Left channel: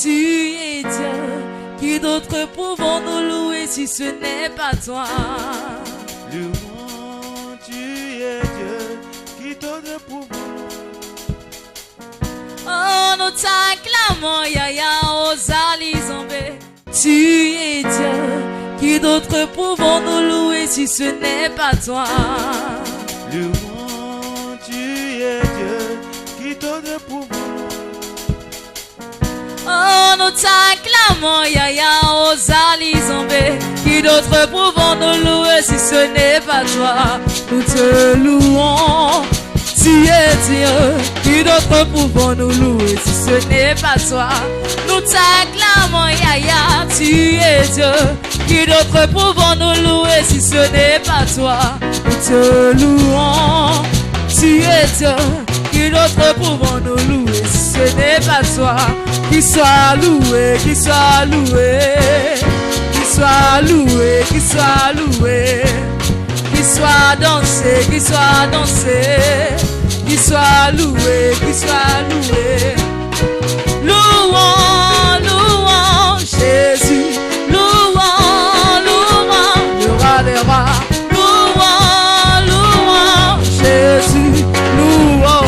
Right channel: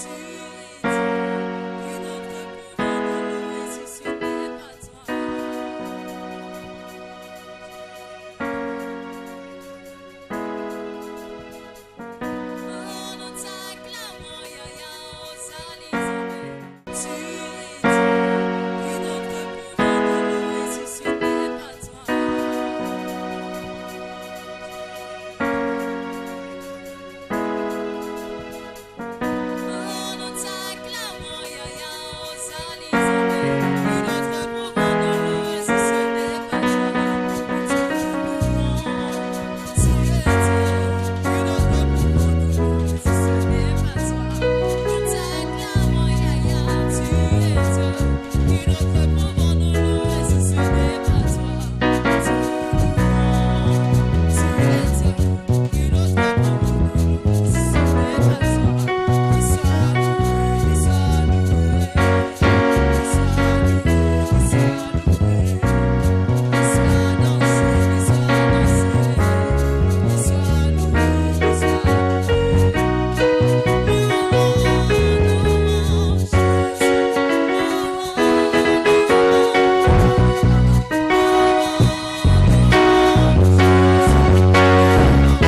Tu es Dieu, qui d'autre pouvons-nous louer si ce n'est pas toi? Louons, tu es Dieu, qui d'autre pouvons. Oh, nous t'acclamons, Yaya, Osali Zambé. Tu es Dieu, qui d'autre pouvons-nous louer si ce n'est pas toi? Louons, tu es Dieu, qui d'autre pouvons. Oh, nous t'acclamons, Yaya, Osali Zambé. Qui d'autre pouvons-nous louer si ce n'est pas toi? Nous te louons, tu es Dieu. Qui d'autre pouvons-nous louer si ce n'est pas toi? Nous t'acclamons, Yaya, tu es Dieu. Qui d'autre pouvons-nous louer si ce n'est pas toi? Nous te louons, tu es Dieu. Qui d'autre pouvons-nous louer si ce n'est pas toi? Qui soit loué, qui soit loué, qui soit loué, qui soit loué, qui soit dansé, qui soit dansé, qui soit loué, qui soit loué. Louons, louons Jésus, louons, louons le roi des rois. Louons, louons Jésus, louons,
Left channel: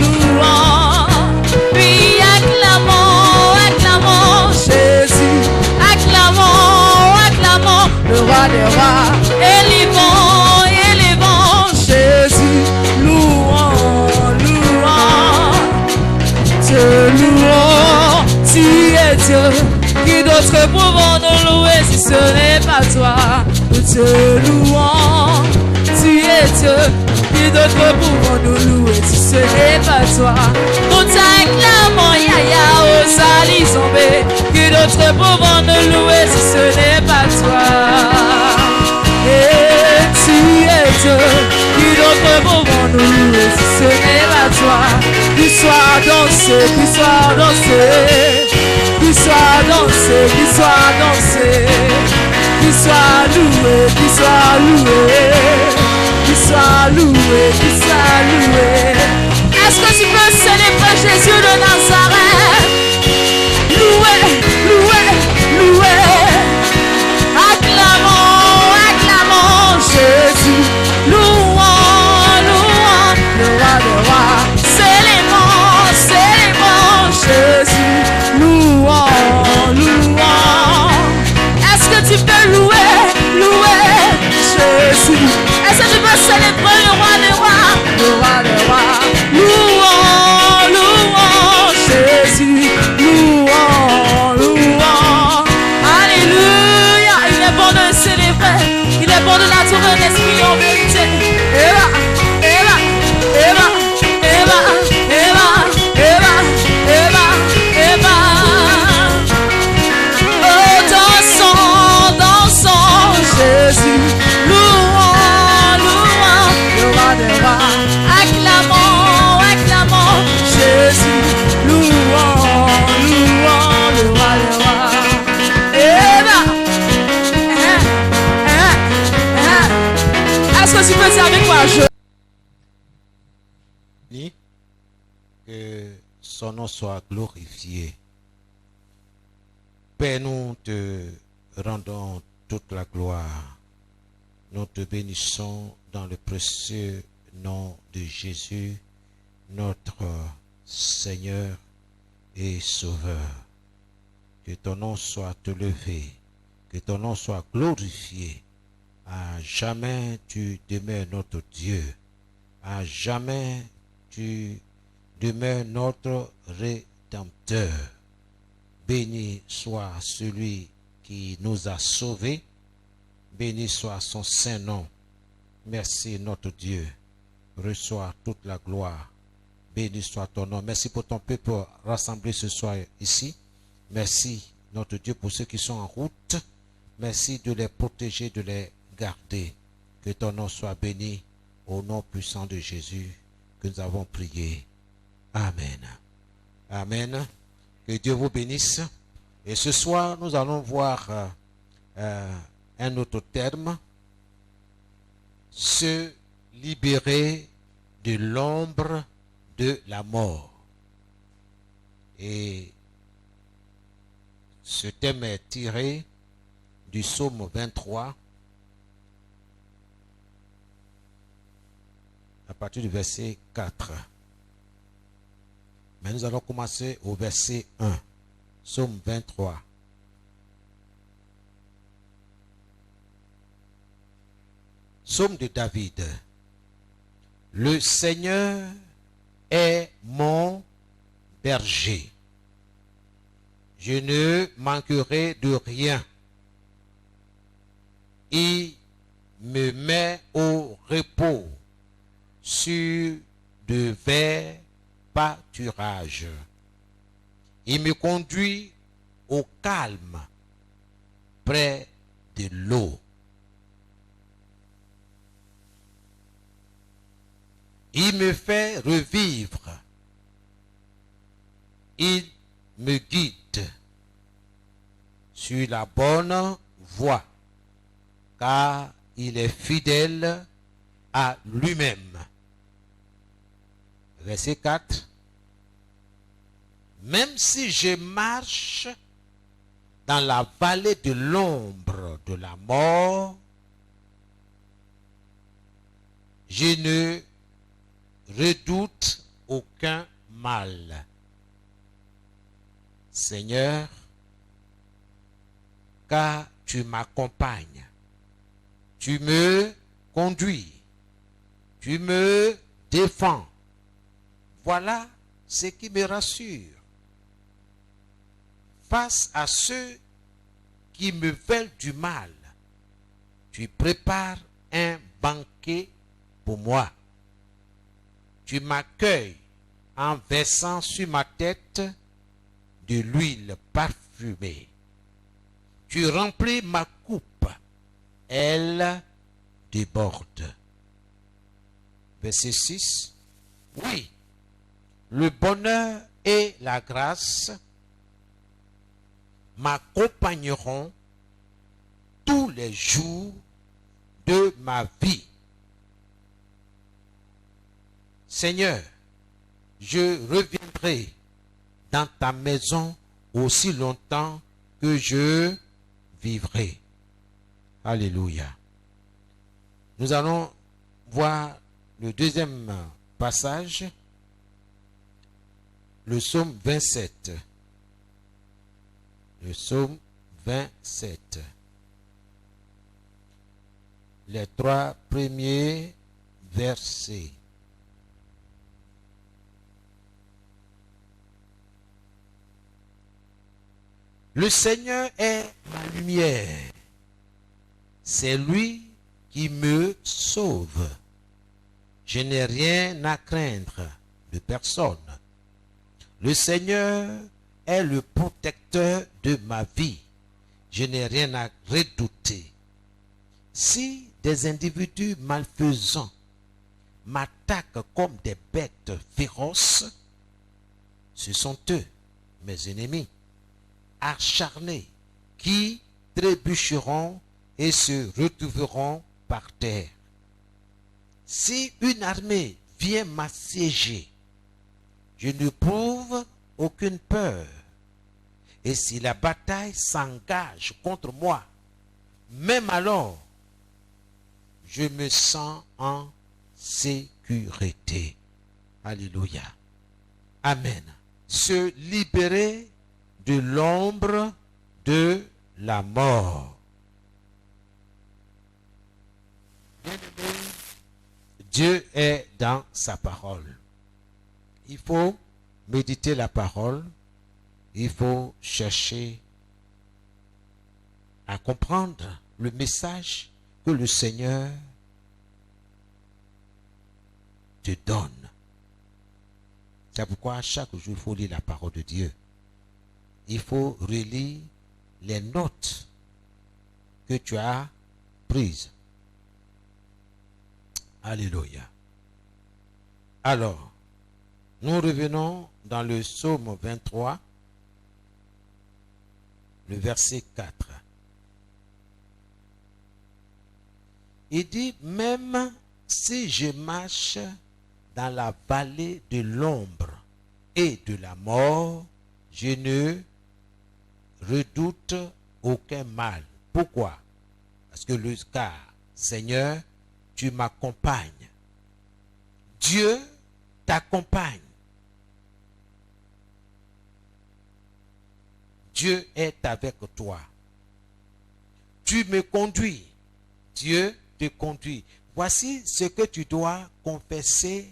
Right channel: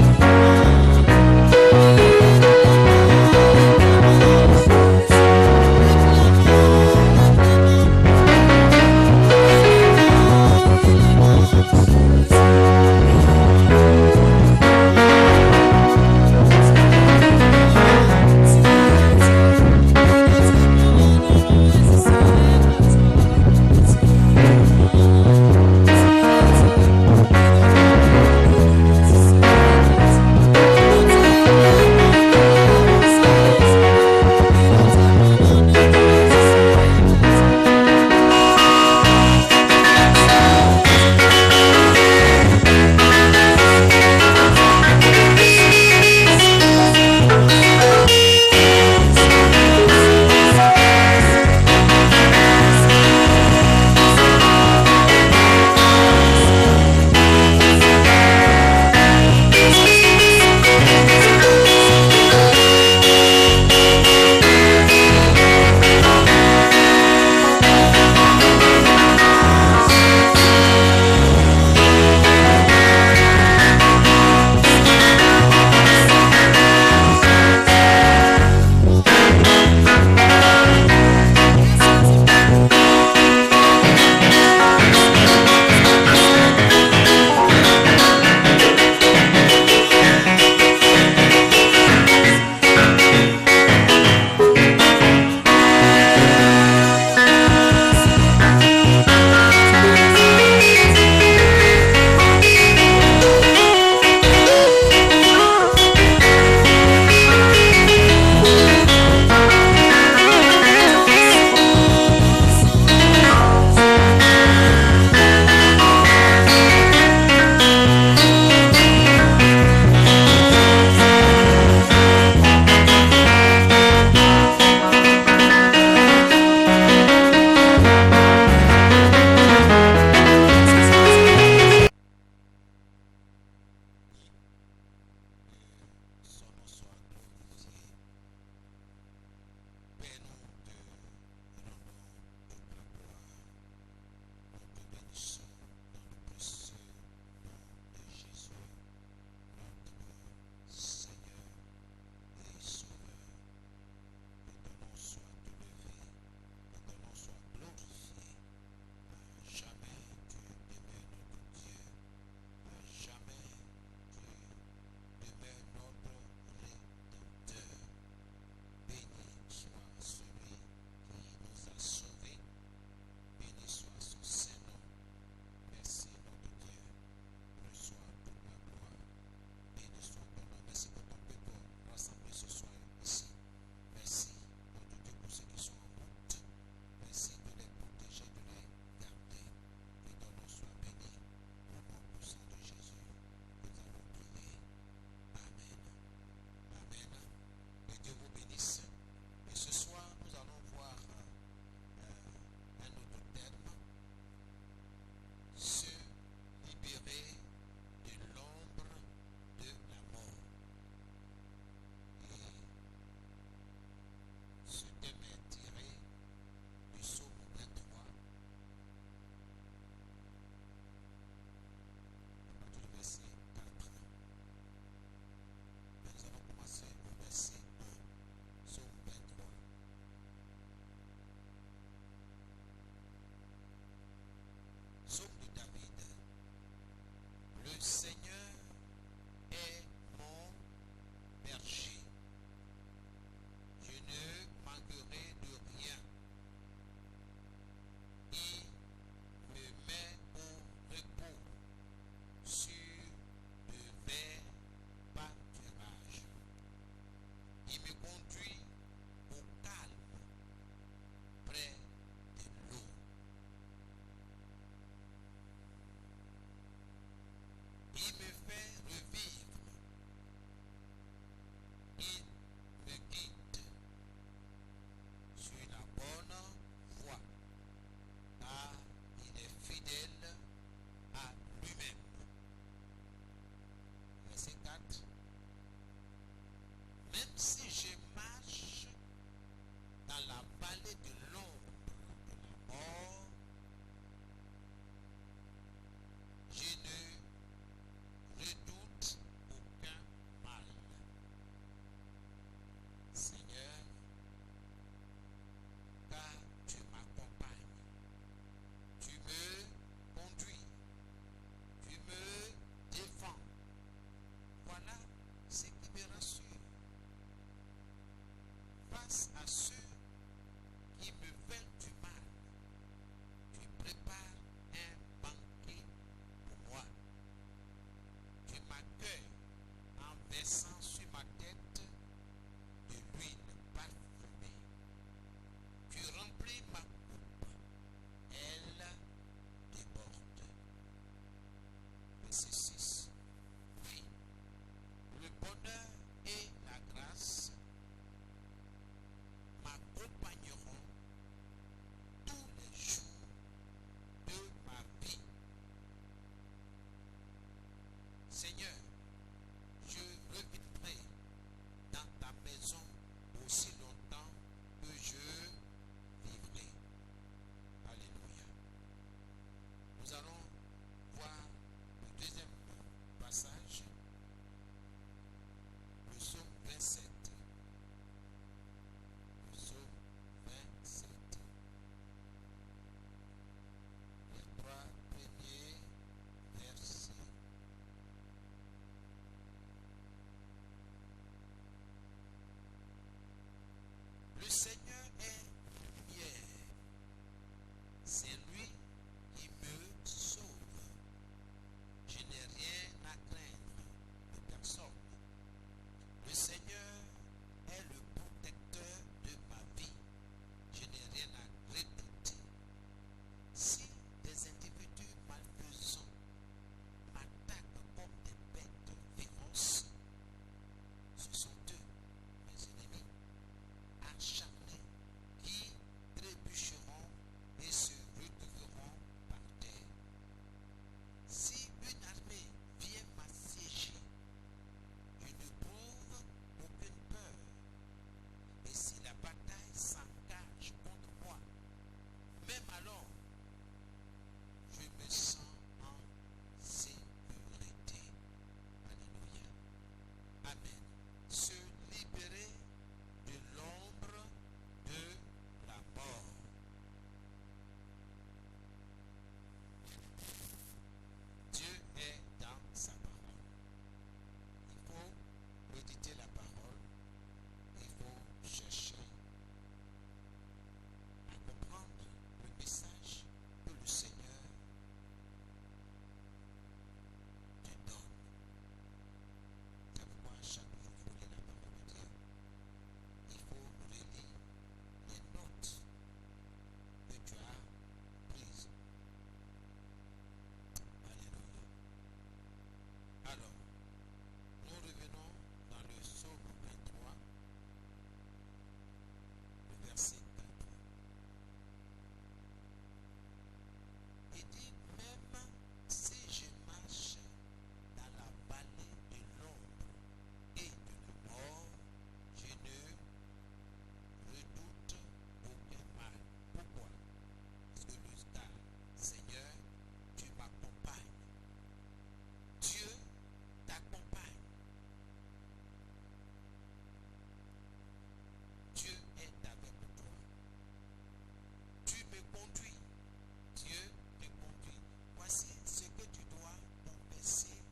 louons. Oui, acclamons, acclamons Jésus, acclamons, acclamons le roi des rois. Élevons, élevons Jésus, louons, louons. Te louons, tu es Dieu. Qui d'autre pouvons-nous louer si ce n'est pas toi? Nous te louons, tu es Dieu. Qui d'autre pouvons-nous louer si ce n'est pas toi? Nous t'acclamons, Yaya, Osali Zambé. Qui d'autre pouvons-nous louer si ce n'est pas toi? Et tu es Dieu. Qui d'autre pouvons-nous louer si ce n'est pas toi? Qui soit dansé, qui soit dansé, qui soit dansé, qui soit dansé, qui soit loué, qui soit loué, qui soit loué, qui soit loué. Est-ce que tu peux célébrer Jésus de Nazareth? Loué, loué, loué. Acclamons, acclamons Jésus. Louons, louons le roi des rois. Célébrons, célébrons Jésus. Louons, louons. Est-ce que tu peux louer, louer Jésus? Est-ce que tu peux célébrer le roi des rois? Le roi des rois. Louons, louons Jésus. Louons, louons. Alléluia. Il est bon de célébrer. Il est bon de la tourner des triomphes. Est-ce que tu peux servir quoi? Ni que son nom soit glorifié. Père, nous te rendons toute la gloire. Nous te bénissons dans le précieux nom de Jésus, notre Seigneur et Sauveur. Que ton nom soit élevé, que ton nom soit glorifié. À jamais tu demeures notre Dieu. À jamais tu demeures notre Rédempteur. Béni soit celui qui nous a sauvés. Béni soit son saint nom. Merci notre Dieu. Reçois toute la gloire. Béni soit ton nom. Merci pour ton peuple rassemblé ce soir ici. Merci notre Dieu pour ceux qui sont en route. Merci de les protéger, de les garder. Que ton nom soit béni au nom puissant de Jésus que nous avons prié. Amen. Amen. Que Dieu vous bénisse. Et ce soir, nous allons voir un autre terme. Se libérer de l'ombre de la mort. Et Ce thème est tiré du psaume 23, à partir du verset 4. Mais nous allons commencer au verset 1, psaume 23. Psaume de David. Le Seigneur est mon berger. Je ne manquerai de rien. Il me met au repos sur de verts pâturages. Il me conduit au calme près de l'eau. Il me fait revivre. Il me guide sur la bonne voie, car il est fidèle à lui-même. Verset 4. Même si je marche dans la vallée de l'ombre de la mort, je ne redoute aucun mal. Seigneur, car tu m'accompagnes, tu me conduis, tu me défends. Voilà ce qui me rassure. Face à ceux qui me veulent du mal, tu prépares un banquet pour moi. Tu m'accueilles en versant sur ma tête de l'huile parfumée. Tu remplis ma coupe, elle déborde. Verset 6. Oui, le bonheur et la grâce m'accompagneront tous les jours de ma vie. Seigneur, je reviendrai dans ta maison aussi longtemps que je vivrai. Alléluia. Nous allons voir le deuxième passage, le psaume 27. Le psaume 27. Les 3 premiers versets. Le Seigneur est ma lumière. C'est lui qui me sauve. Je n'ai rien à craindre de personne. Le Seigneur est le protecteur de ma vie. Je n'ai rien à redouter. Si des individus malfaisants m'attaquent comme des bêtes féroces, ce sont eux, mes ennemis, acharnés, qui trébucheront et se retrouveront par terre. Si une armée vient m'assiéger, je n'éprouve aucune peur. Et si la bataille s'engage contre moi, même alors, je me sens en sécurité. Alléluia. Amen. Se libérer de l'ombre de la mort. Bien-aimé, Dieu est dans sa parole. Il faut méditer la parole. Il faut chercher à comprendre le message que le Seigneur te donne. C'est pourquoi chaque jour, il faut lire la parole de Dieu. Il faut relire les notes que tu as prises. Alléluia. Alors, nous revenons dans le psaume 23, le verset 4. Il dit, même si je marche dans la vallée de l'ombre et de la mort, je ne redoute aucun mal. Pourquoi? Parce que car, Seigneur, tu m'accompagnes. Dieu t'accompagne. Dieu est avec toi. Tu me conduis. Dieu te conduit. Voici ce que tu dois confesser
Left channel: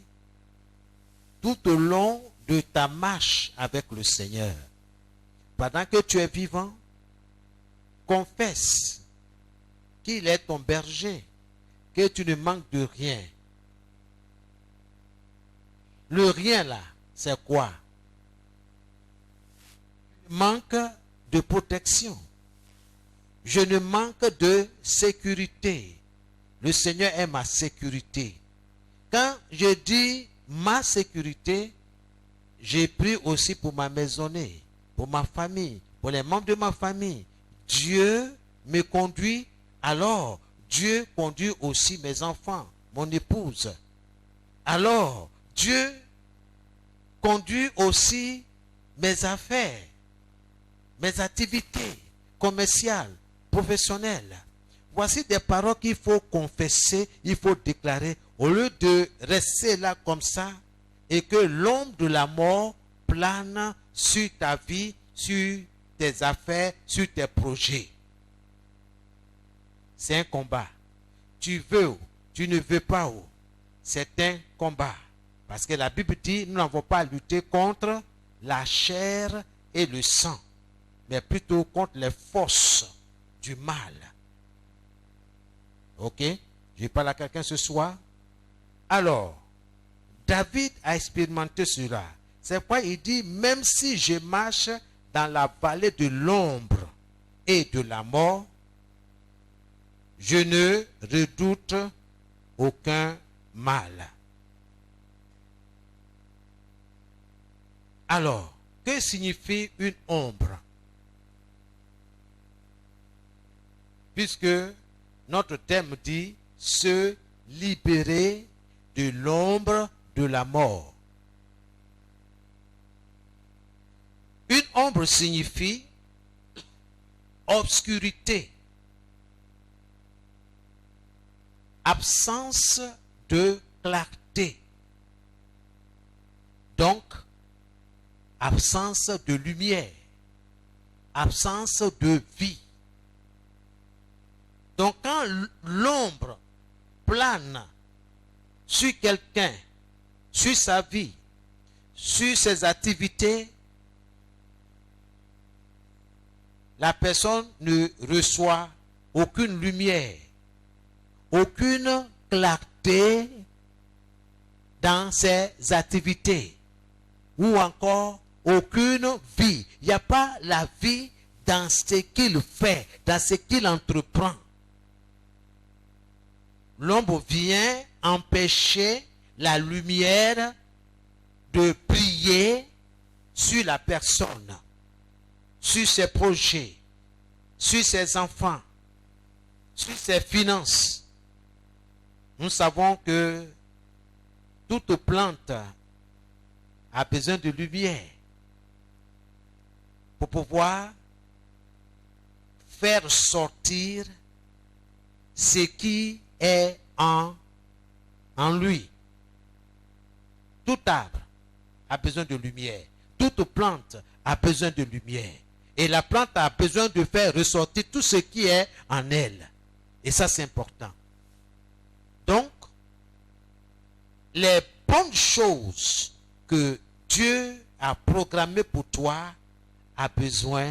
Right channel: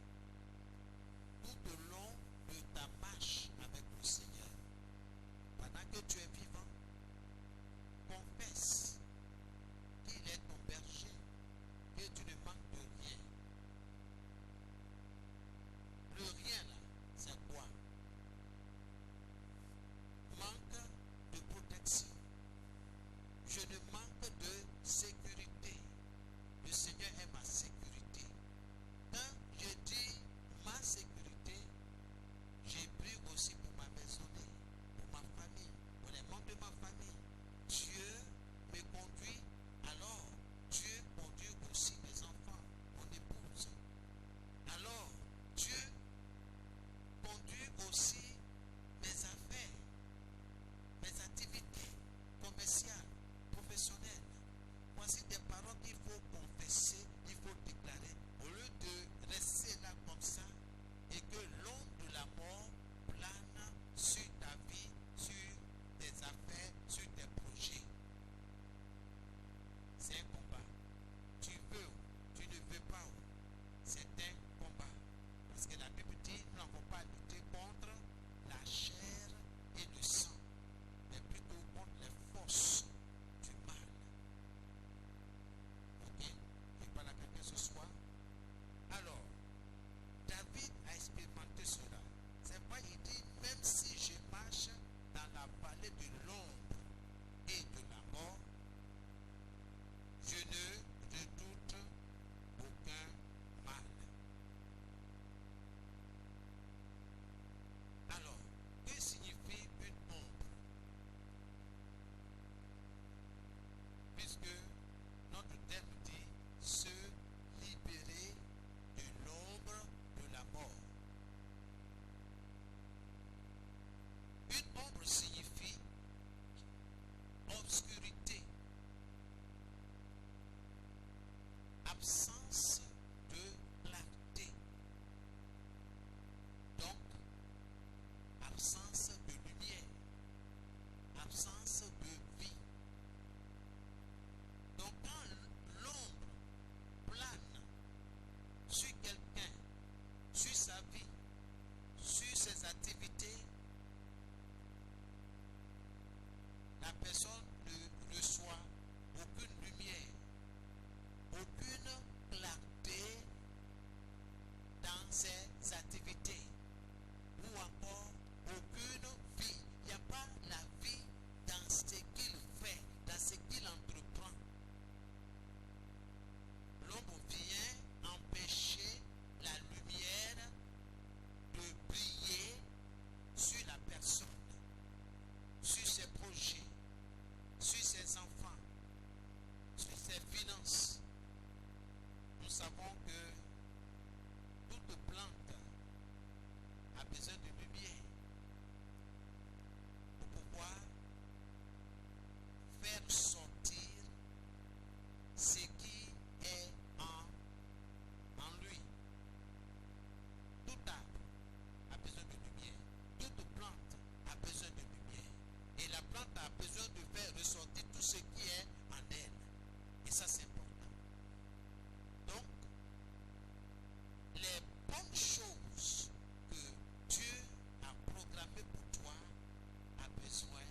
tout au long de ta marche avec le Seigneur. Pendant que tu es vivant, confesse qu'il est ton berger, que tu ne manques de rien. Le rien là, c'est quoi? Manque de protection. Je ne manque de sécurité. Le Seigneur est ma sécurité. Quand je dis ma sécurité, j'ai pris aussi pour ma maisonnée, pour ma famille, pour les membres de ma famille. Dieu me conduit, alors Dieu conduit aussi mes enfants, mon épouse. Alors Dieu conduit aussi mes affaires, mes activités commerciales, professionnelles. Voici des paroles qu'il faut confesser, il faut déclarer, au lieu de rester là comme ça et que l'ombre de la mort plane sur ta vie, sur tes affaires, sur tes projets. C'est un combat. Tu veux ou tu ne veux pas ou, c'est un combat. Parce que la Bible dit, nous n'avons pas à lutter contre la chair et le sang, mais plutôt contre les forces du mal. Ok? Je parle à quelqu'un ce soir. Alors, David a expérimenté cela. C'est pourquoi il dit, même si je marche dans la vallée de l'ombre et de la mort, je ne redoute aucun mal. Alors, que signifie une ombre? Puisque notre thème dit se libérer de l'ombre de la mort. Une ombre signifie obscurité, absence de clarté, donc absence de lumière, absence de vie. Donc quand l'ombre plane sur quelqu'un, sur sa vie, sur ses activités, la personne ne reçoit aucune lumière, aucune clarté dans ses activités, ou encore aucune vie. Il n'y a pas la vie dans ce qu'il fait, dans ce qu'il entreprend. L'ombre vient empêcher la lumière de briller sur la personne, sur ses projets, sur ses enfants, sur ses finances. Nous savons que toute plante a besoin de lumière pour pouvoir faire sortir ce qui est en lui. Tout arbre a besoin de lumière. Toute plante a besoin de lumière. Et la plante a besoin de faire ressortir tout ce qui est en elle. Et ça, c'est important. Donc, les bonnes choses que Dieu a programmées pour toi a besoin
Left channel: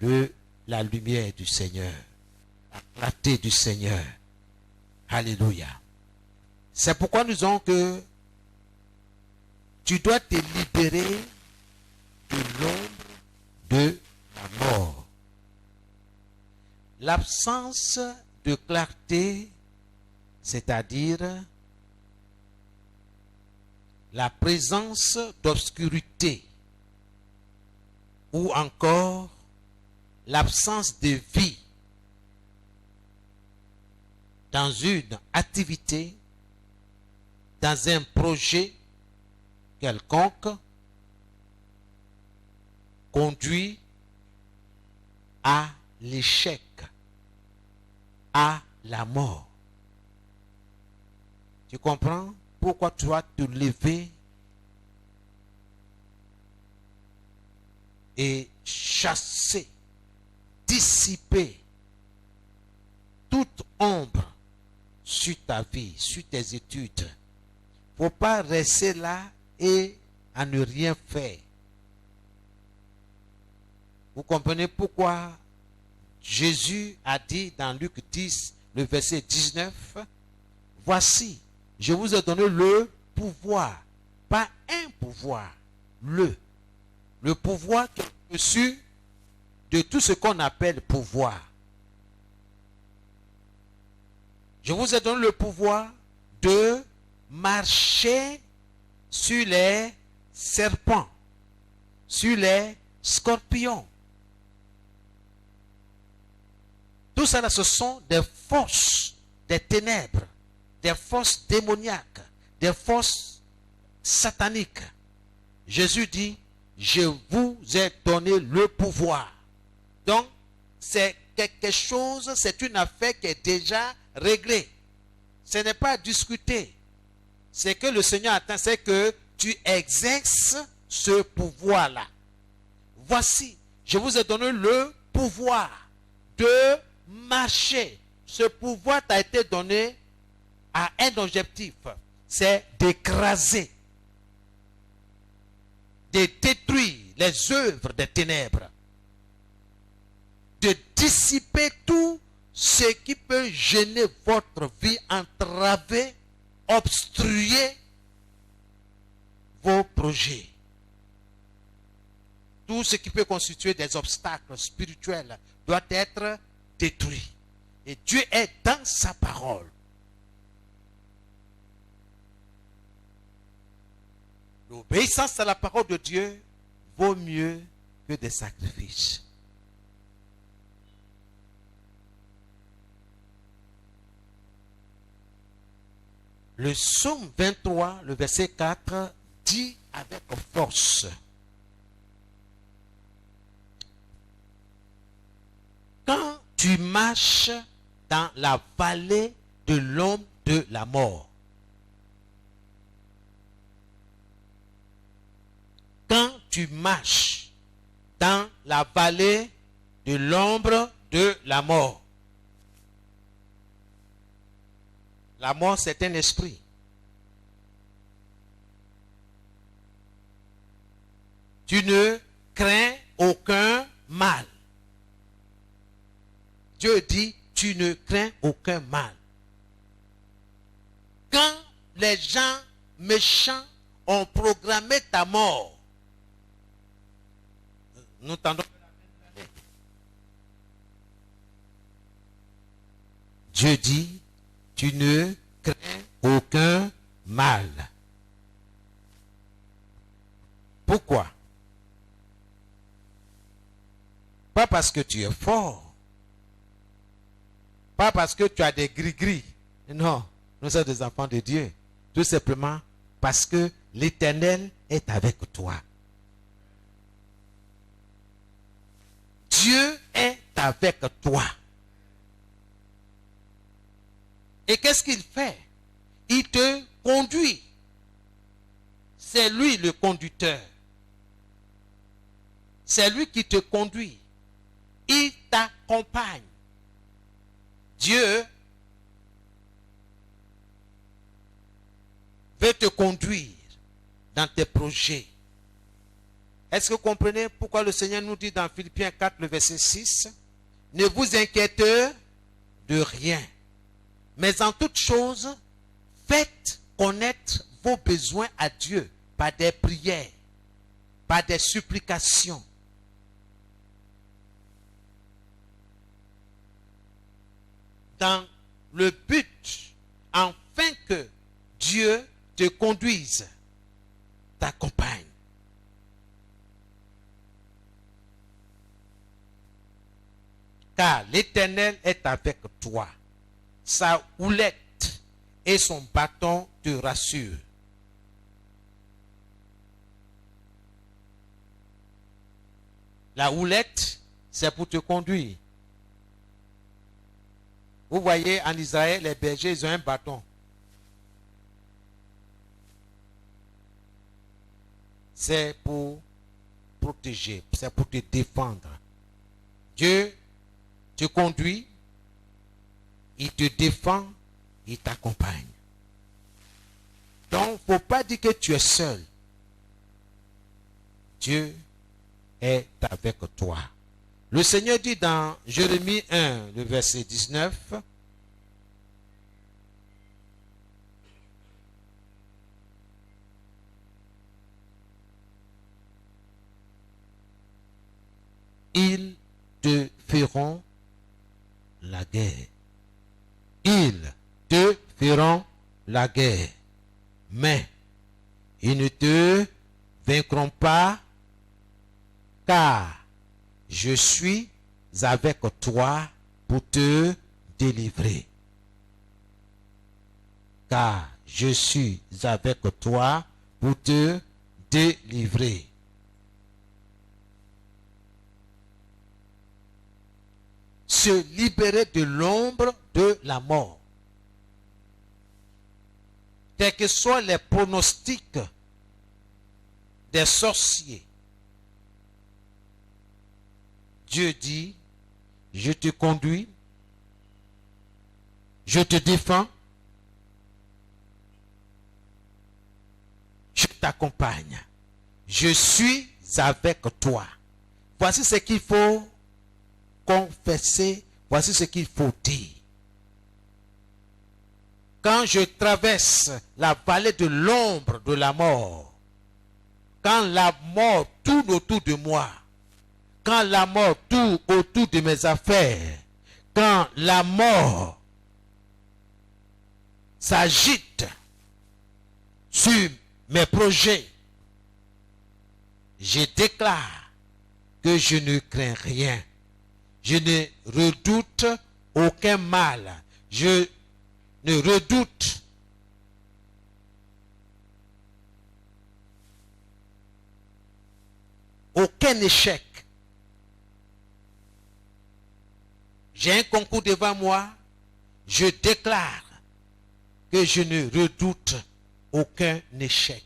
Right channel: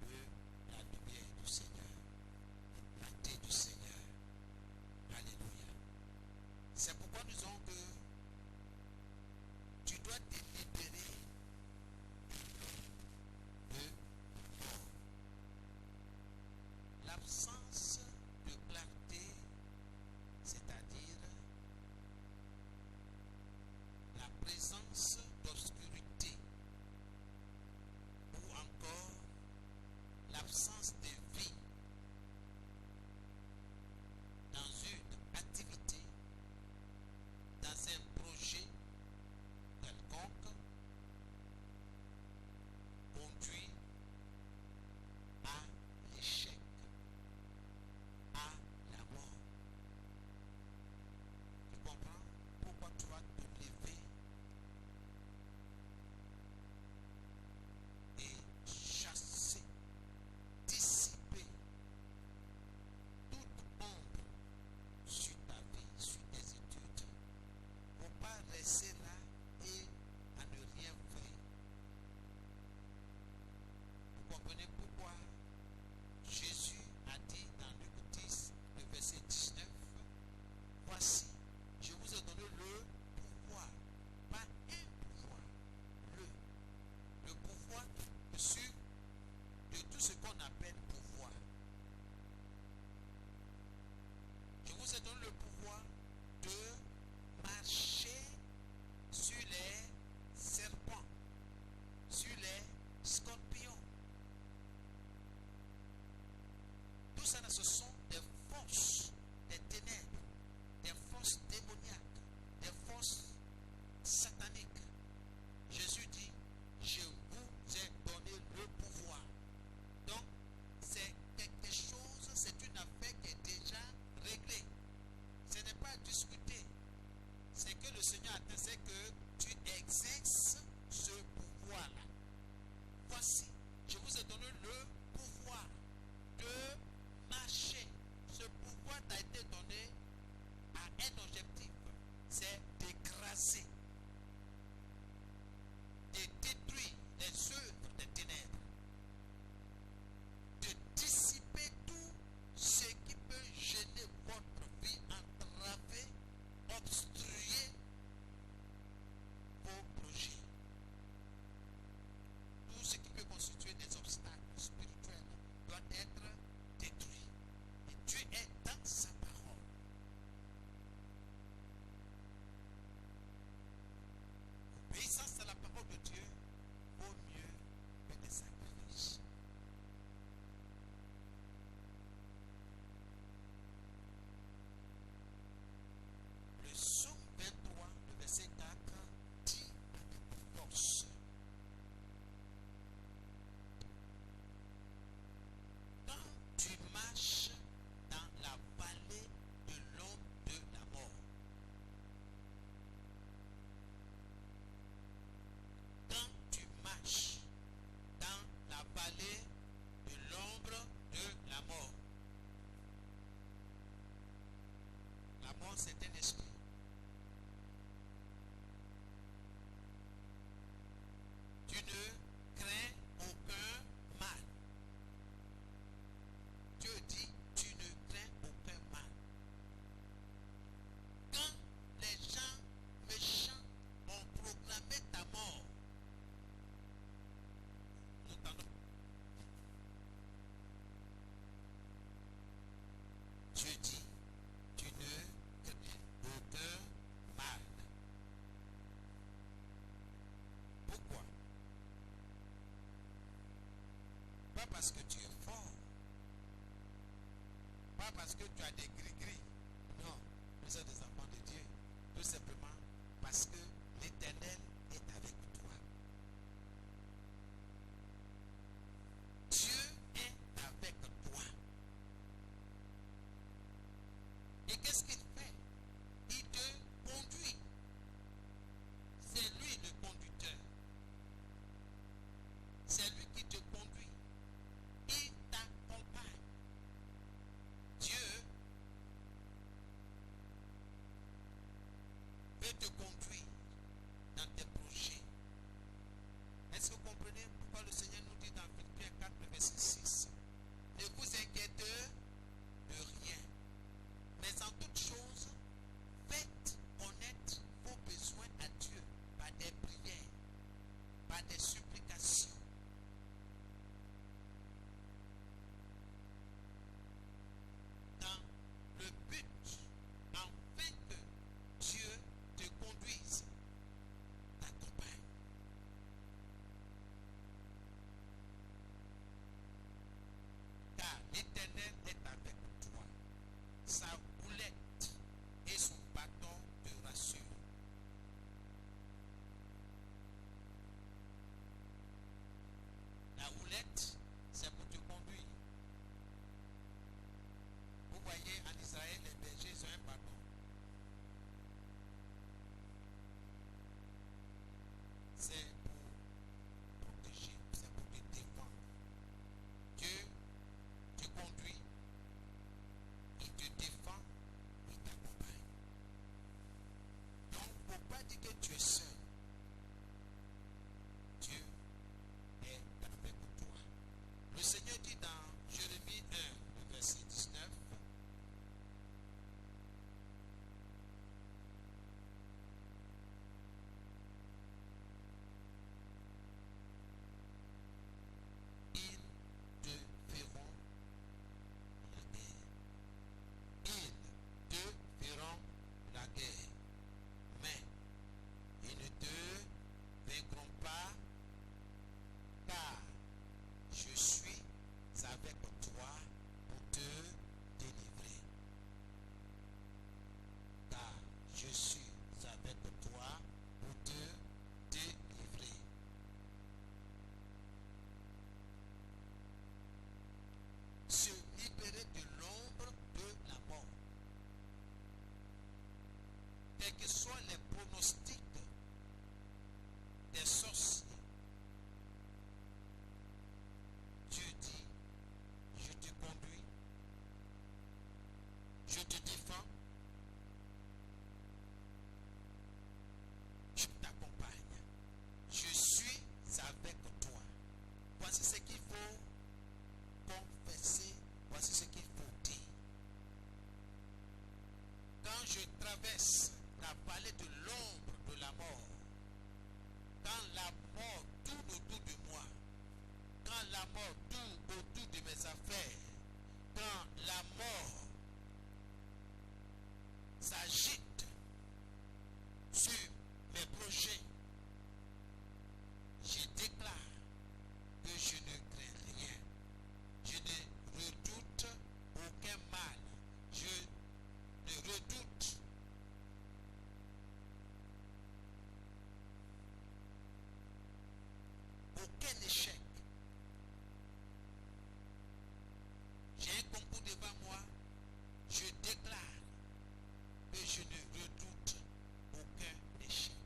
de la lumière du Seigneur, la clarté du Seigneur. Alléluia. C'est pourquoi nous disons que tu dois te libérer de l'ombre de la mort. L'absence de clarté, c'est-à-dire la présence d'obscurité, ou encore l'absence de vie dans une activité, dans un projet quelconque, conduit à l'échec, à la mort. Tu comprends pourquoi tu dois te lever et chasser, dissiper toute ombre sur ta vie, sur tes études. Il ne faut pas rester là et à ne rien faire. Vous comprenez pourquoi Jésus a dit dans Luc 10, le verset 19, « Voici, je vous ai donné le pouvoir, pas un pouvoir, le pouvoir qui est au-dessus de tout ce qu'on appelle pouvoir. Je vous ai donné le pouvoir de marcher sur les serpents, sur les scorpions. » Tout ça, ce sont des forces des ténèbres, des forces démoniaques, des forces sataniques. Jésus dit, je vous ai donné le pouvoir. Donc, c'est quelque chose, c'est une affaire qui est déjà réglée. Ce n'est pas à discuter. Ce que le Seigneur attend, c'est que tu exerces ce pouvoir-là. Voici, je vous ai donné le pouvoir de marcher. Ce pouvoir t'a été donné à un objectif, c'est d'écraser, de détruire les œuvres des ténèbres, de dissiper tout ce qui peut gêner votre vie, entraver, obstruer vos projets. Tout ce qui peut constituer des obstacles spirituels doit être détruit. Et Dieu est dans sa parole. L'obéissance à la parole de Dieu vaut mieux que des sacrifices. Le psaume 23, le verset 4, dit avec force: quand tu marches dans la vallée de l'ombre de la mort, quand tu marches dans la vallée de l'ombre de la mort. La mort, c'est un esprit. Tu ne crains aucun mal. Dieu dit, tu ne crains aucun mal. Quand les gens méchants ont programmé ta mort, nous tendons. Dieu dit, tu ne crains aucun mal. Pourquoi? Pas parce que tu es fort. Pas parce que tu as des gris-gris. Non, nous sommes des enfants de Dieu. Tout simplement parce que l'Éternel est avec toi. Dieu est avec toi. Et qu'est-ce qu'il fait? Il te conduit. C'est lui le conducteur. C'est lui qui te conduit. Il t'accompagne. Dieu veut te conduire dans tes projets. Est-ce que vous comprenez pourquoi le Seigneur nous dit dans Philippiens 4, le verset 6, ne vous inquiétez de rien, mais en toute chose, faites connaître vos besoins à Dieu par des prières, par des supplications. Dans le but, afin que Dieu te conduise, t'accompagne. Car l'Éternel est avec toi. Sa houlette et son bâton te rassurent. La houlette, c'est pour te conduire. Vous voyez, en Israël, les bergers, ils ont un bâton. C'est pour protéger, c'est pour te défendre. Dieu te conduit, il te défend, il t'accompagne. Donc, il ne faut pas dire que tu es seul. Dieu est avec toi. Le Seigneur dit dans Jérémie 1, le verset 19, ils te feront la guerre. Ils te feront la guerre. Mais ils ne te vaincront pas, car je suis avec toi pour te délivrer. Car je suis avec toi pour te délivrer. Se libérer de l'ombre de la mort. Quels que soient les pronostics des sorciers, Dieu dit, je te conduis, je te défends, je t'accompagne, je suis avec toi. Voici ce qu'il faut confesser, voici ce qu'il faut dire. Quand je traverse la vallée de l'ombre de la mort, quand la mort tourne autour de moi, quand la mort tourne autour de mes affaires, quand la mort s'agite sur mes projets, je déclare que je ne crains rien. Je ne redoute aucun mal. Je ne redoute aucun échec. J'ai un concours devant moi. Je déclare que je ne redoute aucun échec.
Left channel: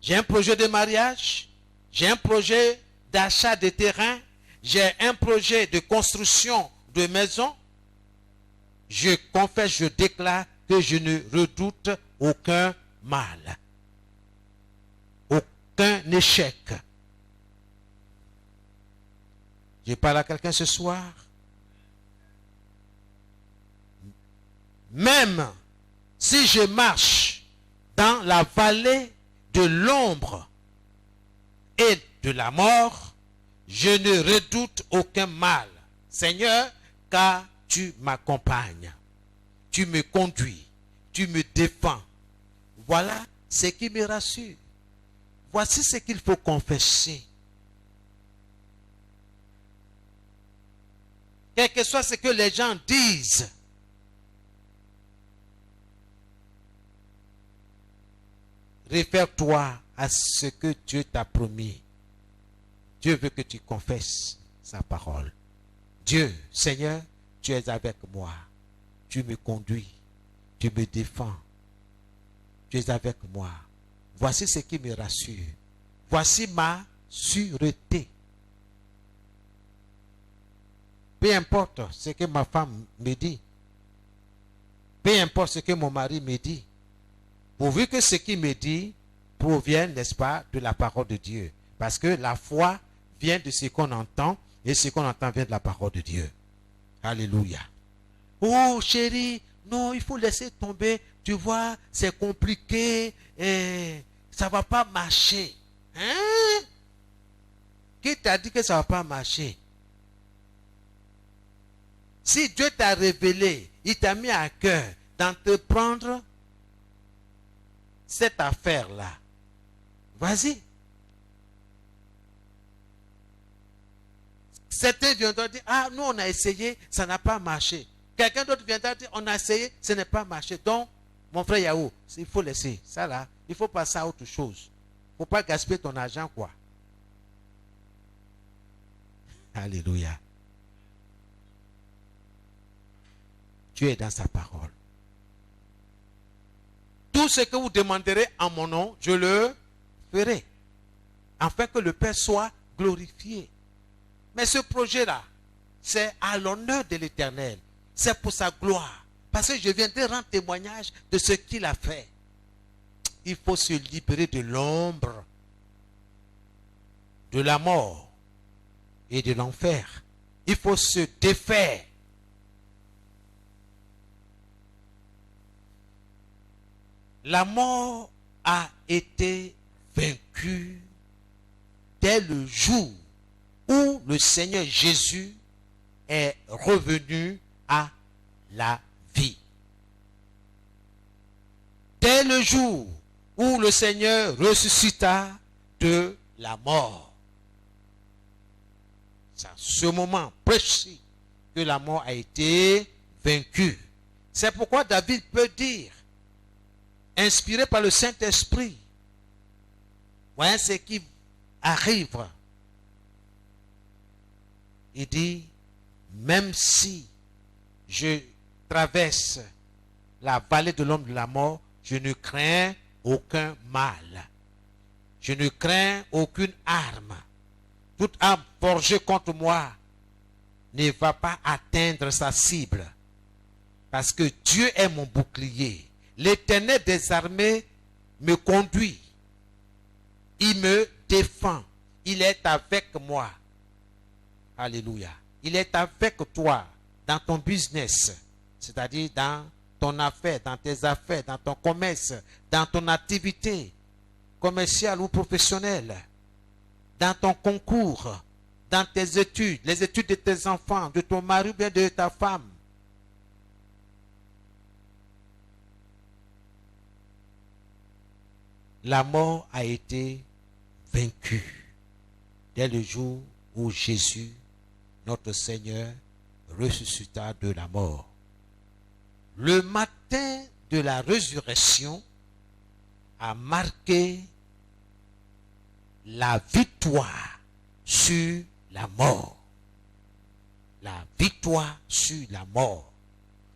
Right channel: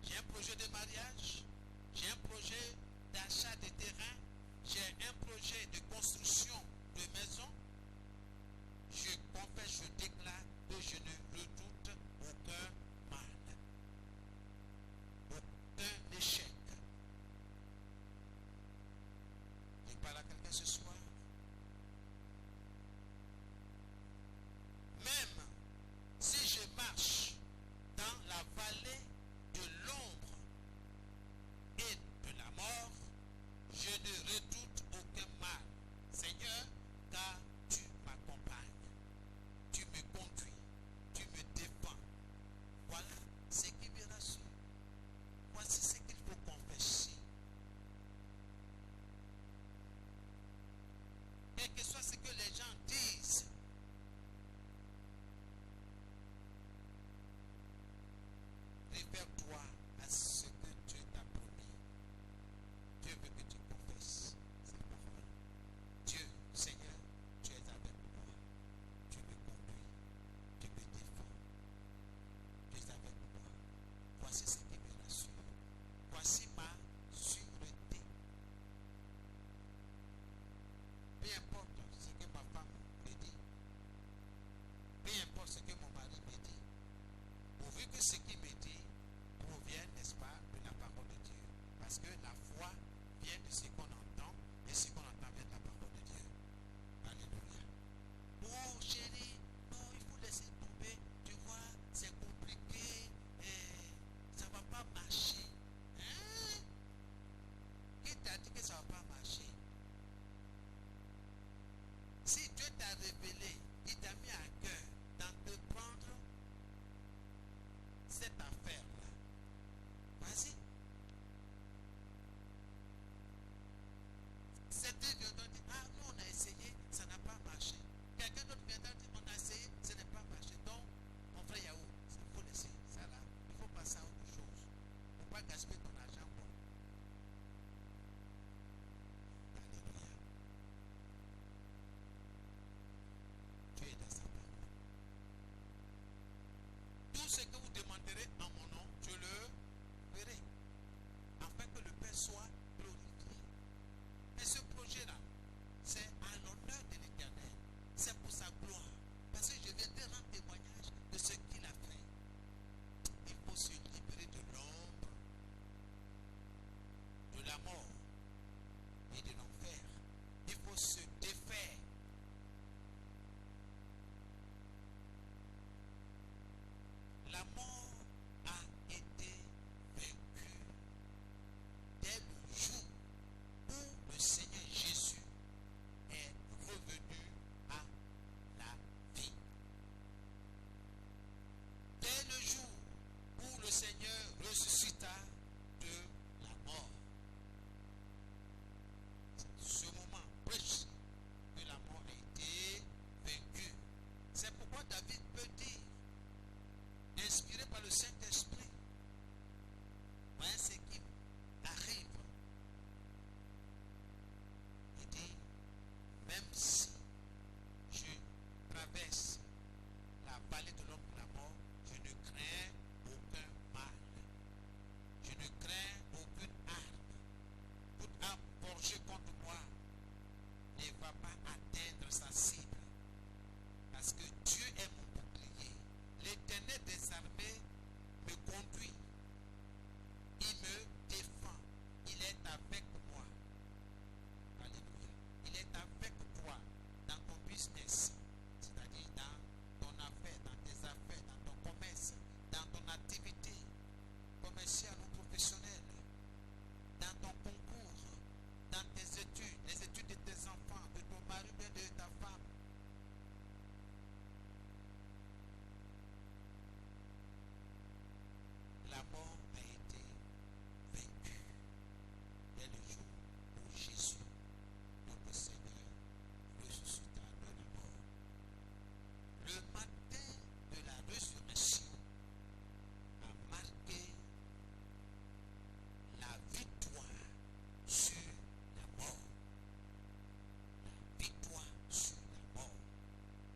J'ai un projet de mariage. J'ai un projet d'achat de terrain. J'ai un projet de construction de maison. Je confesse, je déclare que je ne redoute aucun mal. Aucun échec. Je parle à quelqu'un ce soir. Même si je marche dans la vallée de l'ombre et de la mort, je ne redoute aucun mal, Seigneur, car tu m'accompagnes, tu me conduis, tu me défends. Voilà ce qui me rassure. Voici ce qu'il faut confesser. Quel que soit ce que les gens disent, réfère-toi à ce que Dieu t'a promis. Dieu veut que tu confesses sa parole. Dieu, Seigneur, tu es avec moi. Tu me conduis. Tu me défends. Tu es avec moi. Voici ce qui me rassure. Voici ma sûreté. Peu importe ce que ma femme me dit. Peu importe ce que mon mari me dit. Pourvu que ce qu'il me dit provienne, n'est-ce pas, de la parole de Dieu. Parce que la foi vient de ce qu'on entend, et ce qu'on entend vient de la parole de Dieu. Alléluia. Oh chérie, non, il faut laisser tomber. Tu vois, c'est compliqué, et ça ne va pas marcher. Hein? Qui t'a dit que ça ne va pas marcher? Si Dieu t'a révélé, il t'a mis à cœur d'entreprendre cette affaire-là, vas-y. Certains viendront dire, ah, nous on a essayé, ça n'a pas marché. Quelqu'un d'autre viendra dire, on a essayé, ça n'a pas marché. Donc, mon frère Yahou, il faut laisser ça là, il faut passer à autre chose. Il ne faut pas gaspiller ton argent, quoi. Alléluia. Dieu est dans sa parole. Tout ce que vous demanderez en mon nom, je le ferai. Afin que le Père soit glorifié. Mais ce projet-là, c'est à l'honneur de l'Éternel. C'est pour sa gloire. Parce que je viendrai rendre témoignage de ce qu'il a fait. Il faut se libérer de l'ombre, de la mort et de l'enfer. Il faut se défaire. La mort a été vaincue dès le jour où le Seigneur Jésus est revenu à la vie. Dès le jour où le Seigneur ressuscita de la mort. C'est à ce moment précis que la mort a été vaincue. C'est pourquoi David peut dire, inspiré par le Saint-Esprit, voyez ce qui arrive. Il dit, même si je traverse la vallée de l'ombre de la mort, je ne crains aucun mal. Je ne crains aucune arme. Toute arme forgée contre moi ne va pas atteindre sa cible. Parce que Dieu est mon bouclier. L'Éternel des armées me conduit. Il me défend. Il est avec moi. Alléluia. Il est avec toi dans ton business. C'est-à-dire dans ton affaire, dans tes affaires, dans ton commerce, dans ton activité commerciale ou professionnelle, dans ton concours, dans tes études, les études de tes enfants, de ton mari ou bien de ta femme. La mort a été vaincue dès le jour où Jésus, notre Seigneur, ressuscita de la mort. Le matin de la résurrection a marqué la victoire sur la mort. La victoire sur la mort.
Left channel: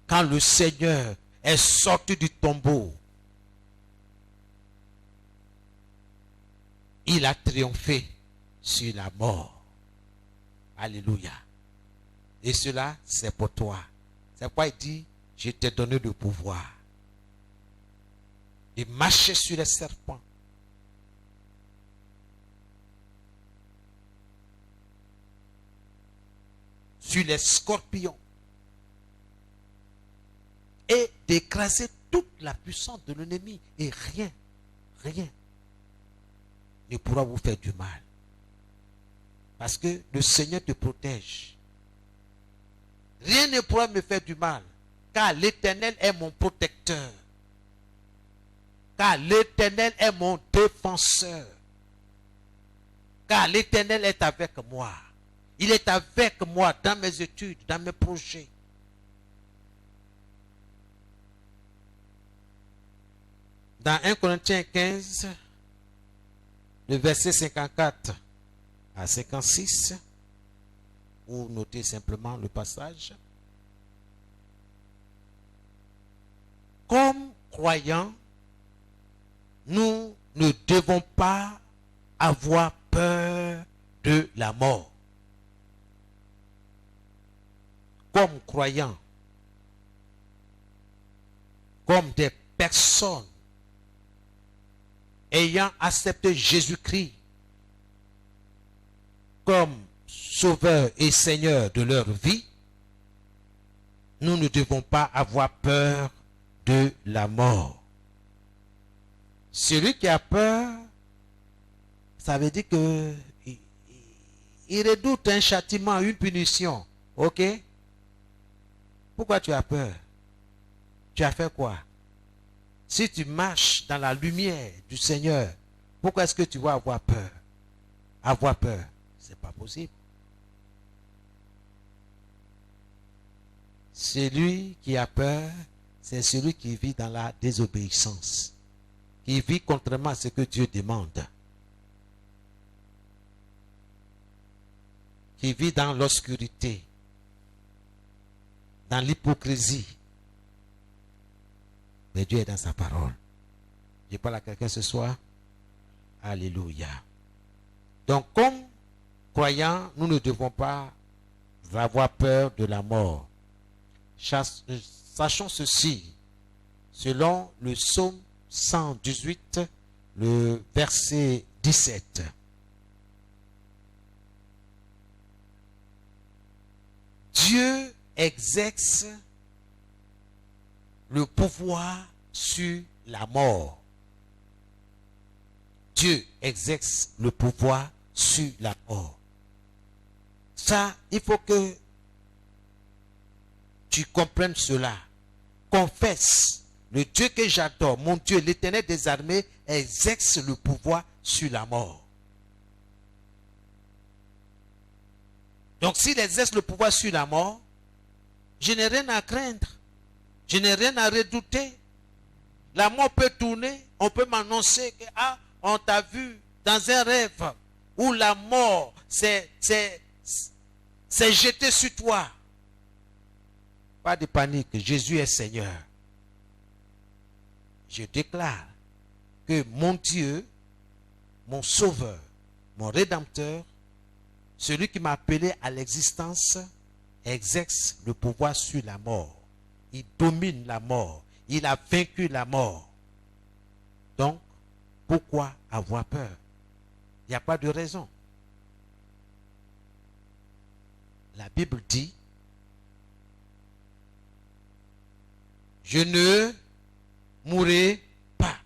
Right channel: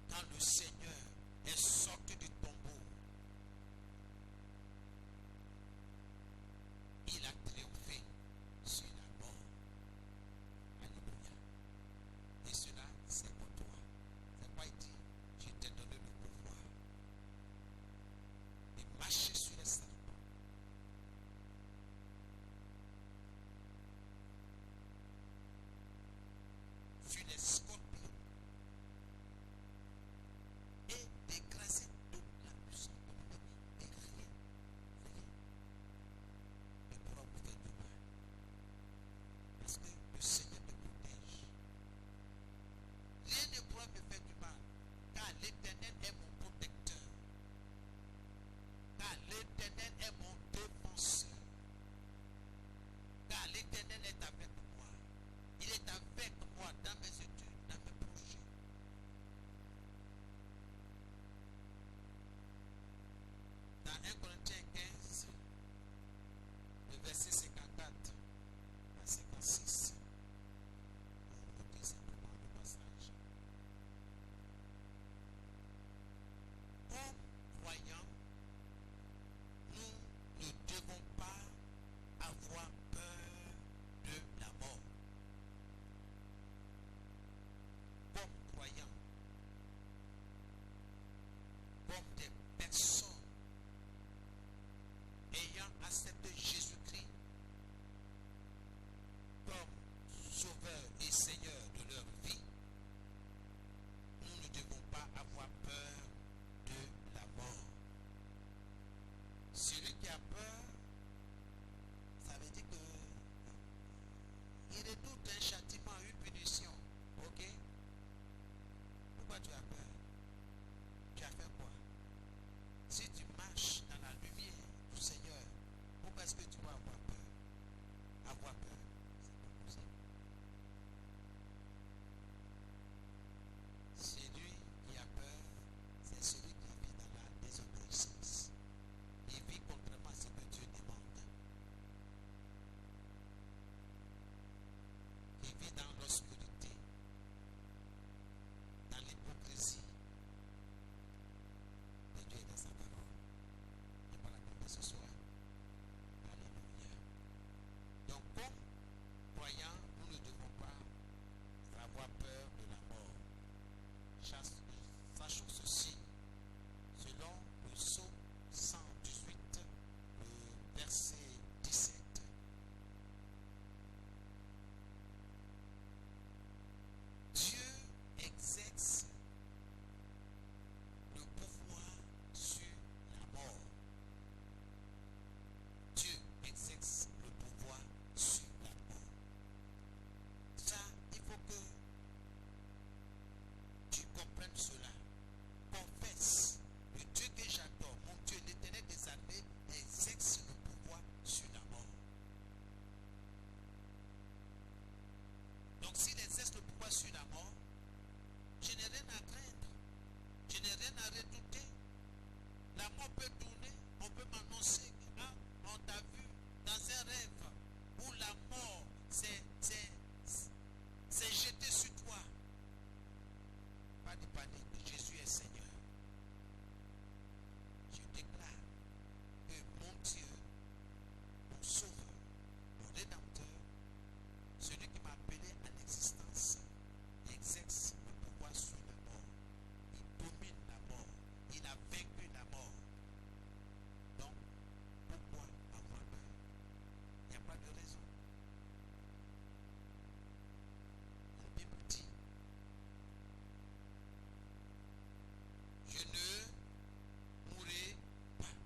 Quand le Seigneur est sorti du tombeau, il a triomphé sur la mort. Alléluia. Et cela, c'est pour toi. C'est pourquoi il dit, je t'ai donné le pouvoir de marcher sur les serpents, sur les scorpions et d'écraser toute la puissance de l'ennemi. Et rien ne pourra vous faire du mal. Parce que le Seigneur te protège. Rien ne pourra me faire du mal. Car l'Éternel est mon protecteur. Car l'Éternel est mon défenseur. Car l'Éternel est avec moi. Il est avec moi dans mes études, dans mes projets. Dans 1 Corinthiens 15, le verset 54 à 56, vous notez simplement le passage. Comme croyants, nous ne devons pas avoir peur de la mort. Comme croyants, comme des personnes ayant accepté Jésus-Christ comme sauveur et seigneur de leur vie, nous ne devons pas avoir peur de la mort. Celui qui a peur, ça veut dire que il redoute un châtiment, une punition. Ok? Pourquoi tu as peur? Tu as fait quoi? Si tu marches dans la lumière du Seigneur, pourquoi est-ce que tu vas avoir peur? Avoir peur, c'est pas possible. Celui qui a peur, c'est celui qui vit dans la désobéissance, qui vit contrairement à ce que Dieu demande, qui vit dans l'obscurité, dans l'hypocrisie. Mais Dieu est dans sa parole. Je parle à quelqu'un ce soir. Alléluia. Donc, comme croyants, nous ne devons pas avoir peur de la mort. Sachons ceci, selon le psaume 118, le verset 17. Dieu exerce le pouvoir sur la mort. Dieu exerce le pouvoir sur la mort. Ça, il faut que tu comprennes cela. Confesse, le Dieu que j'adore, mon Dieu, l'Éternel des armées, exerce le pouvoir sur la mort. Donc s'il exerce le pouvoir sur la mort, je n'ai rien à craindre. Je n'ai rien à redouter. La mort peut tourner. On peut m'annoncer que on t'a vu dans un rêve où la mort s'est jetée sur toi. Pas de panique. Jésus est Seigneur. Je déclare que mon Dieu, mon Sauveur, mon Rédempteur, celui qui m'a appelé à l'existence, exerce le pouvoir sur la mort. Il domine la mort. Il a vaincu la mort. Donc, pourquoi avoir peur? Il n'y a pas de raison. La Bible dit, je ne mourrai pas.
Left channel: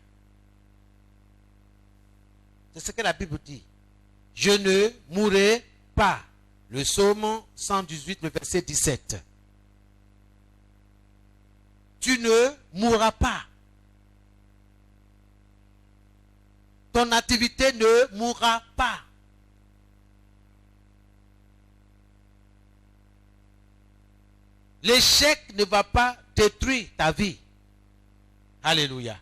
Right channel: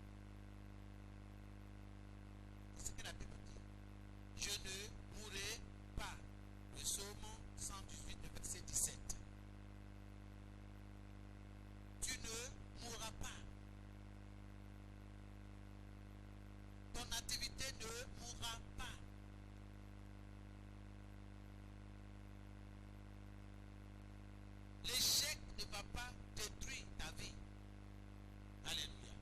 C'est ce que la Bible dit. Je ne mourrai pas. Le psaume 118, le verset 17. Tu ne mourras pas. Ton activité ne mourra pas. L'échec ne va pas détruire ta vie. Alléluia.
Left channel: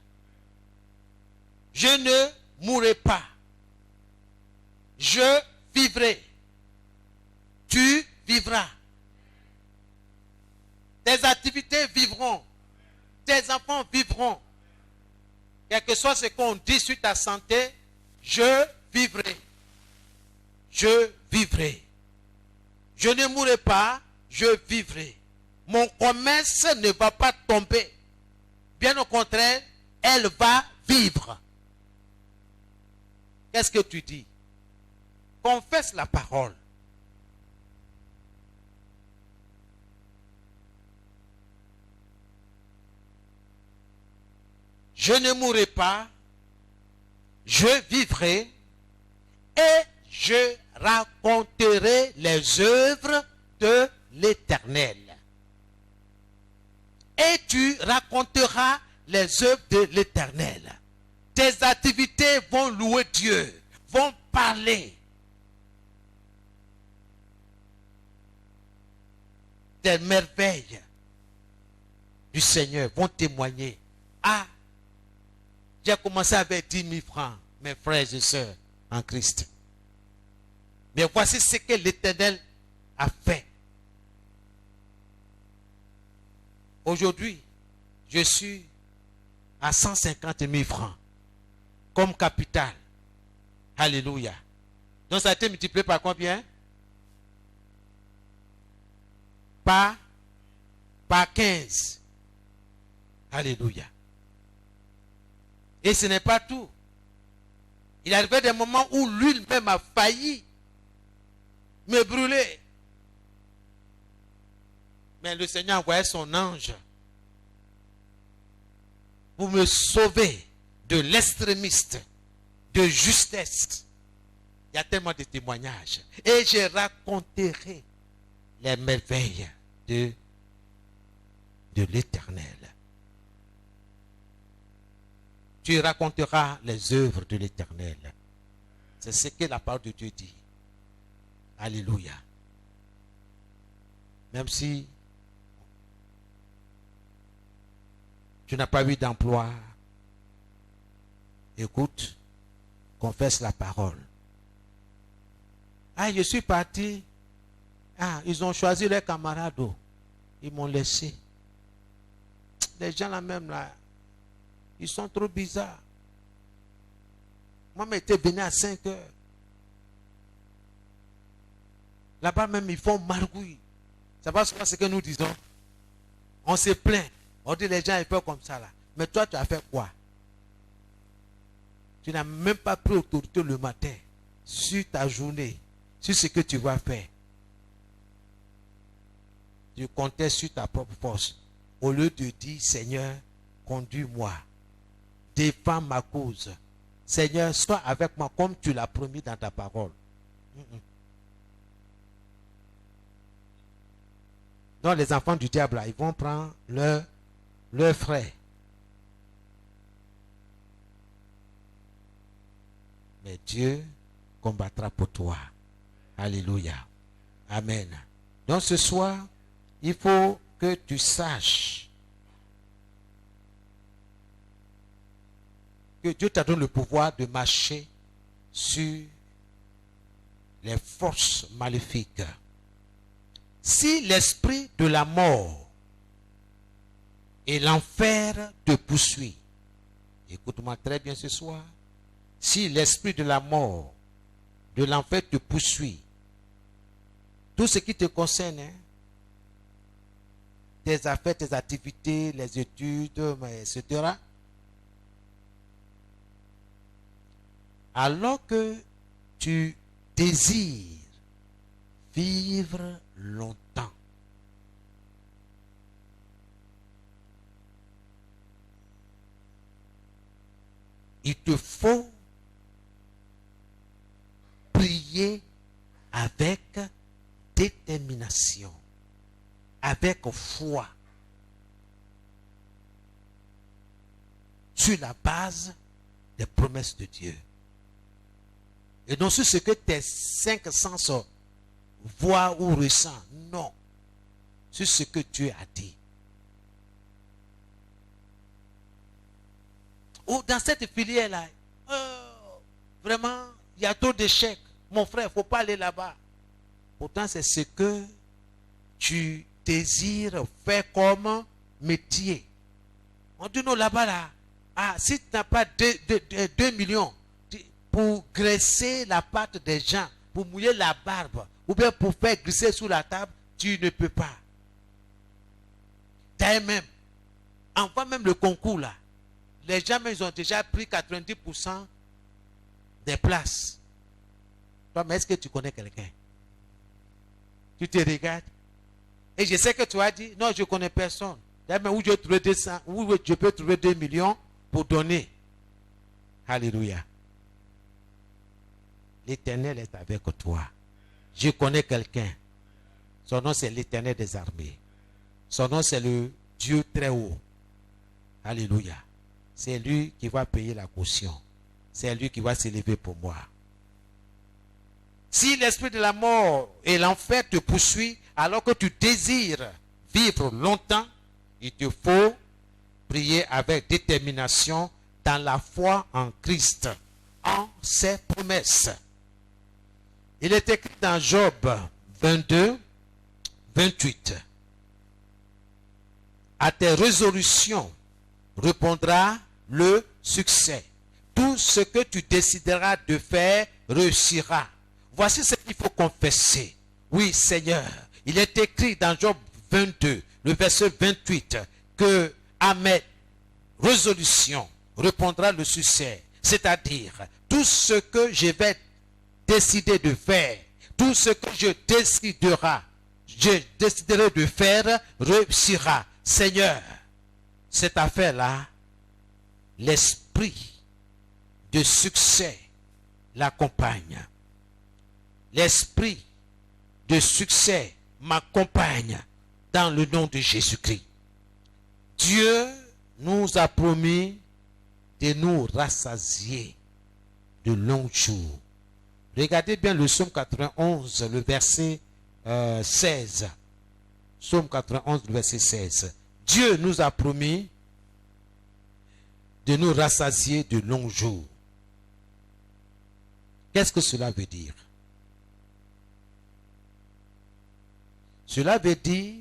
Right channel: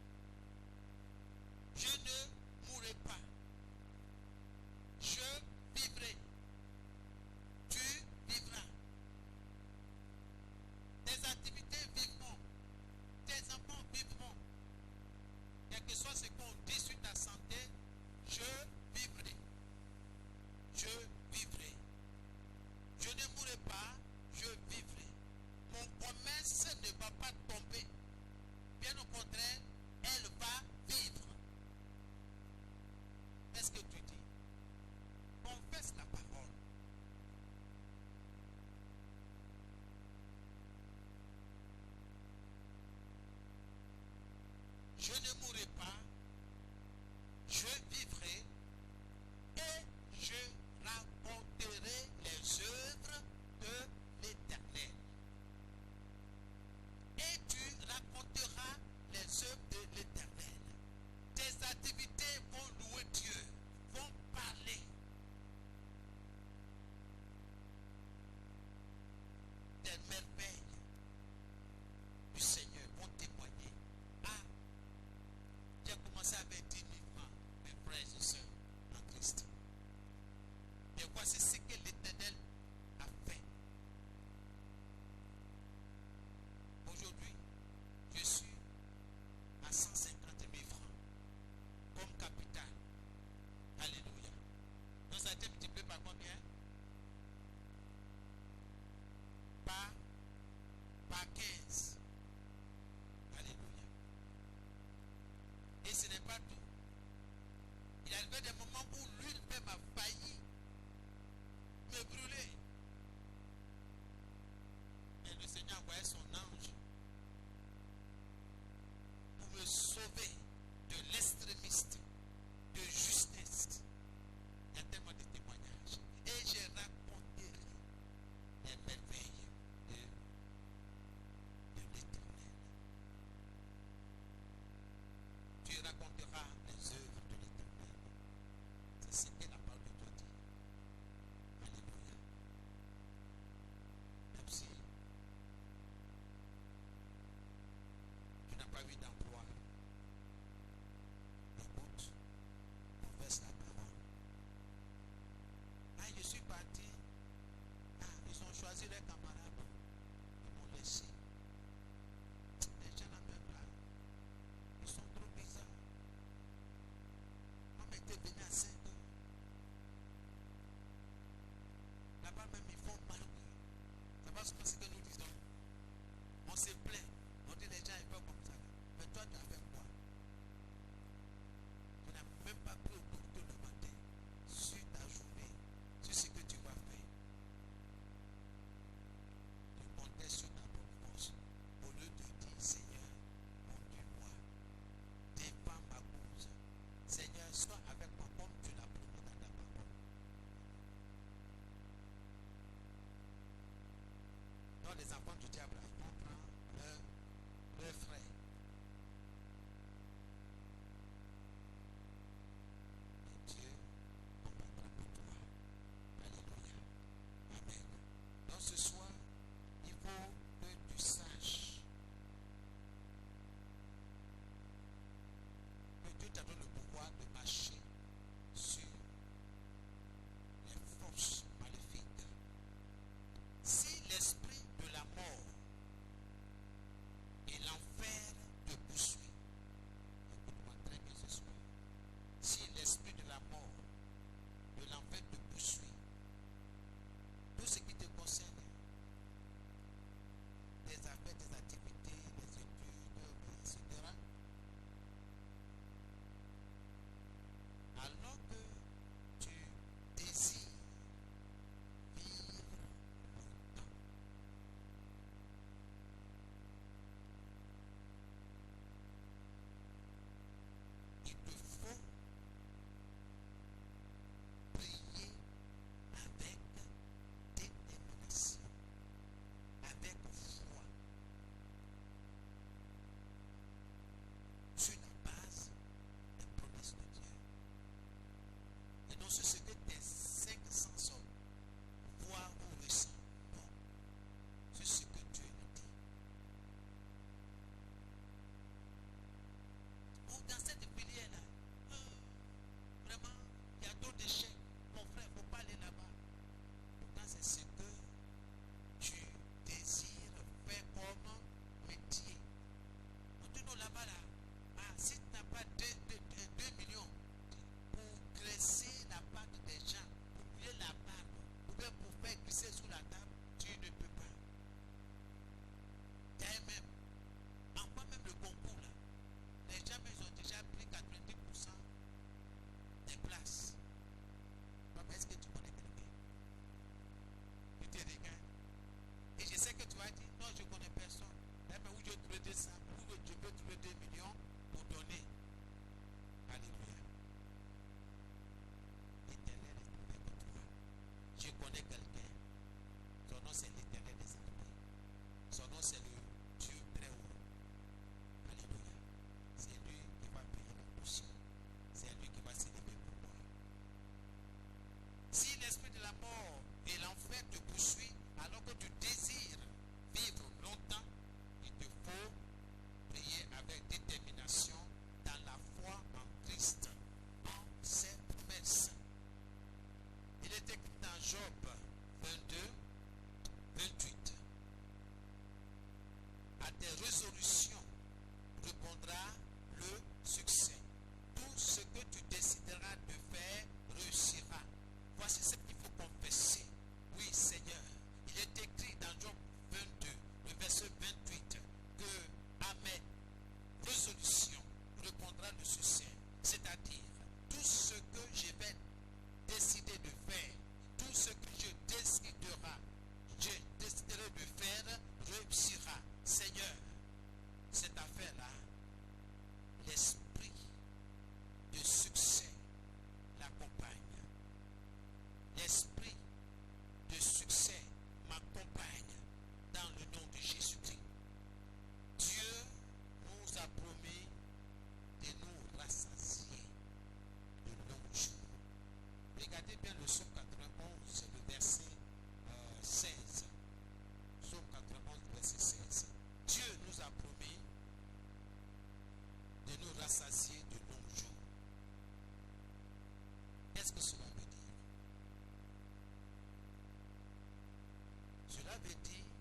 Je ne mourrai pas. Je vivrai. Tu vivras. Tes activités vivront. Tes enfants vivront. Quel que soit ce qu'on dit sur ta santé, je vivrai. Je vivrai. Je ne mourrai pas, je vivrai. Mon commerce ne va pas tomber. Bien au contraire, elle va vivre. Qu'est-ce que tu dis? Confesse la parole. Je ne mourrai pas, je vivrai et je raconterai les œuvres de l'Éternel. Et tu raconteras les œuvres de l'Éternel. Tes activités vont louer Dieu, vont parler. Des merveilles du Seigneur vont témoigner. J'ai commencé avec 10 000 francs, mes frères et sœurs en Christ. Mais voici ce que l'Éternel a fait. Aujourd'hui, je suis à 150 000 francs comme capital. Alléluia. Donc ça a été multiplié par combien? Par 15. Alléluia. Et ce n'est pas tout. Il arrivait des moments où lui-même a failli me brûler. Mais le Seigneur envoyait son ange pour me sauver de l'extrémiste, de justesse. Il y a tellement de témoignages. Et je raconterai les merveilles de l'Éternel. Tu raconteras les œuvres de l'Éternel. C'est ce que la parole de Dieu dit. Alléluia. Même si tu n'as pas eu d'emploi, écoute, confesse la parole. Je suis parti Ah, ils ont choisi leurs camarades. Oh. Ils m'ont laissé. Les gens là même là, ils sont trop bizarres. Moi, j'étais venu à 5 heures. Là-bas même, ils font margouille. Ça va souvent ce que nous disons. On se plaint. On dit les gens ils font comme ça là. Mais toi, tu as fait quoi? Tu n'as même pas pris autorité le matin sur ta journée, sur ce que tu vas faire. Tu comptais sur ta propre force. Au lieu de dire, Seigneur, conduis-moi. Défends ma cause. Seigneur, sois avec moi comme tu l'as promis dans ta parole. Donc les enfants du diable, là, ils vont prendre leur frère. Mais Dieu combattra pour toi. Alléluia. Amen. Donc ce soir, il faut que tu saches que Dieu t'a donné le pouvoir de marcher sur les forces maléfiques. Si l'esprit de la mort et l'enfer te poursuit, écoute-moi très bien ce soir, si l'esprit de la mort, de l'enfer te poursuit, tout ce qui te concerne, hein, tes affaires, tes activités, les études, etc., alors que tu désires vivre longtemps, il te faut prier avec détermination, avec foi, sur la base des promesses de Dieu. Et non sur ce que tes 5 sens voient ou ressentent. Non. Sur ce que Dieu a dit. Ou dans cette filière-là, vraiment, il y a trop d'échecs. Mon frère, il ne faut pas aller là-bas. Pourtant, c'est ce que tu désires faire comme métier. On dit non, là-bas, là, ah, si tu n'as pas 2 millions pour graisser la pâte des gens, pour mouiller la barbe, ou bien pour faire glisser sous la table, tu ne peux pas. D'ailleurs même, enfin même le concours là, les gens ils ont déjà pris 90% des places. Toi, mais est-ce que tu connais quelqu'un? Tu te regardes. Et je sais que tu as dit, non, je ne connais personne. D'ailleurs même où je trouve 200, où je peux trouver 2 millions pour donner. Alléluia. L'Éternel est avec toi. Je connais quelqu'un. Son nom c'est l'Éternel des armées. Son nom c'est le Dieu très haut. Alléluia. C'est lui qui va payer la caution. C'est lui qui va s'élever pour moi. Si l'esprit de la mort et l'enfer te poursuit alors que tu désires vivre longtemps, il te faut prier avec détermination dans la foi en Christ, en ses promesses. Il est écrit dans Job 22, 28. À tes résolutions répondra le succès. Tout ce que tu décideras de faire réussira. Voici ce qu'il faut confesser. Oui, Seigneur, il est écrit dans Job 22, le verset 28, que à mes résolutions répondra le succès. C'est-à-dire, tout ce que je vais décider de faire, tout ce que je déciderai de faire réussira. Seigneur, cette affaire-là, l'esprit de succès l'accompagne. L'esprit de succès m'accompagne dans le nom de Jésus-Christ. Dieu nous a promis de nous rassasier de longs jours. Regardez bien le psaume 91, le verset 16. Psaume 91, le verset 16. Dieu nous a promis de nous rassasier de longs jours. Qu'est-ce que cela veut dire? Cela veut dire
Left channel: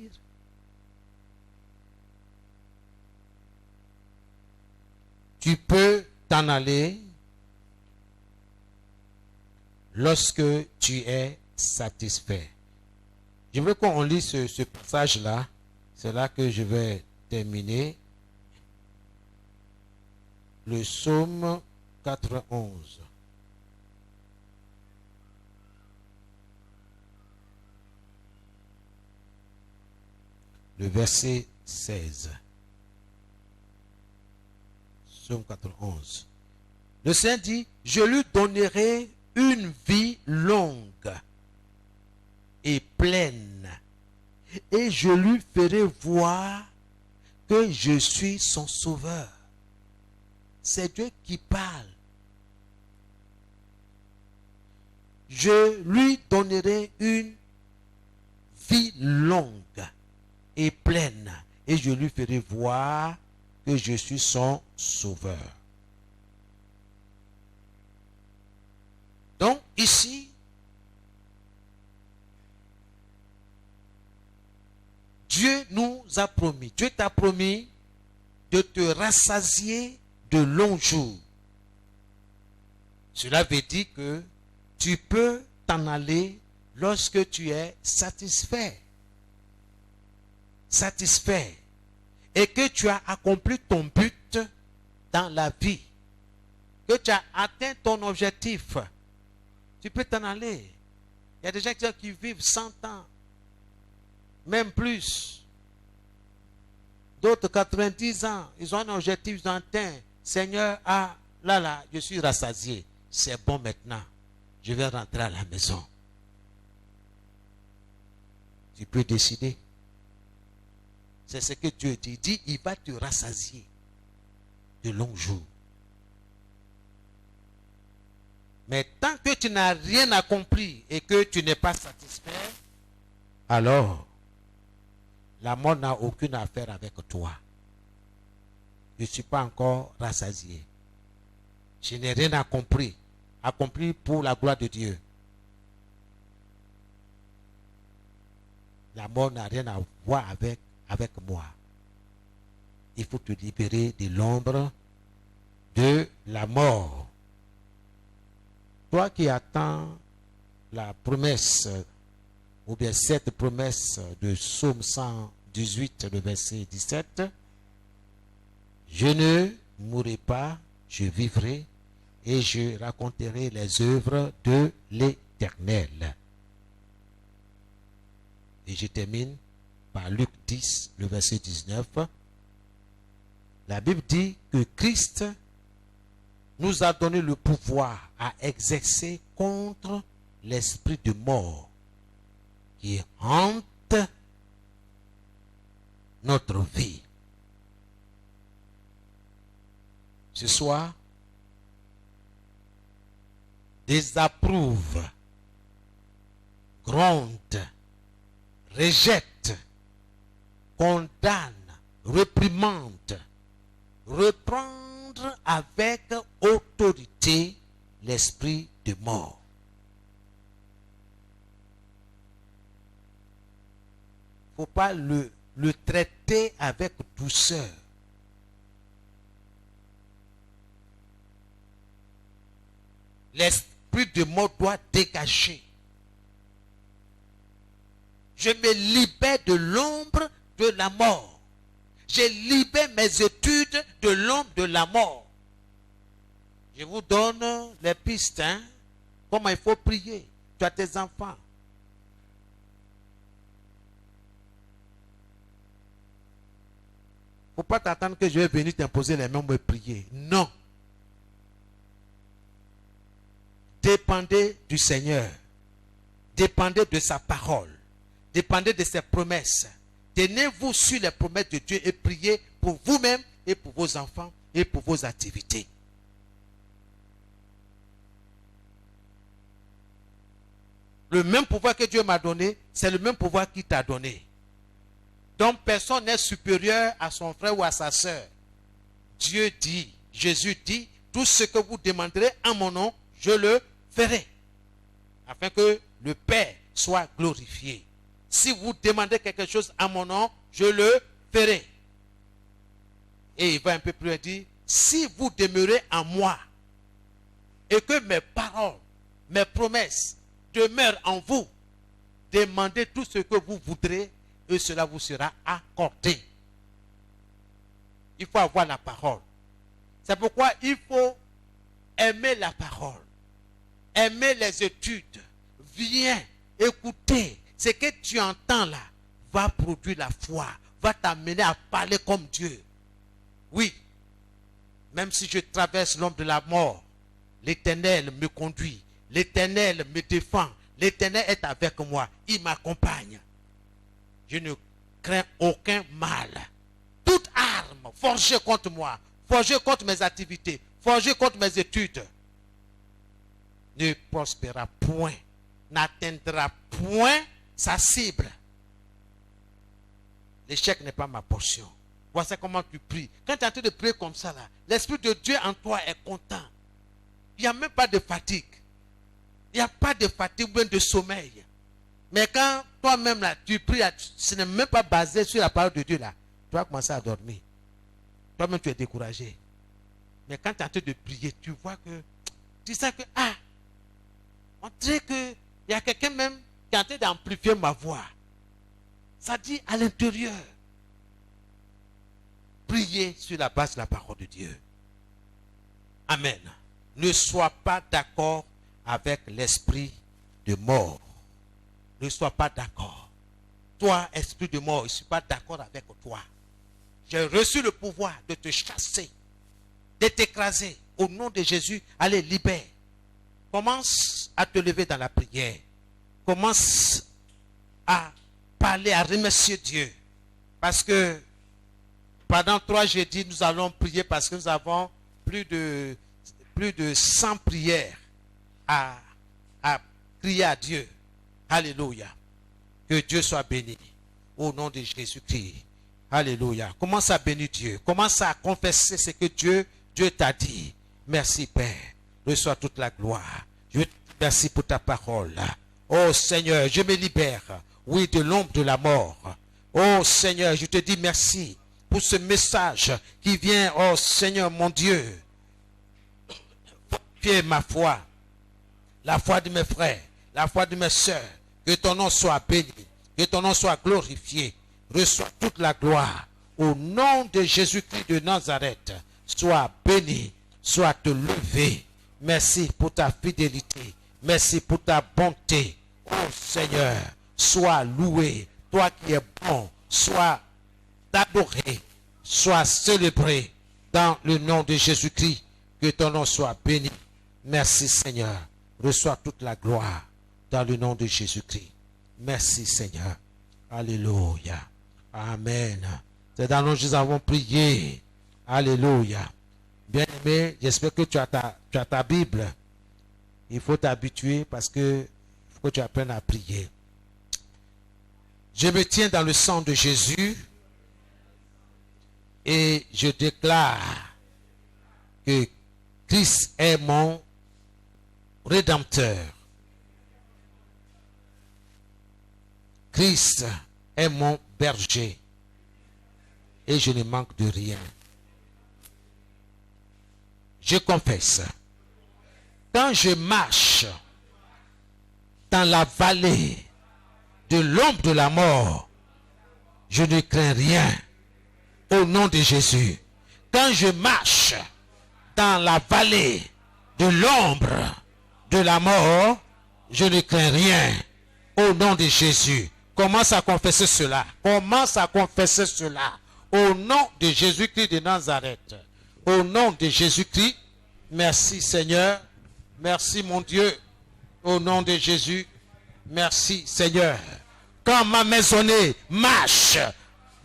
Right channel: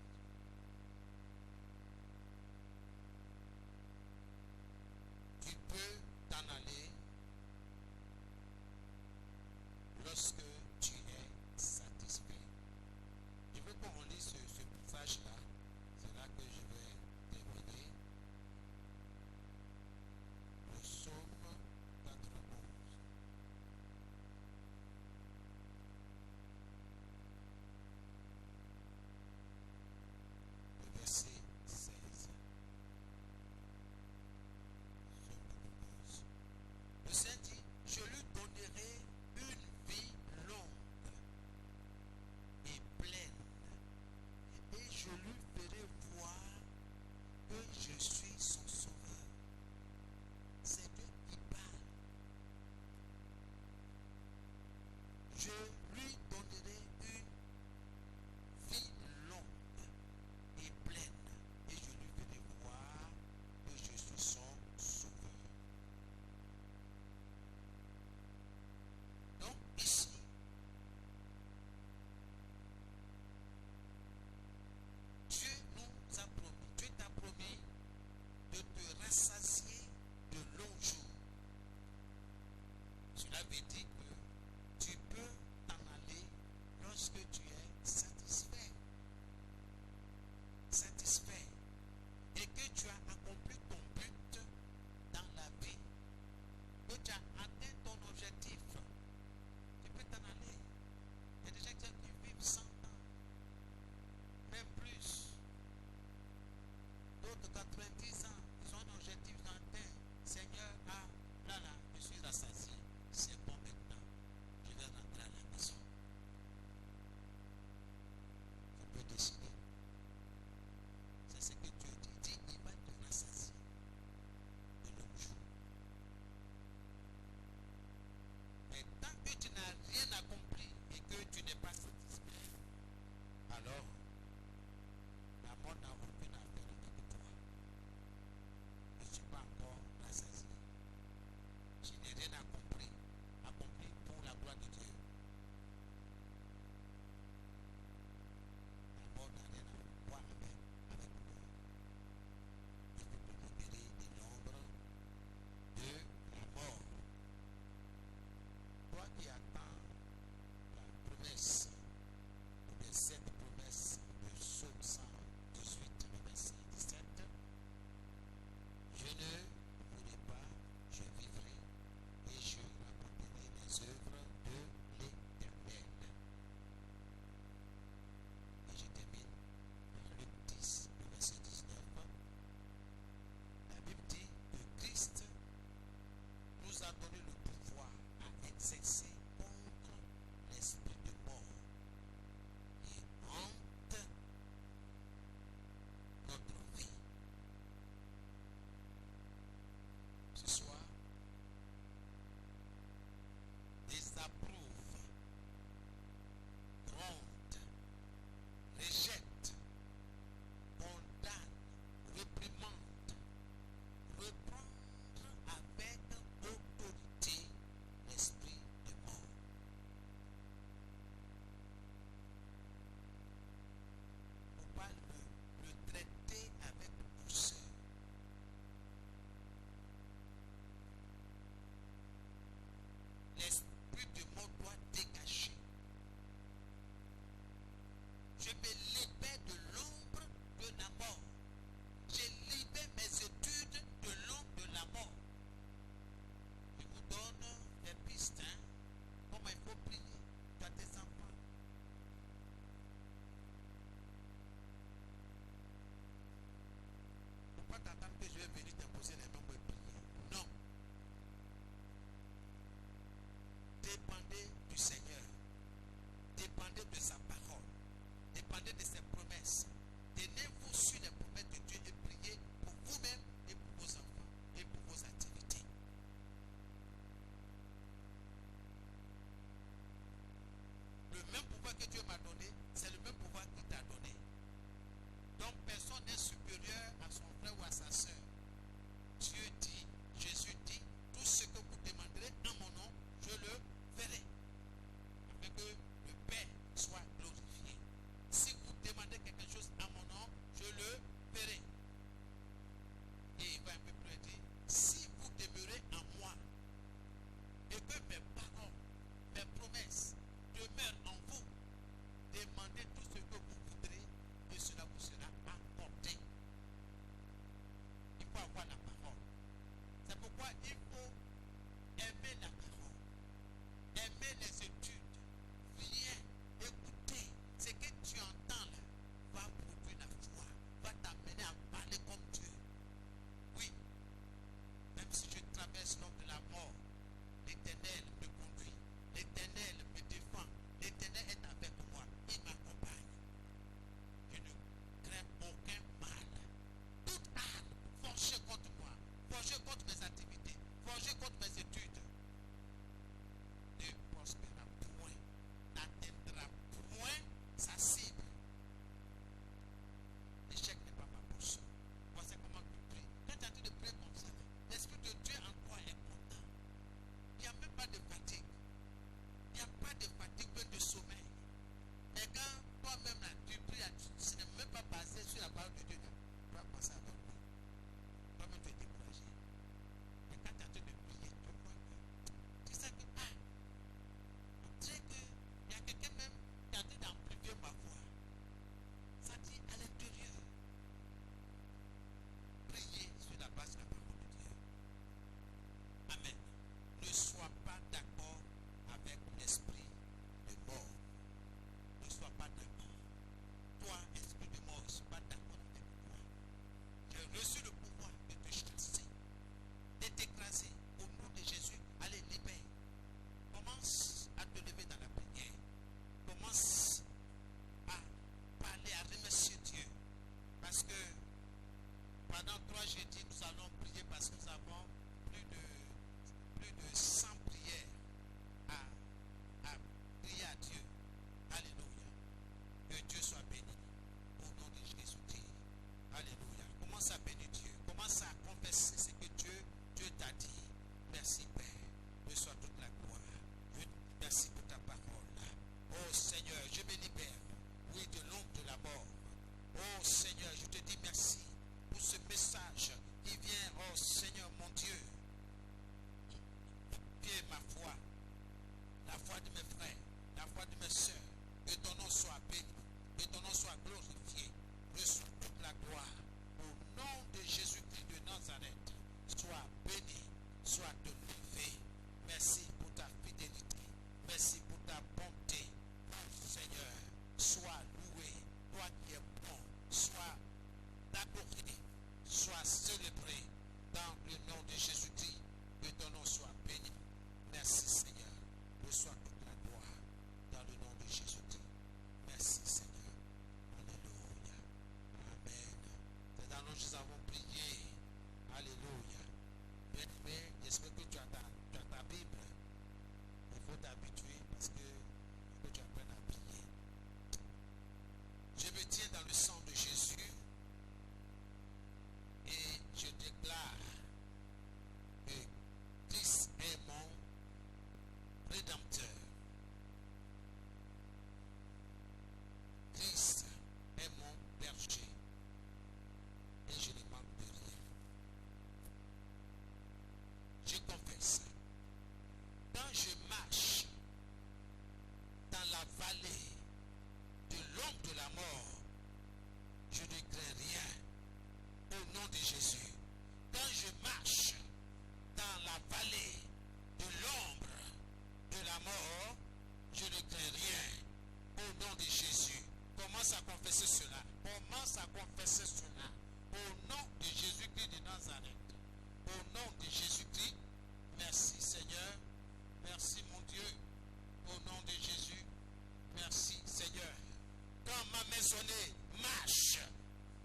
tu peux t'en aller lorsque tu es satisfait. Je veux qu'on lise ce passage-là. C'est là que je vais terminer. Le psaume 91. Le verset 16. Psaume 91. Le Seigneur dit, je lui donnerai une vie longue et pleine, et je lui ferai voir que je suis son sauveur. C'est Dieu qui parle. Je lui donnerai une vie longue et pleine, et je lui ferai voir que je suis son sauveur. Donc ici, Dieu nous a promis, Dieu t'a promis de te rassasier de longs jours. Cela veut dire que tu peux t'en aller lorsque tu es satisfait. Satisfait. Et que tu as accompli ton but dans la vie. Que tu as atteint ton objectif. Tu peux t'en aller. Il y a des gens qui vivent 100 ans. Même plus. D'autres 90 ans. Ils ont un objectif, ils ont atteint. Seigneur, là, je suis rassasié. C'est bon maintenant. Je vais rentrer à la maison. Tu peux décider. C'est ce que Dieu dit. Il dit, il va te rassasier de longs jours. Mais tant que tu n'as rien accompli et que tu n'es pas satisfait, alors la mort n'a aucune affaire avec toi. Je ne suis pas encore rassasié. Je n'ai rien accompli. Accompli pour la gloire de Dieu. La mort n'a rien à voir avec moi. Il faut te libérer de l'ombre de la mort. Toi qui attends la promesse, ou bien cette promesse de Psaume 118, le verset 17, je ne mourrai pas, je vivrai et je raconterai les œuvres de l'Éternel. Et je termine par Luc 10, le verset 19. La Bible dit que Christ nous a donné le pouvoir à exercer contre l'esprit de mort qui hante notre vie. Ce soir, désapprouve, gronde, rejette, condamne, réprimande, reprendre avec autorité l'esprit de mort. Il ne faut pas le traiter avec douceur. L'esprit de mort doit dégager. Je me libère de l'ombre de la mort. Je libère mes études de l'ombre de la mort. Je vous donne les pistes, comment il faut prier. Tu as tes enfants. Il ne faut pas t'attendre que je vais venir t'imposer les mains et prier. Non. Dépendez du Seigneur. Dépendez de sa parole. Dépendez de ses promesses. Tenez-vous sur les promesses de Dieu et priez pour vous-même et pour vos enfants et pour vos activités. Le même pouvoir que Dieu m'a donné, c'est le même pouvoir qu'il t'a donné. Donc personne n'est supérieur à son frère ou à sa soeur. Dieu dit, Jésus dit, tout ce que vous demanderez en mon nom, je le ferai. Afin que le Père soit glorifié. si vous demandez quelque chose à mon nom, je le ferai. Et il va un peu plus loin dire, si vous demeurez en moi, et que mes paroles, mes promesses demeurent en vous, demandez tout ce que vous voudrez, et cela vous sera accordé. Il faut avoir la parole. C'est pourquoi il faut aimer la parole, aimer les études. Viens, écouter. Ce que tu entends là va produire la foi, va t'amener à parler comme Dieu. Oui, même si je traverse l'ombre de la mort, l'Éternel me conduit, l'Éternel me défend, l'Éternel est avec moi, il m'accompagne. Je ne crains aucun mal. Toute arme forgée contre moi, forgée contre mes activités, forgée contre mes études, ne prospérera point, n'atteindra point sa cible. L'échec n'est pas ma portion. Voici comment tu pries. Quand tu es en train de prier comme ça, là, l'Esprit de Dieu en toi est content. Il n'y a même pas de fatigue. Il n'y a pas de fatigue ou même de sommeil. Mais quand toi-même là, tu pries, là, ce n'est même pas basé sur la parole de Dieu là, tu vas commencer à dormir. Toi-même tu es découragé. Mais quand tu es en train de prier, tu vois que, tu sens que, on dirait qu'il y a quelqu'un même qui est en train d'amplifier ma voix. Ça dit à l'intérieur. Priez sur la base de la parole de Dieu. Amen. Ne sois pas d'accord avec l'esprit de mort. Ne sois pas d'accord. Toi, esprit de mort, je ne suis pas d'accord avec toi. J'ai reçu le pouvoir de te chasser, de t'écraser. Au nom de Jésus, allez, libère. Commence à te lever dans la prière. Commence à parler, à remercier Dieu. Parce que pendant 3 jeudis, nous allons prier parce que nous avons plus de 100 prières à prier à Dieu. Alléluia. Que Dieu soit béni. Au nom de Jésus-Christ. Alléluia. Commence à bénir Dieu. Commence à confesser ce que Dieu t'a dit. Merci Père. Reçois toute la gloire. Je te remercie pour ta parole. Oh Seigneur, je me libère. Oui, de l'ombre de la mort. Oh Seigneur, je te dis merci pour ce message qui vient, oh Seigneur mon Dieu, fortifier ma foi, la foi de mes frères, la foi de mes soeurs. Que ton nom soit béni, que ton nom soit glorifié. Reçois toute la gloire. Au nom de Jésus-Christ de Nazareth, sois béni, sois te levé. Merci pour ta fidélité. Merci pour ta bonté. Oh Seigneur, sois loué. Toi qui es bon, sois adoré, sois célébré dans le nom de Jésus-Christ. Que ton nom soit béni. Merci Seigneur. Reçois toute la gloire dans le nom de Jésus-Christ. Merci Seigneur. Alléluia. Amen. C'est dans nous que nous avons prié. Alléluia. Bien-aimé, j'espère que tu as ta Bible. Il faut t'habituer parce que faut que tu apprennes à prier. Je me tiens dans le sang de Jésus et je déclare que Christ est mon Rédempteur. Christ est mon berger et je ne manque de rien. Je confesse, quand je marche dans la vallée de l'ombre de la mort, je ne crains rien au nom de Jésus. Quand je marche dans la vallée de l'ombre de la mort, je ne crains rien au nom de Jésus. Commence à confesser cela. Commence à confesser cela. Au nom de Jésus-Christ de Nazareth. Au nom de Jésus-Christ. Merci Seigneur. Merci mon Dieu. Au nom de Jésus. Merci Seigneur. Quand ma maisonnée marche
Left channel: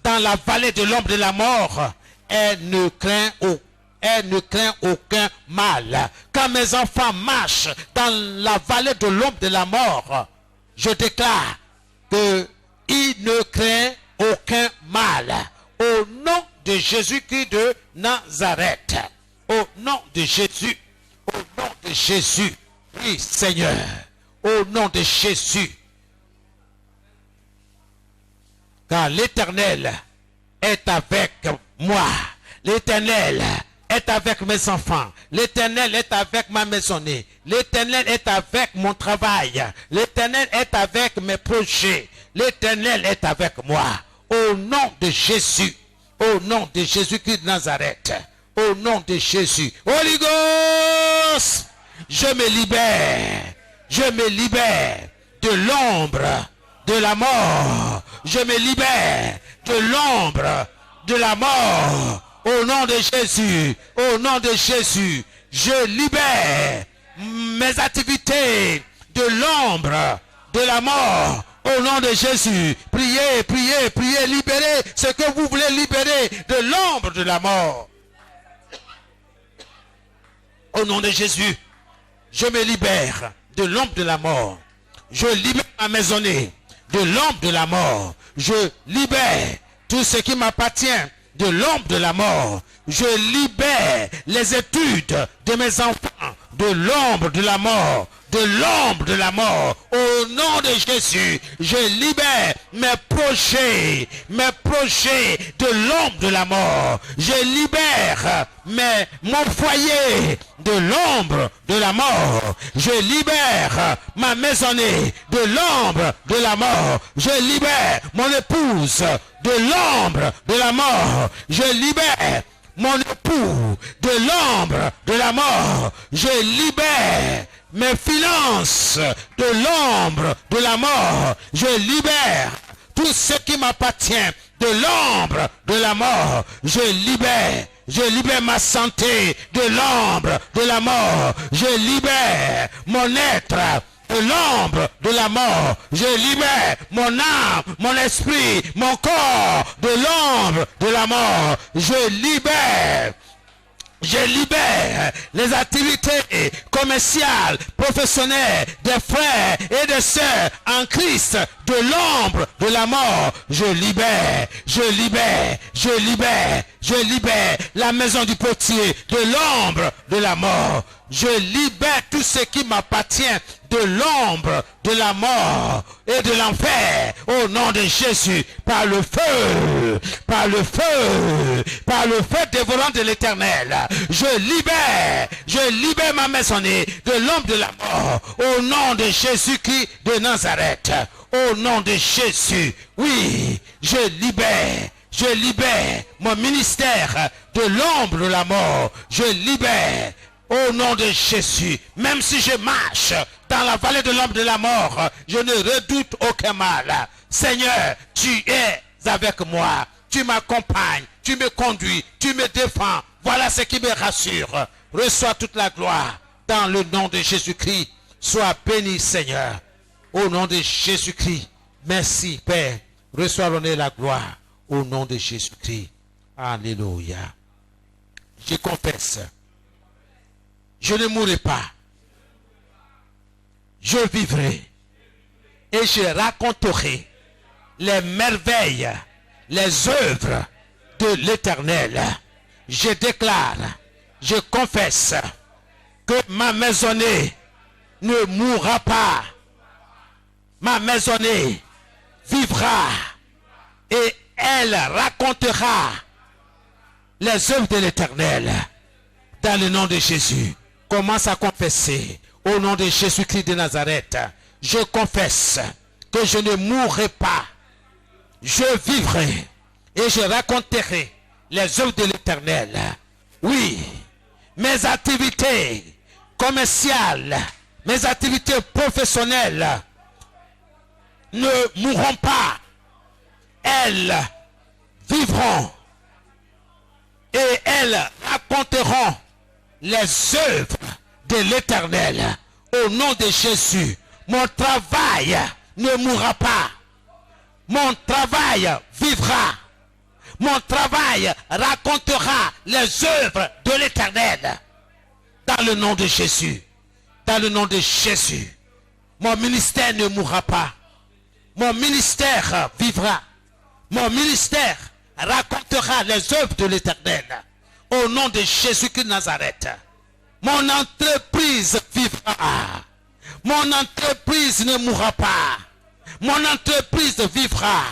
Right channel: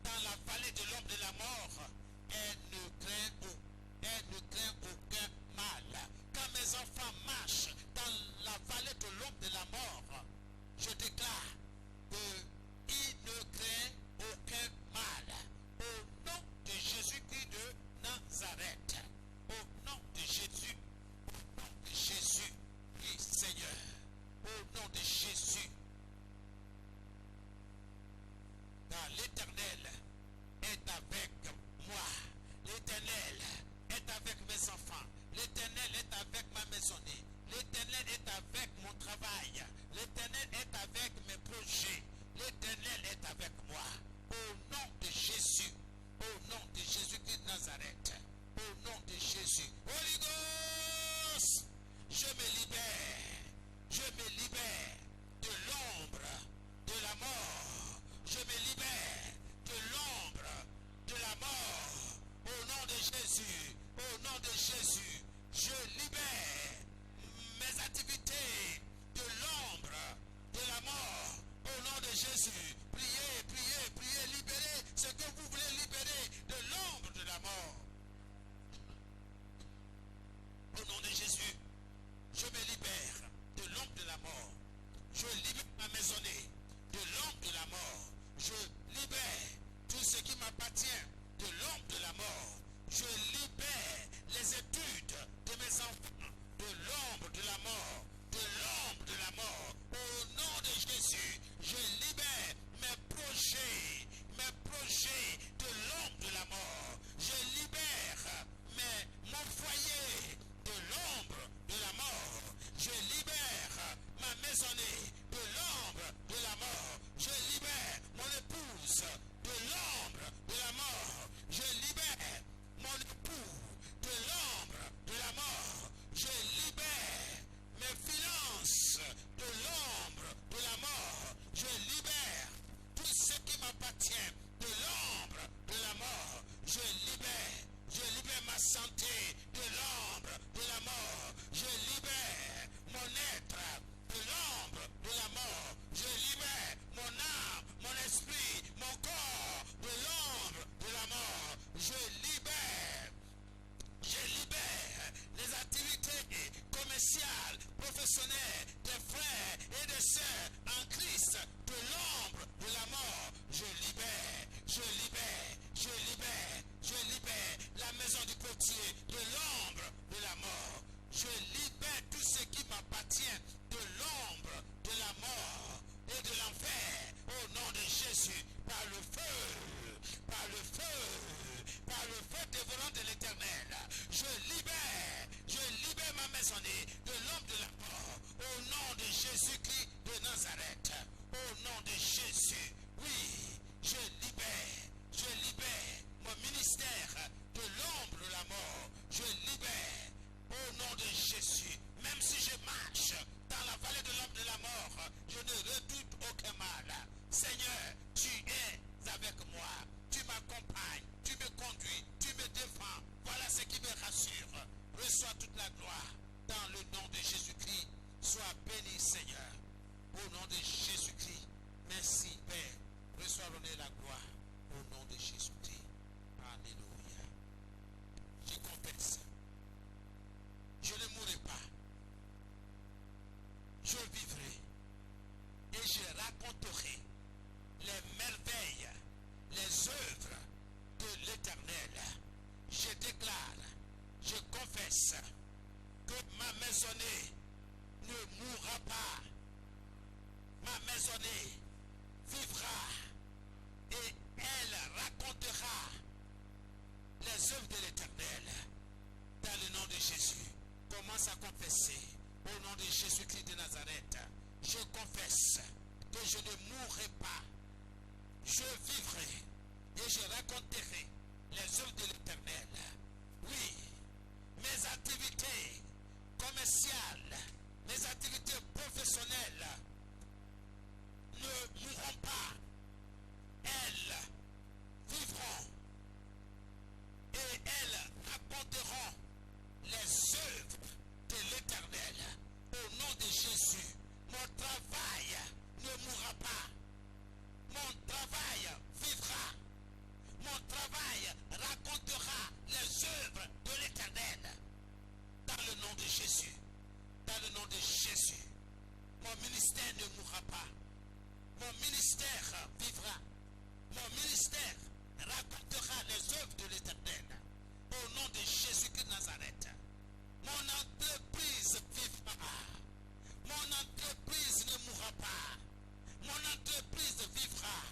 dans la vallée de l'ombre de la mort, elle ne craint aucun mal. Quand mes enfants marchent dans la vallée de l'ombre de la mort, je déclare qu'ils ne craignent aucun mal. Au nom de Jésus-Christ de Nazareth. Au nom de Jésus. Au nom de Jésus. Oui, Seigneur. Au nom de Jésus. car l'Éternel est avec moi. L'Éternel est avec mes enfants. L'Éternel est avec ma maisonnée. L'Éternel est avec mon travail. L'Éternel est avec mes projets. L'Éternel est avec moi. Au nom de Jésus. Au nom de Jésus-Christ de Nazareth. Au nom de Jésus. Holy Ghost, je me libère. Je me libère de l'ombre de la mort. Je me libère de l'ombre de la mort. Au nom de Jésus. Au nom de Jésus. Je libère mes activités de l'ombre de la mort. Au nom de Jésus. Priez, priez, priez. Libérez ce que vous voulez libérer de l'ombre de la mort. Au nom de Jésus. Je me libère de l'ombre de la mort. Je libère ma maisonnée de l'ombre de la mort. Je libère tout ce qui m'appartient de l'ombre de la mort. Je libère les études de mes enfants de l'ombre de la mort. De l'ombre de la mort. Au nom de Jésus, je libère mes projets de l'ombre de la mort. Je libère mon foyer de l'ombre de la mort. Je libère ma maisonnée de l'ombre de la mort. Je libère mon épouse de l'ombre de la mort. Je libère mon époux de l'ombre de la mort. Je libère mes finances de l'ombre de la mort. Je libère tout ce qui m'appartient de l'ombre de la mort. Je libère ma santé de l'ombre de la mort. Je libère mon être de l'ombre de la mort. Je libère mon âme, mon esprit, mon corps de l'ombre de la mort. Je libère les activités commerciales, professionnelles des frères et des sœurs en Christ de l'ombre de la mort. Je libère la maison du potier de l'ombre de la mort. Je libère tout ce qui m'appartient de l'ombre de la mort et de l'enfer au nom de Jésus, par le feu dévorant de l'Éternel. Je libère ma maisonnée de l'ombre de la mort au nom de Jésus-Christ de Nazareth. Au nom de Jésus, oui, je libère mon ministère de l'ombre de la mort. Je libère au nom de Jésus. Même si je marche dans la vallée de l'ombre de la mort, je ne redoute aucun mal. Seigneur, tu es avec moi. Tu m'accompagnes, tu me conduis, tu me défends. Voilà ce qui me rassure. Reçois toute la gloire dans le nom de Jésus-Christ. Sois béni, Seigneur. Au nom de Jésus-Christ. Merci, Père. Reçois l'honneur et la gloire. Au nom de Jésus-Christ. Alléluia. Je confesse. Je ne mourrai pas. Je vivrai. Et je raconterai les merveilles, les œuvres de l'Éternel. Je déclare, je confesse que ma maisonnée ne mourra pas. Ma maisonnée vivra et elle racontera les œuvres de l'Éternel. Dans le nom de Jésus, commence à confesser au nom de Jésus-Christ de Nazareth. Je confesse que je ne mourrai pas. Je vivrai et je raconterai les œuvres de l'Éternel. Oui, mes activités commerciales, mes activités professionnelles ne mourront pas. Elles vivront et elles raconteront les œuvres de l'Éternel. Au nom de Jésus, mon travail ne mourra pas. Mon travail vivra. Mon travail racontera les œuvres de l'Éternel. Dans le nom de Jésus. Dans le nom de Jésus. Mon ministère ne mourra pas. Mon ministère vivra. Mon ministère racontera les œuvres de l'Éternel. Au nom de Jésus-Christ de Nazareth. Mon entreprise vivra. Mon entreprise ne mourra pas. Mon entreprise vivra.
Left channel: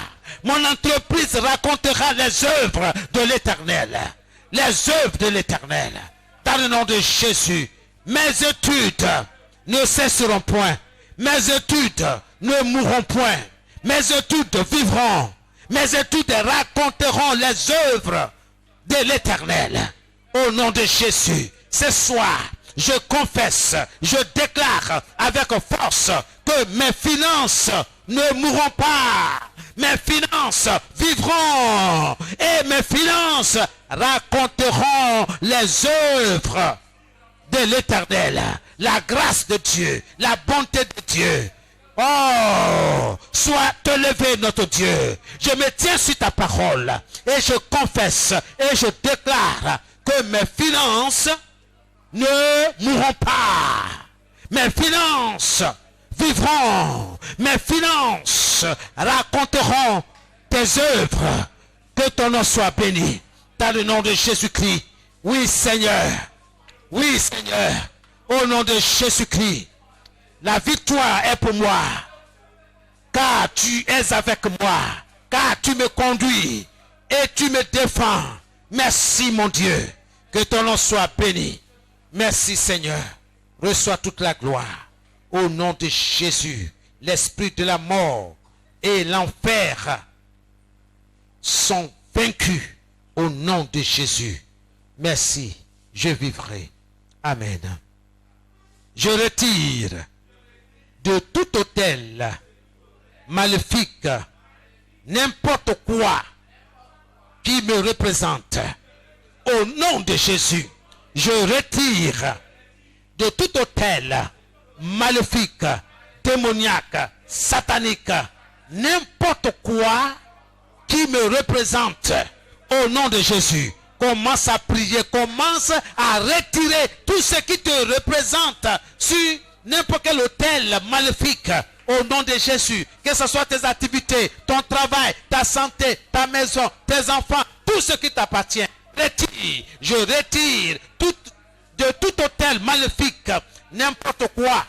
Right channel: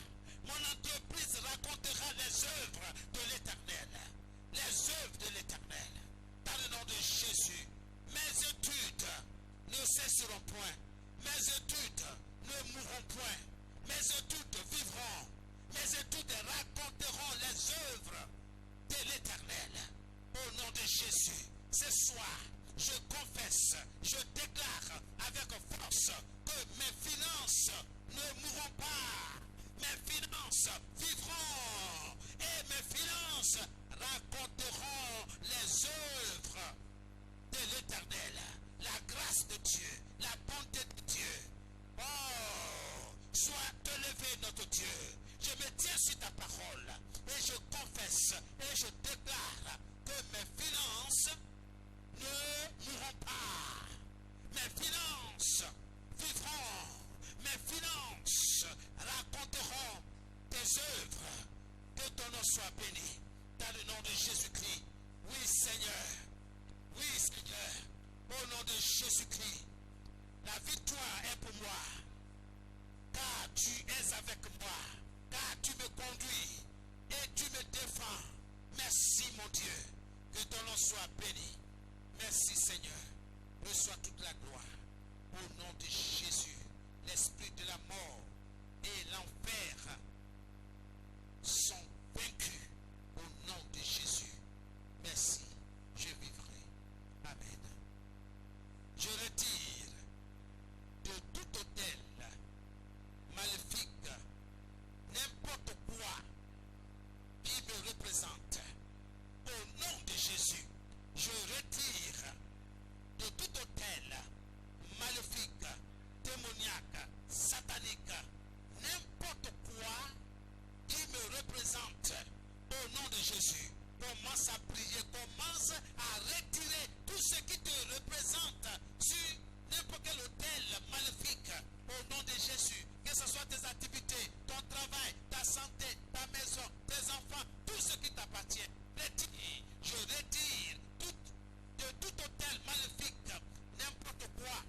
Mon entreprise racontera les œuvres de l'Éternel. Les œuvres de l'Éternel. Dans le nom de Jésus, mes études ne cesseront point. Mes études ne mourront point. Mes études vivront. Mes études raconteront les œuvres de l'Éternel. Au nom de Jésus, ce soir, je confesse, je déclare avec force que mes finances ne mourront pas. Mes finances vivront et mes finances raconteront les œuvres de l'Éternel. La grâce de Dieu, la bonté de Dieu. Oh, sois te levé notre Dieu. Je me tiens sur ta parole et je confesse et je déclare que mes finances ne mourront pas. Mes finances vivront. Mes finances raconteront tes œuvres. Que ton nom soit béni. Dans le nom de Jésus-Christ. Oui, Seigneur. Oui, Seigneur. Au nom de Jésus-Christ. La victoire est pour moi. Car tu es avec moi. Car tu me conduis. Et tu me défends. Merci, mon Dieu. Que ton nom soit béni. Merci, Seigneur. Reçois toute la gloire. Au nom de Jésus, l'esprit de la mort et l'enfer sont vaincus. Au nom de Jésus. Merci. Je vivrai. Amen. Je retire de tout autel maléfique n'importe quoi qui me représente. Au nom de Jésus, je retire de tout autel maléfique, démoniaque, satanique, n'importe quoi qui me représente. Au nom de Jésus, commence à prier, commence à retirer tout ce qui te représente sur n'importe quel autel maléfique. Au nom de Jésus, que ce soit tes activités, ton travail, ta santé, ta maison, tes enfants, tout ce qui t'appartient. Retire, je retire de tout autel maléfique, n'importe quoi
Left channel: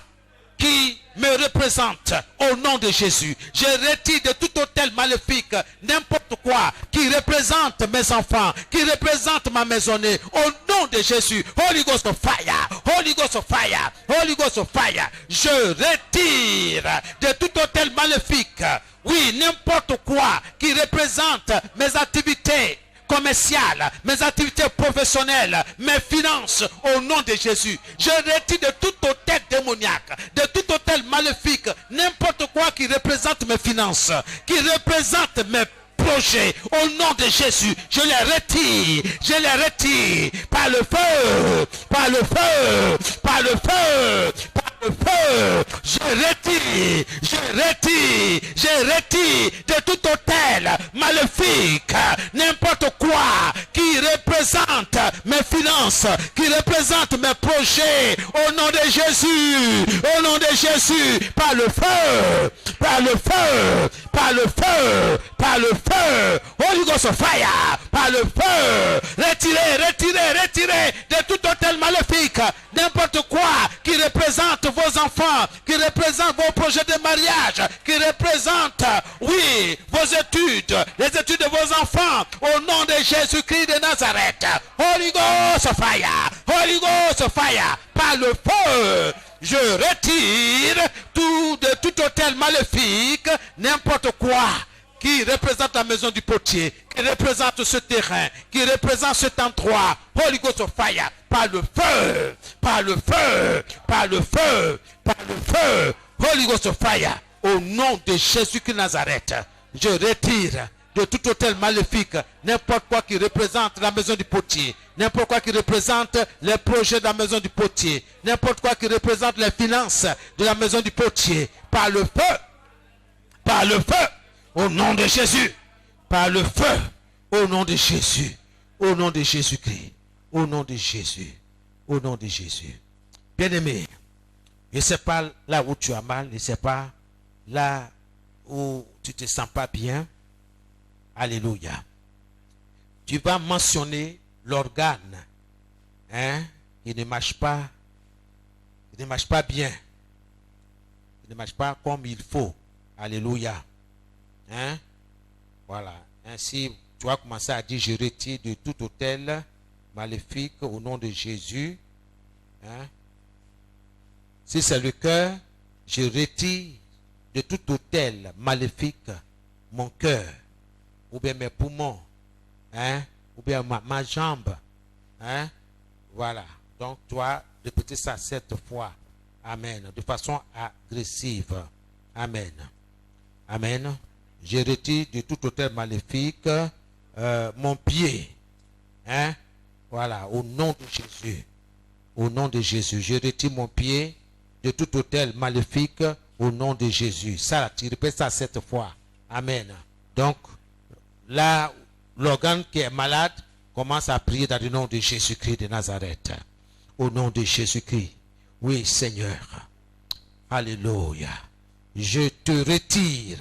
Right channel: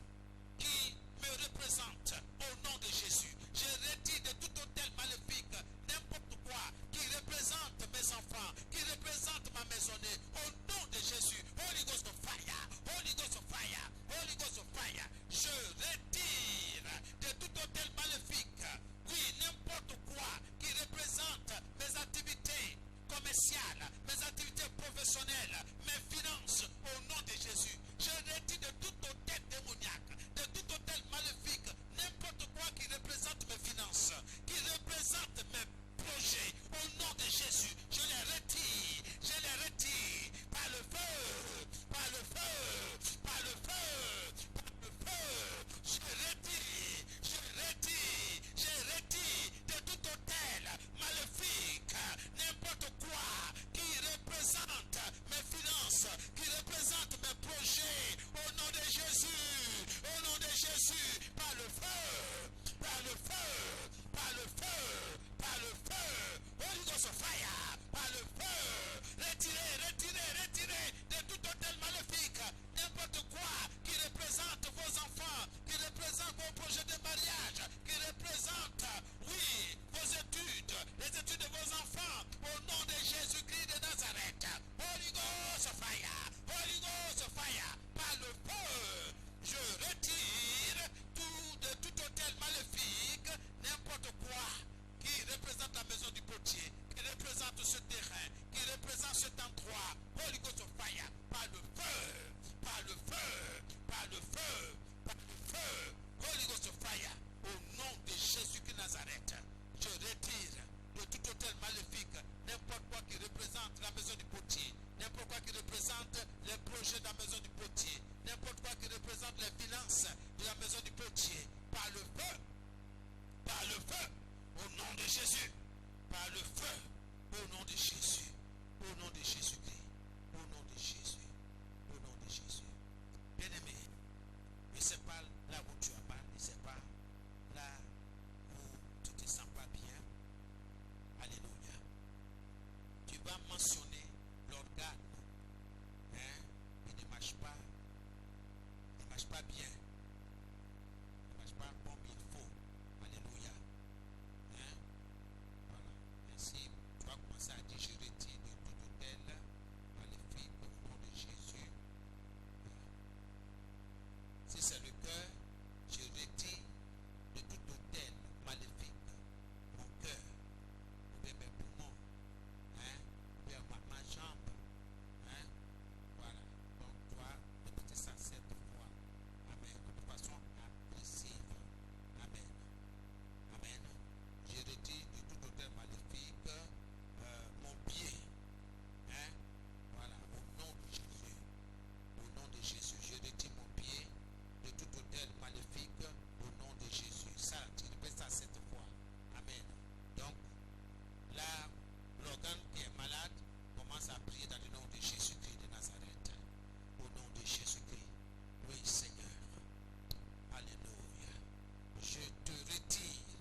qui me représente. Au nom de Jésus, je retire de tout autel maléfique n'importe quoi qui représente mes enfants, qui représente ma maisonnée. Au nom de Jésus, Holy Ghost of fire, Holy Ghost of fire, Holy Ghost of fire. Je retire de tout autel maléfique, oui, n'importe quoi qui représente mes activités commerciales, mes activités professionnelles, mes finances. Au nom de Jésus, je retire de tout autel démoniaque, de tout autel maléfique, n'importe quoi qui représente mes finances, qui représente mes projets. Au nom de Jésus, je les retire par le feu, par le feu, par le feu, par le feu. Je retire de tout autel maléfique, n'importe quoi qui représente mes finances, qui représente mes projets. Au nom de Jésus, au nom de Jésus, par le feu, par le feu, par le feu, par le feu. Holy Ghost of fire, par le feu. Retirez de tout autel maléfique, n'importe quoi qui représente vos enfants, qui représente vos projets de mariage, qui représente, oui, vos études, les études de vos enfants. Au nom de Jésus-Christ de Nazareth. Holy Ghost of fire, Holy Ghost of fire, par le feu. Je retire de tout autel maléfique, n'importe quoi qui représente la maison du potier, qui représente ce terrain, qui représente cet endroit. Holy Ghost of fire, par le feu, par le feu, par le feu, par le feu. Holy Ghost of fire, au nom de Jésus-Christ de Nazareth, je retire de tout autel maléfique, n'importe quoi qui représente la maison du potier, n'importe quoi qui représente les projets de la maison du potier, n'importe quoi qui représente les finances de la maison du potier, par le feu, par le feu, au nom de Jésus, par le feu, au nom de Jésus, au nom de Jésus-Christ, au nom de Jésus, au nom de Jésus. Bien-aimé, je ne sais pas là où tu as mal, je ne sais pas là où tu ne te sens pas bien. Alléluia. Tu vas mentionner l'organe, hein, il ne marche pas bien, il ne marche pas comme il faut. Alléluia. Hein? Voilà. Ainsi, tu vas commencer à dire, je retire de tout autel maléfique au nom de Jésus. Hein? Si c'est le cœur, je retire de tout autel maléfique mon cœur, ou bien mes poumons, hein? Ou bien ma jambe. Hein? Voilà. Donc, tu vas répéter ça 7 fois. Amen. De façon agressive. Amen. Amen. Je retire de tout autel maléfique mon pied. Hein? Voilà. Au nom de Jésus. Au nom de Jésus. Je retire mon pied de tout autel maléfique au nom de Jésus. Ça, tu répètes ça 7 fois. Amen. Donc, là, l'organe qui est malade commence à prier dans le nom de Jésus-Christ de Nazareth. Au nom de Jésus-Christ. Oui, Seigneur. Alléluia. Je te retire.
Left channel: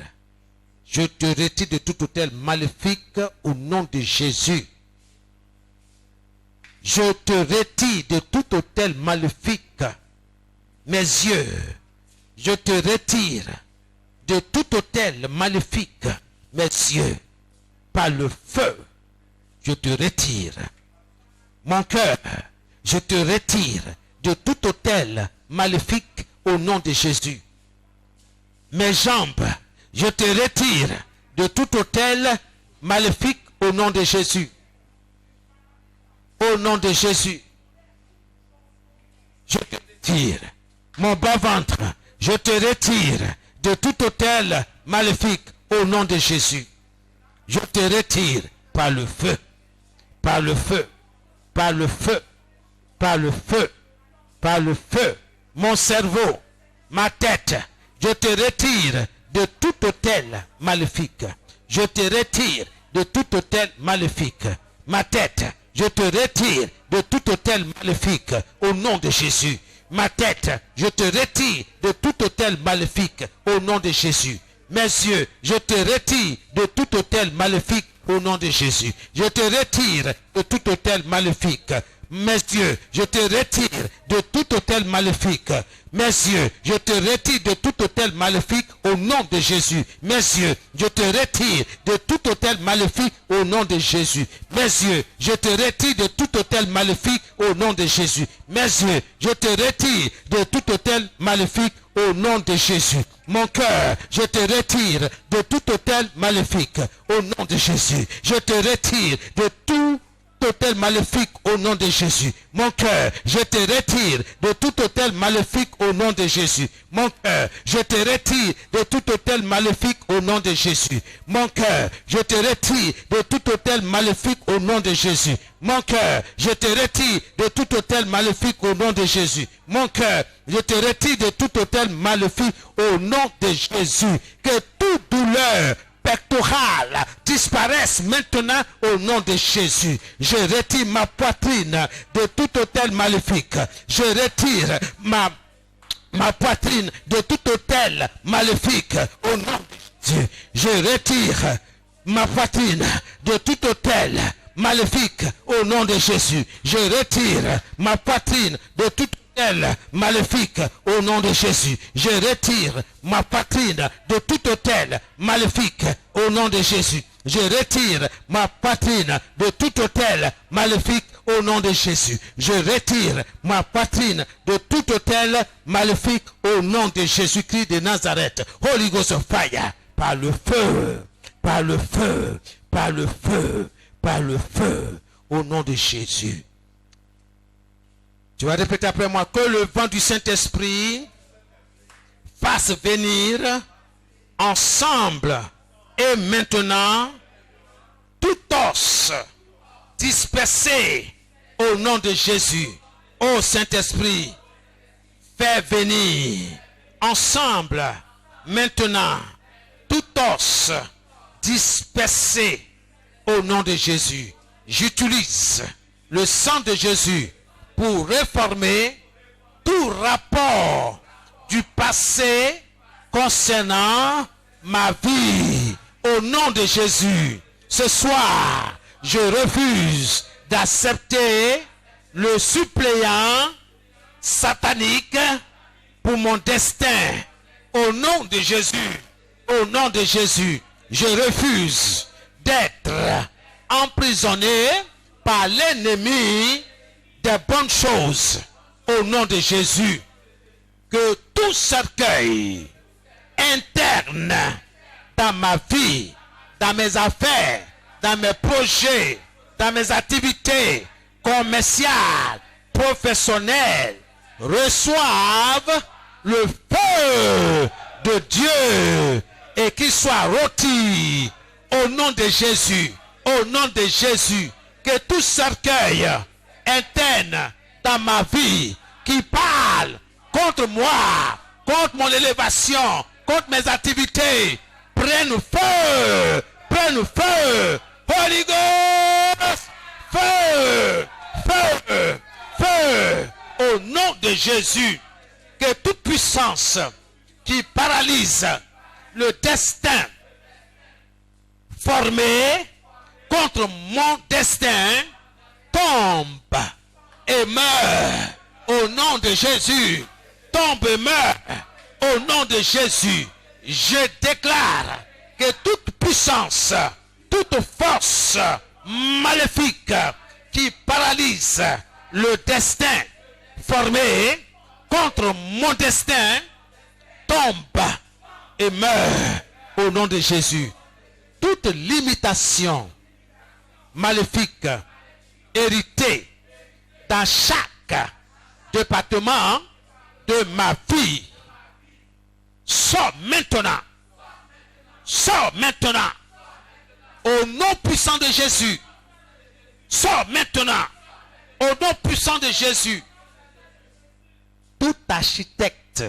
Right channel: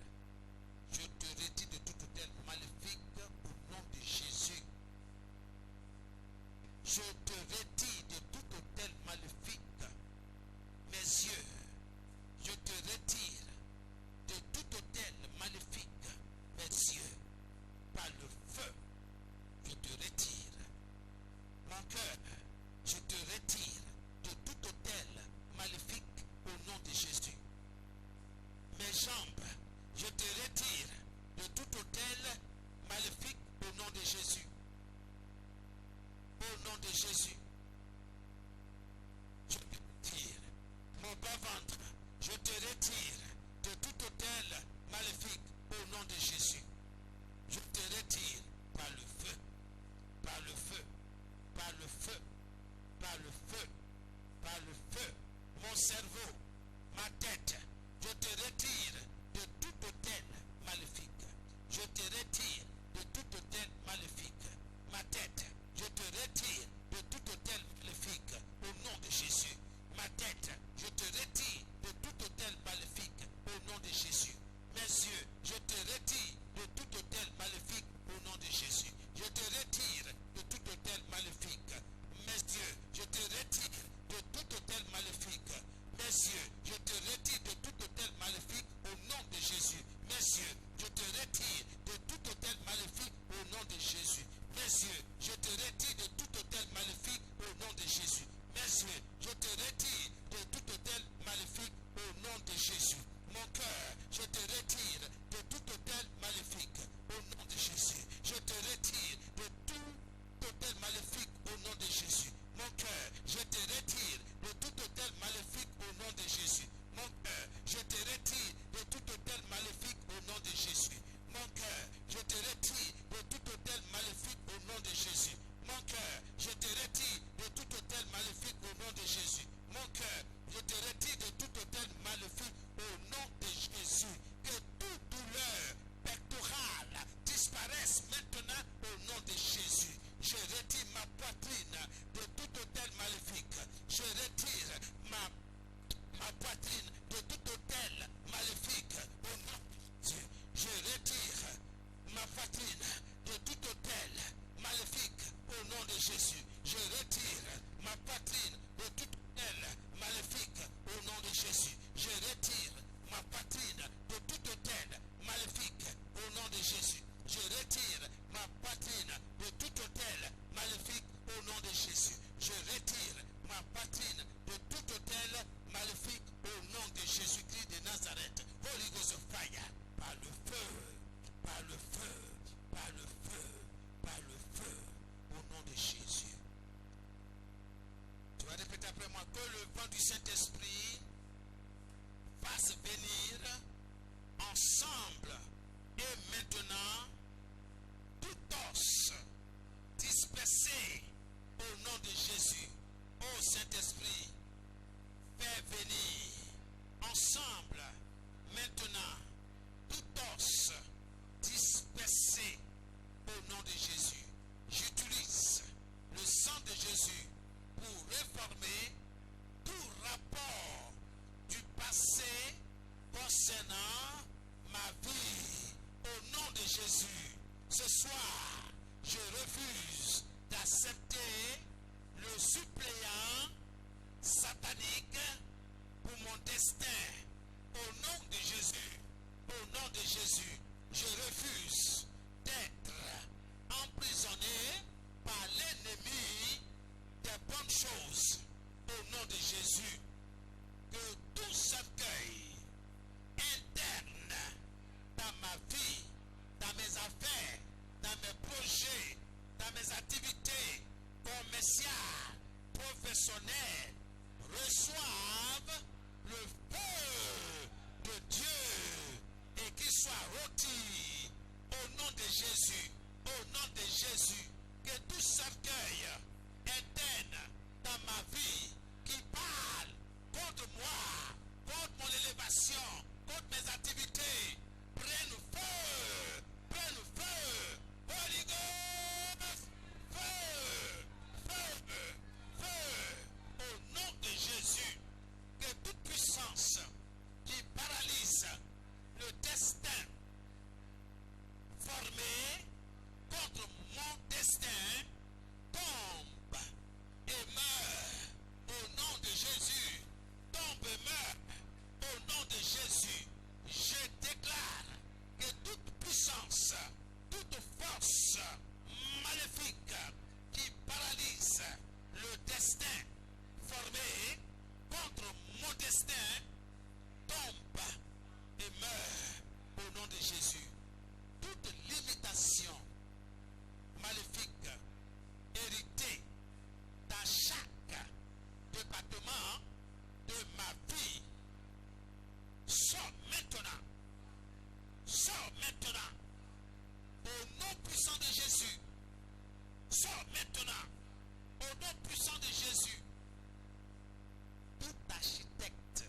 Je te retire de tout autel maléfique au nom de Jésus. Je te retire de tout autel maléfique. Mes yeux, je te retire de tout autel maléfique. Mes yeux, par le feu, je te retire. Mon cœur, je te retire de tout autel maléfique au nom de Jésus. Mes jambes, je te retire de tout autel maléfique au nom de Jésus. Au nom de Jésus. Je te retire. Mon bas-ventre, je te retire de tout autel maléfique au nom de Jésus. Je te retire par le feu, par le feu, par le feu, par le feu, par le feu. Mon cerveau, ma tête, je te retire de tout autel maléfique. Je te retire de tout autel maléfique. Ma tête, je te retire de tout autel maléfique au nom de Jésus. Ma tête, je te retire de tout autel maléfique au nom de Jésus. Mes yeux, je te retire de tout autel maléfique au nom de Jésus. Je te retire de tout autel maléfique. Mes yeux, je te retire de tout autel maléfique. Mes yeux, je te retire de tout autel maléfique au nom de Jésus. Mes yeux, je te retire de tout autel maléfique au nom de Jésus. Mes yeux, je te retire de tout autel maléfique au nom de Jésus. Mes yeux, je te retire de tout autel maléfique au nom de Jésus. Mon cœur, je te retire de tout autel maléfique au nom de Jésus. Je te retire de tout autel maléfique au nom de Jésus. Mon cœur, je te retire de tout autel maléfique au nom de Jésus. Mon cœur, je te retire de tout autel maléfique au nom de Jésus. Mon cœur, je te retire de tout autel maléfique au nom de Jésus. Mon cœur, je te retire de tout autel maléfique au nom de Jésus. Mon cœur, je te retire de tout autel maléfique au nom de Jésus. Que toute douleur pectorale disparaissent maintenant au nom de Jésus. Je retire ma poitrine de tout autel maléfique. Je retire ma poitrine de tout autel maléfique au nom de Jésus. Je retire ma poitrine de tout autel maléfique au nom de Jésus. Je retire ma poitrine de tout maléfique au nom de Jésus. Je retire ma poitrine de tout autel maléfique au nom de Jésus. Je retire ma poitrine de tout autel maléfique au nom de Jésus. Je retire ma poitrine de tout autel maléfique au nom de Jésus-Christ de Nazareth. Holy Ghost of fire, par le feu, par le feu, par le feu, par le feu, au nom de Jésus. Tu vas répéter après moi, que le vent du Saint-Esprit fasse venir ensemble et maintenant tout os dispersé au nom de Jésus. Ô Saint-Esprit, fais venir ensemble maintenant tout os dispersé au nom de Jésus. J'utilise le sang de Jésus pour réformer tout rapport du passé concernant ma vie. Au nom de Jésus, ce soir, je refuse d'accepter le suppléant satanique pour mon destin. Au nom de Jésus, au nom de Jésus, je refuse d'être emprisonné par l'ennemi des bonnes choses. Au nom de Jésus, que tout cercueil interne dans ma vie, dans mes affaires, dans mes projets, dans mes activités commerciales, professionnelles, reçoivent le feu de Dieu et qu'il soit rôti au nom de Jésus, au nom de Jésus, que tout cercueil interne dans ma vie qui parle contre moi, contre mon élévation, contre mes activités, prenne feu, prenne feu, Holy Ghost, feu, feu, feu, au nom de Jésus, que toute puissance qui paralyse le destin formé contre mon destin tombe et meurt au nom de Jésus. Tombe et meurt au nom de Jésus. Je déclare que toute puissance, toute force maléfique qui paralyse le destin formé contre mon destin tombe et meurt au nom de Jésus. Toute limitation maléfique héritée dans chaque département de ma vie sort maintenant. Sors maintenant. Au nom puissant de Jésus. Sors maintenant. Au nom puissant de Jésus. Tout architecte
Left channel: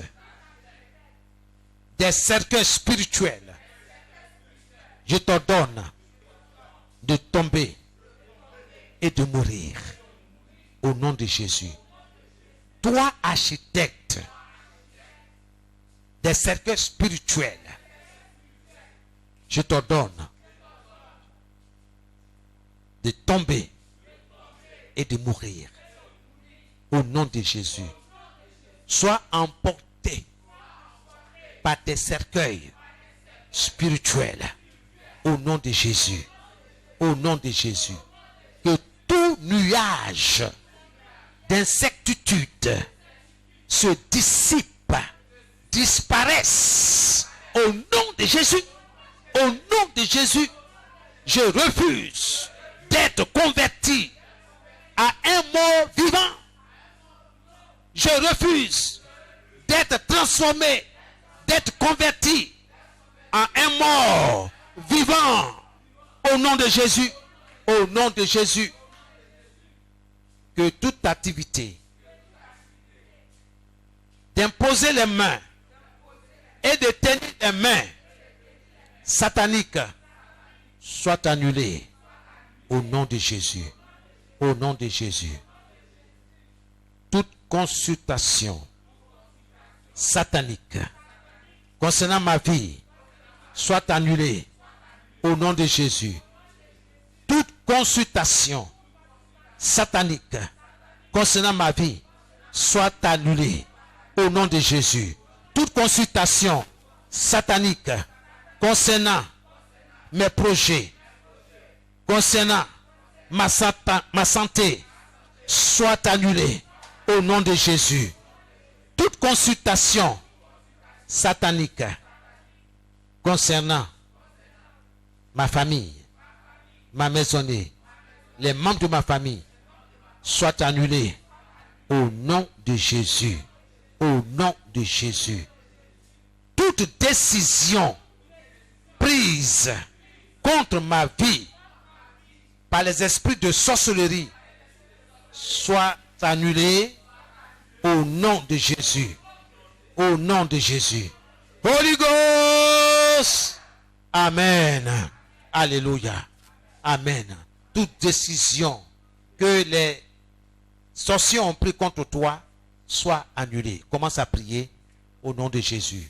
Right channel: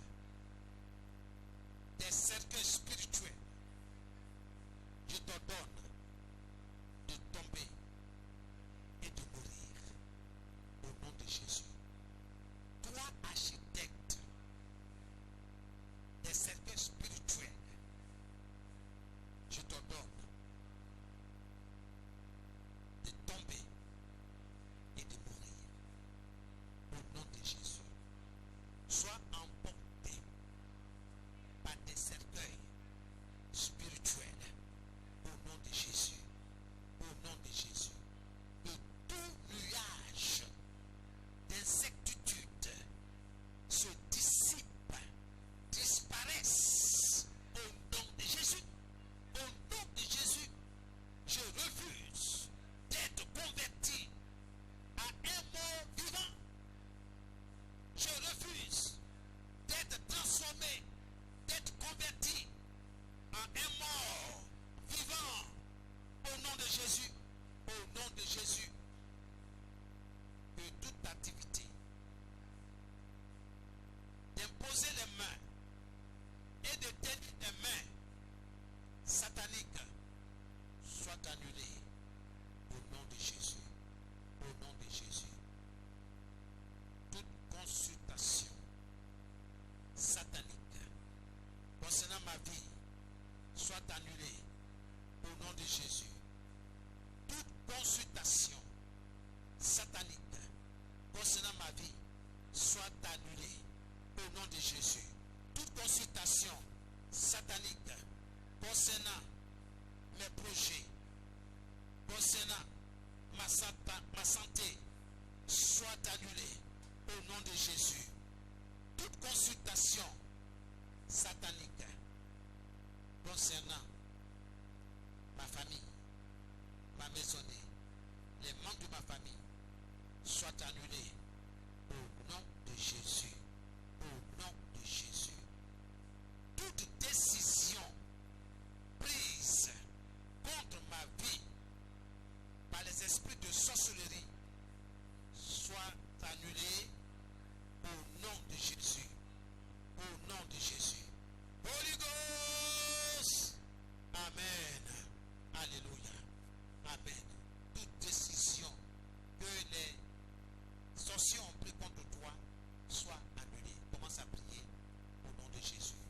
des cercueils spirituels, je t'ordonne de tomber et de mourir. Au nom de Jésus. Toi, architecte des cercueils spirituels, je t'ordonne de tomber et de mourir. Au nom de Jésus. Sois emporté par des cercueils spirituels. Au nom de Jésus. Au nom de Jésus. Que tout nuage d'incertitude se dissipe, disparaisse. Au nom de Jésus. Au nom de Jésus. Je refuse d'être converti à un mort vivant. Je refuse d'être transformé, d'être converti à un mort vivant. Au nom de Jésus. Au nom de Jésus. Que toute activité d'imposer les mains et de tenir les mains sataniques soit annulée. Au nom de Jésus. Au nom de Jésus. Toute consultation satanique concernant ma vie soit annulée. Au nom de Jésus. Toute consultation satanique concernant ma vie soit annulée. Au nom de Jésus. Toute consultation satanique concernant mes projets, concernant ma santé, soit annulée au nom de Jésus. Toute consultation satanique concernant ma famille, ma maisonnée, les membres de ma famille, soit annulée au nom de Jésus. Au nom de Jésus. Toute décision prise contre ma vie par les esprits de sorcellerie soit annulée au nom de Jésus. Au nom de Jésus. Holy Ghost. Amen. Alléluia. Amen. Toute décision que les sorciers ont pris contre toi soit annulée. Commence à prier au nom de Jésus.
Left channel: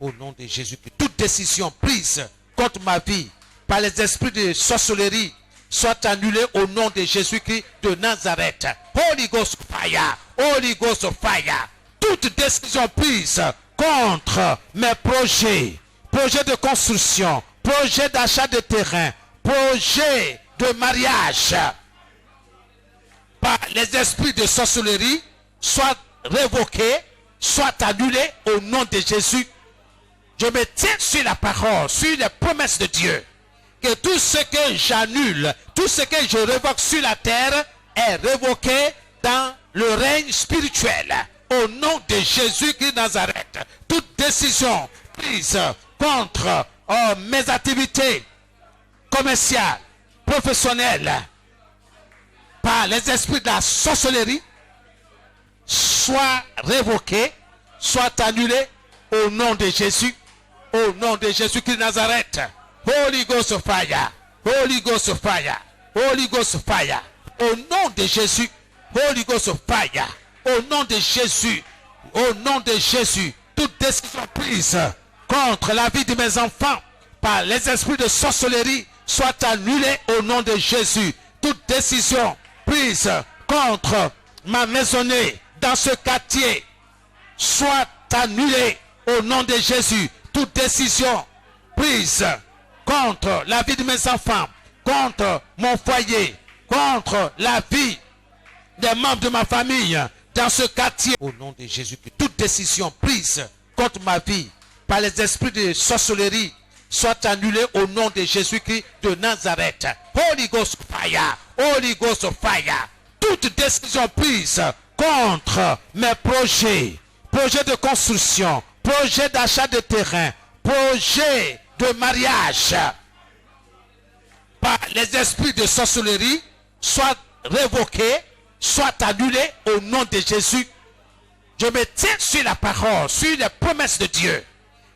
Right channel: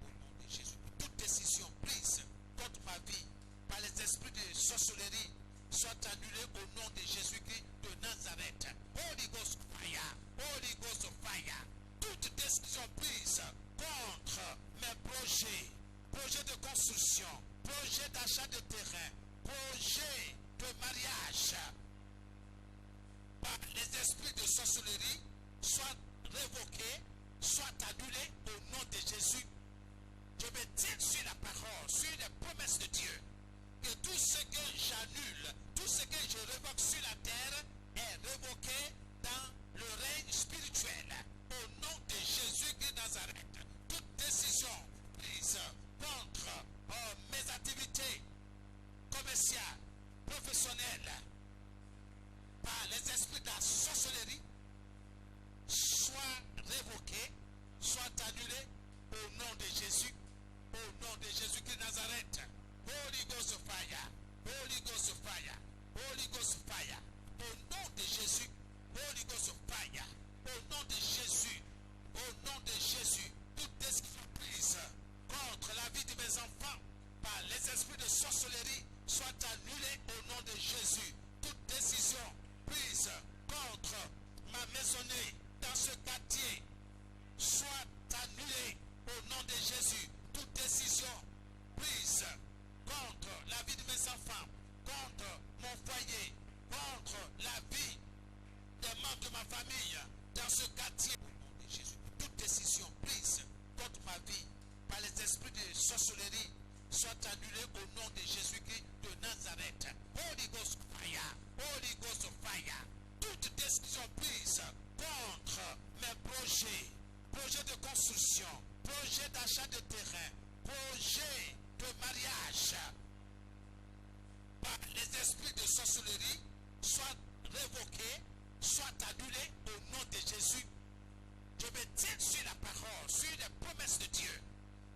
Au nom de Jésus. Que toute décision prise contre ma vie par les esprits de sorcellerie soit annulée au nom de Jésus-Christ de Nazareth. Holy Ghost fire. Holy Ghost fire. Toute décision prise contre mes projets, projets de construction, projets d'achat de terrain, projet de mariage par les esprits de sorcellerie soit révoqué, soit annulé au nom de Jésus. Je me tiens sur la parole, sur les promesses de Dieu. Que tout ce que j'annule, tout ce que je révoque sur la terre est révoqué dans le règne spirituel. Au nom de Jésus-Christ de Nazareth, toute décision prise contre mes activités commerciales, professionnelles, par les esprits de la sorcellerie, soit révoquée, soit annulée au nom de Jésus, au nom de Jésus-Christ de Nazareth. Holy Ghost fire, Holy Ghost fire, Holy Ghost fire, au nom de Jésus, Holy Ghost fire, au nom de Jésus, au nom de Jésus, toute décision prise contre la vie de mes enfants par les esprits de sorcellerie soit annulée au nom de Jésus. Toute décision prise contre ma maisonnée dans ce quartier soit annulée au nom de Jésus. Toute décision prise contre la vie de mes enfants, contre mon foyer, contre la vie des membres de ma famille dans ce quartier, au nom de Jésus, toute décision prise contre ma vie par les esprits de sorcellerie soit annulée au nom de Jésus-Christ de Nazareth. Holy Ghost fire, Holy Ghost fire. Toute décision prise contre mes projets, projets de construction, projets d'achat de terrain, projets de mariage par les esprits de sorcellerie soit révoqués, soit annulés au nom de Jésus. Je me tiens sur la parole, sur les promesses de Dieu.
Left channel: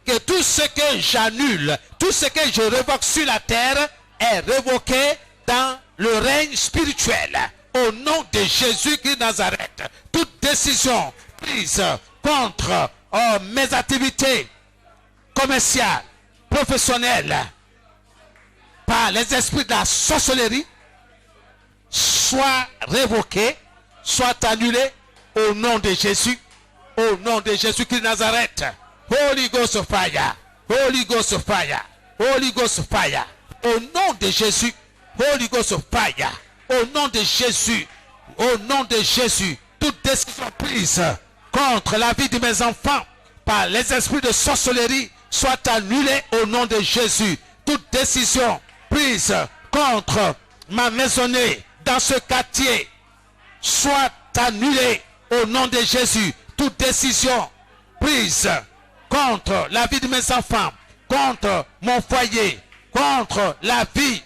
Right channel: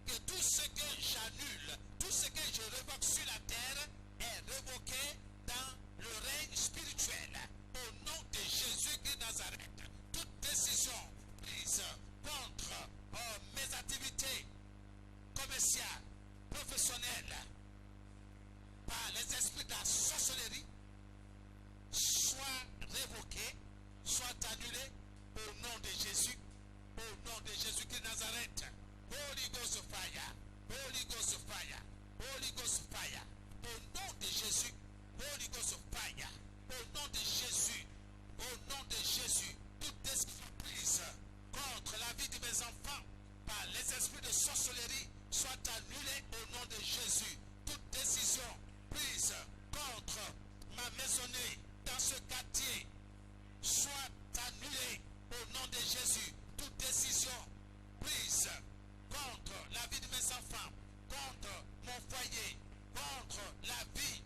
Que tout ce que j'annule, tout ce que je révoque sur la terre est révoqué dans le règne spirituel. Au nom de Jésus-Christ de Nazareth, toute décision prise contre mes activités commerciales, professionnelles, par les esprits de la sorcellerie, soit révoquée, soit annulée au nom de Jésus, au nom de Jésus-Christ de Nazareth. Holy Ghost fire, Holy Ghost fire, Holy Ghost fire, au nom de Jésus, Holy Ghost fire, au nom de Jésus, au nom de Jésus, toute décision prise contre la vie de mes enfants par les esprits de sorcellerie soit annulée au nom de Jésus. Toute décision prise contre ma maisonnée dans ce quartier soit annulée au nom de Jésus. Toute décision prise contre la vie de mes enfants, contre mon foyer, contre la vie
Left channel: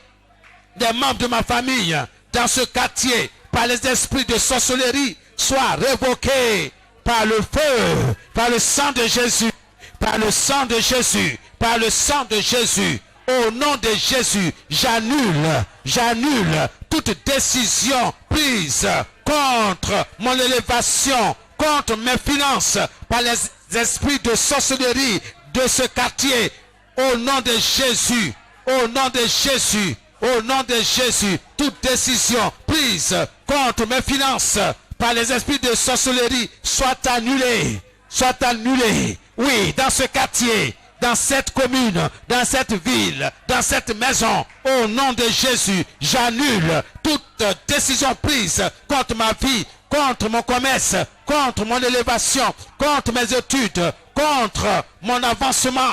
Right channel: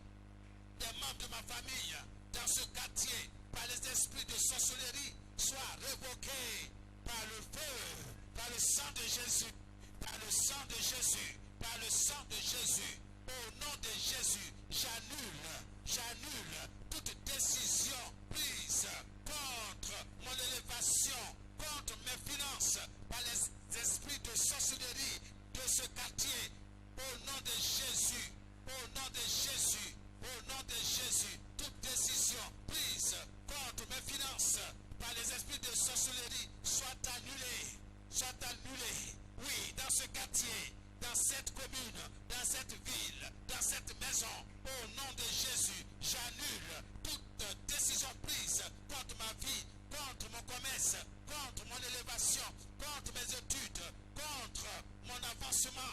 des membres de ma famille dans ce quartier par les esprits de sorcellerie soit révoquée par le feu, par le sang de Jésus, par le sang de Jésus, par le sang de Jésus. Au nom de Jésus, j'annule toute décision prise contre mon élévation, contre mes finances par les esprits de sorcellerie de ce quartier. Au nom de Jésus, au nom de Jésus, au nom de Jésus, toute décision prise contre mes finances par les esprits de sorcellerie soit annulée, soit annulée. Oui, dans ce quartier, dans cette commune, dans cette ville, dans cette maison, au nom de Jésus, j'annule toute décision prise contre ma vie, contre mon commerce, contre mon élévation, contre mes études, contre mon avancement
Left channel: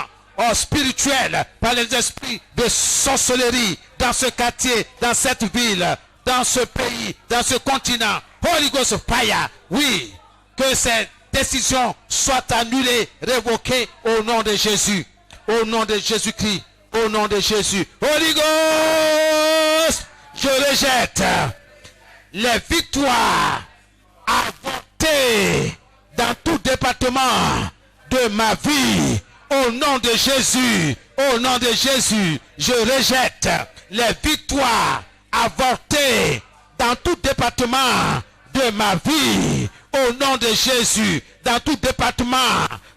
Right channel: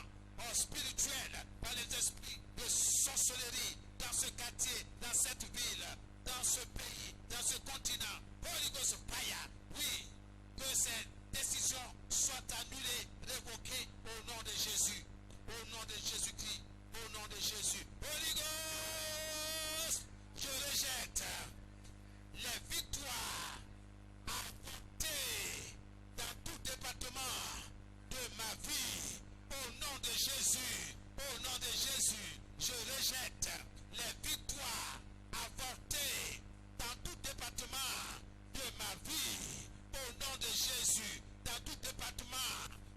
spirituel par les esprits de sorcellerie dans ce quartier, dans cette ville, dans ce pays, dans ce continent. Holy Ghost fire, oui, que cette décision soit annulée, révoquée au nom de Jésus, au nom de Jésus-Christ, au nom de Jésus. Holy Ghost, je rejette les victoires avortées dans tout département de ma vie. Au nom de Jésus, au nom de Jésus, je rejette les victoires avortées dans tout département de ma vie. Au nom de Jésus, dans tout département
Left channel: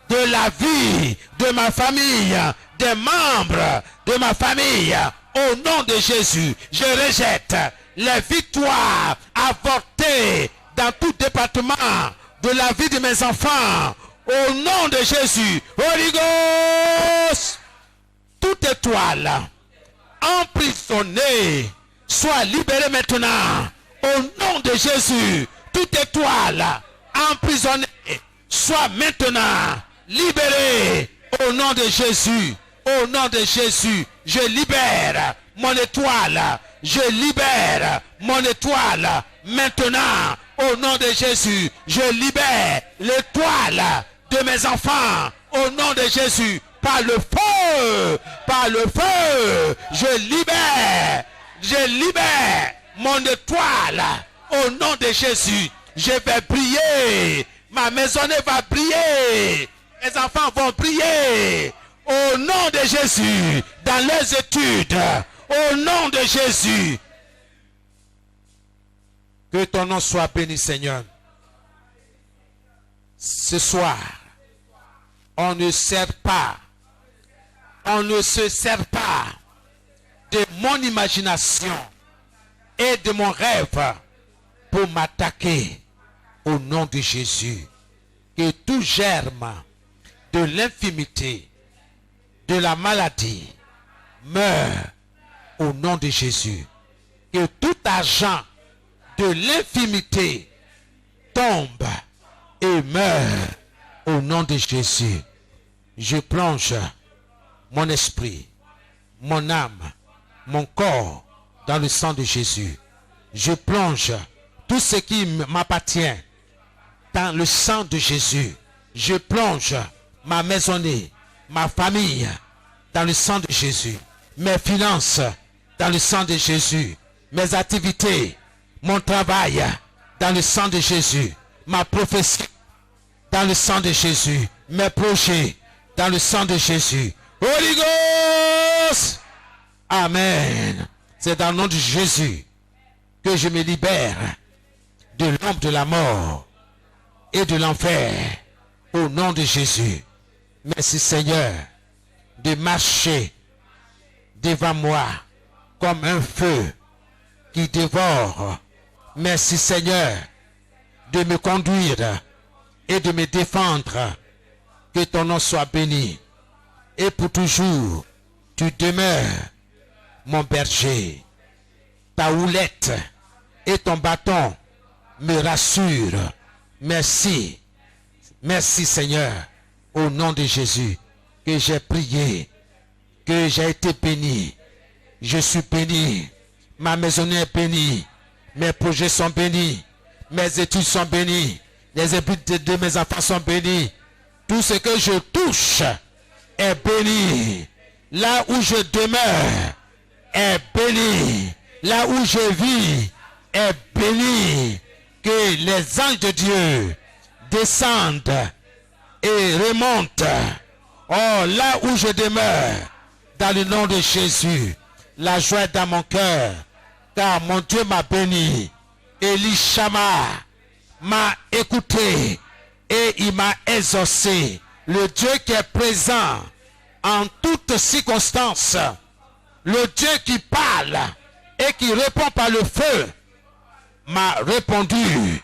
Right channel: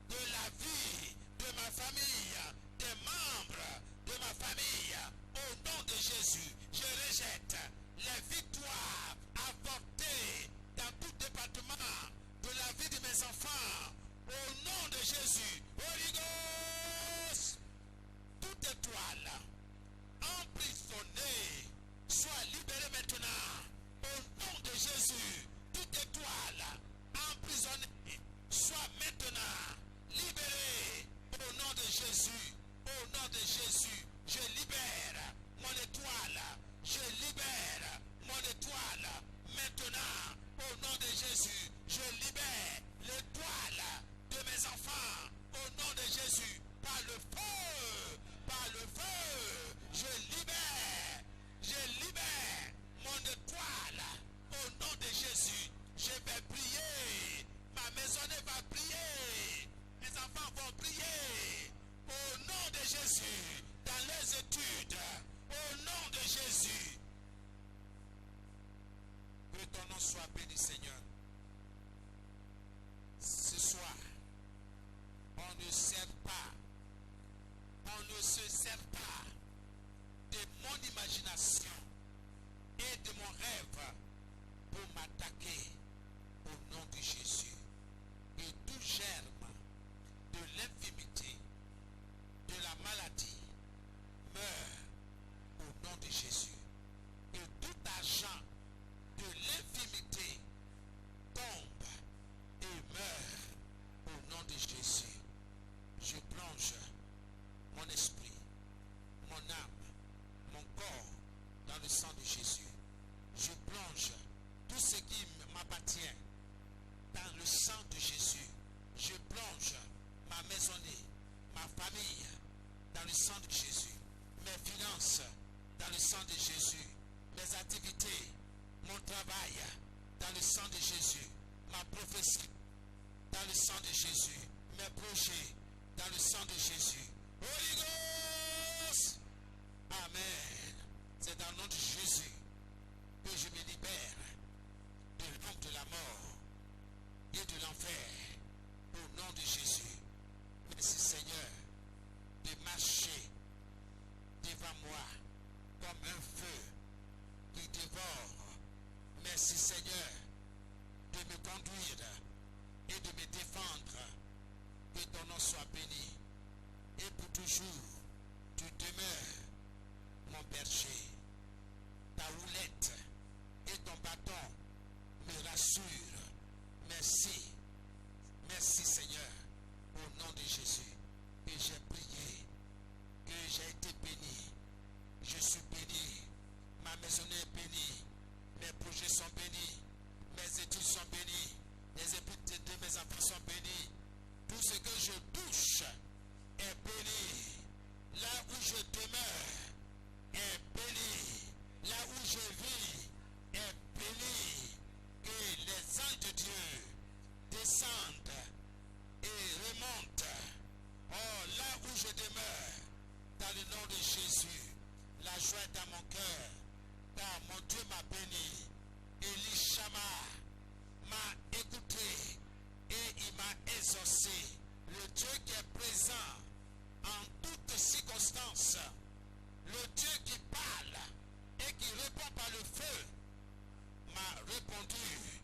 de la vie de ma famille, des membres de ma famille. Au nom de Jésus, je rejette les victoires avortées dans tout département de la vie de mes enfants. Au nom de Jésus, Holy Ghost, toute étoile emprisonné soit libéré maintenant. Au nom de Jésus, toute étoile emprisonnée soit maintenant libérée. Au nom de Jésus, au nom de Jésus, je libère mon étoile. Je libère mon étoile maintenant. Au nom de Jésus, je libère l'étoile de mes enfants. Au nom de Jésus, par le feu, je libère mon étoile. Au nom de Jésus, je vais briller. Ma maisonnée va briller. Mes enfants vont briller. Au nom de Jésus, dans les études. Au nom de Jésus. Que ton nom soit béni, Seigneur. Ce soir, on ne se sert pas de mon imagination et de mon rêve pour m'attaquer. Au nom de Jésus, que tout germe de l'infimité, de la maladie, meure au nom de Jésus. Que tout agent de l'infimité tombe et meurt au nom de Jésus. Je plonge mon esprit, mon âme, mon corps dans le sang de Jésus. Je plonge tout ce qui m'appartient dans le sang de Jésus. Je plonge ma maisonnée, ma famille dans le sang de Jésus. Mes finances dans le sang de Jésus. Mes activités, mon travail dans le sang de Jésus. Ma prophétie dans le sang de Jésus. Mes projets dans le sang de Jésus. Holy Ghost! Amen. C'est dans le nom de Jésus que je me libère de l'ombre de la mort et de l'enfer. Au nom de Jésus. Merci Seigneur de marcher devant moi comme un feu qui dévore. Merci Seigneur de me conduire et de me défendre. Que ton nom soit béni. Et pour toujours, tu demeures mon berger. Ta houlette et ton bâton me rassurent. Merci. Merci Seigneur. Au nom de Jésus, que j'ai prié, que j'ai été béni. Je suis béni. Ma maison est bénie. Mes projets sont bénis. Mes études sont bénies. Les études de mes enfants sont bénis. Tout ce que je touche est béni. Là où je demeure est béni. Là où je vis est béni. Que les anges de Dieu descendent et remontent. Oh, là où je demeure, dans le nom de Jésus, la joie est dans mon cœur, car mon Dieu m'a béni. Elishama m'a écouté et il m'a exaucé. Le Dieu qui est présent en toutes circonstances, le Dieu qui parle et qui répond par le feu, m'a répondu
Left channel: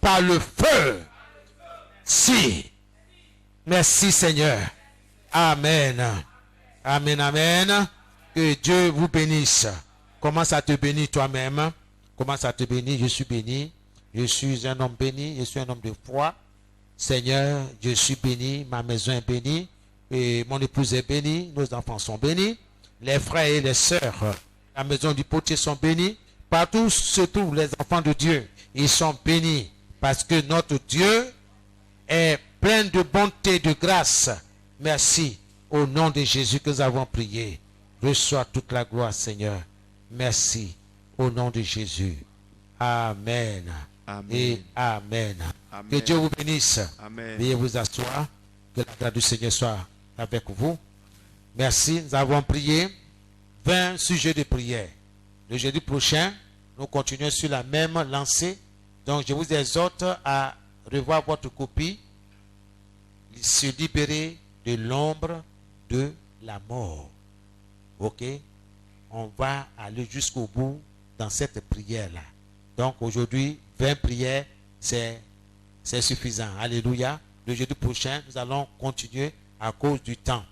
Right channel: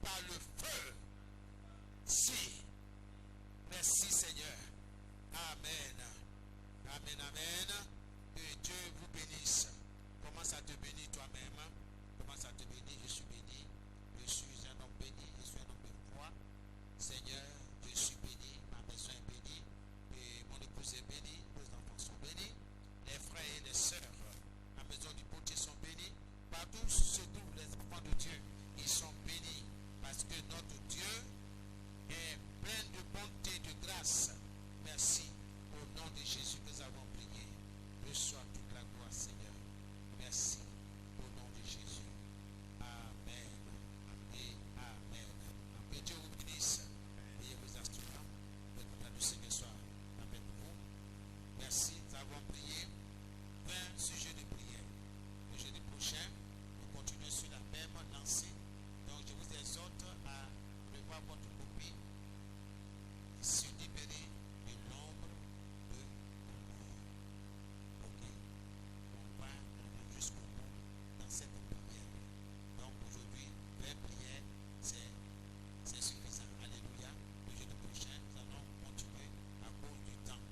par le feu. Si. Merci Seigneur. Amen. Amen, amen. Que Dieu vous bénisse. Commence à te bénir toi-même. Commence à te bénir. Je suis béni. Je suis un homme béni. Je suis un homme de foi. Seigneur, je suis béni. Ma maison est bénie. Et mon épouse est bénie. Nos enfants sont bénis. Les frères et les sœurs, la maison du potier sont bénis. Partout se trouvent les enfants de Dieu. Ils sont bénis. Parce que notre Dieu est plein de bonté, de grâce. Merci. Au nom de Jésus que nous avons prié. Reçois toute la gloire, Seigneur. Merci. Au nom de Jésus. Amen. Amen. Et amen. Amen. Que Dieu vous bénisse. Amen. Veuillez vous asseoir. Que la grâce du Seigneur soit avec vous. Merci. Nous avons prié 20 sujets de prière. Le jeudi prochain, nous continuons sur la même lancée. Donc, je vous exhorte à revoir votre copie. Se libérer de l'ombre de la mort. Ok? On va aller jusqu'au bout dans cette prière-là. Donc aujourd'hui, 20 prières, c'est suffisant. Alléluia. Le jeudi prochain, nous allons continuer à cause du temps.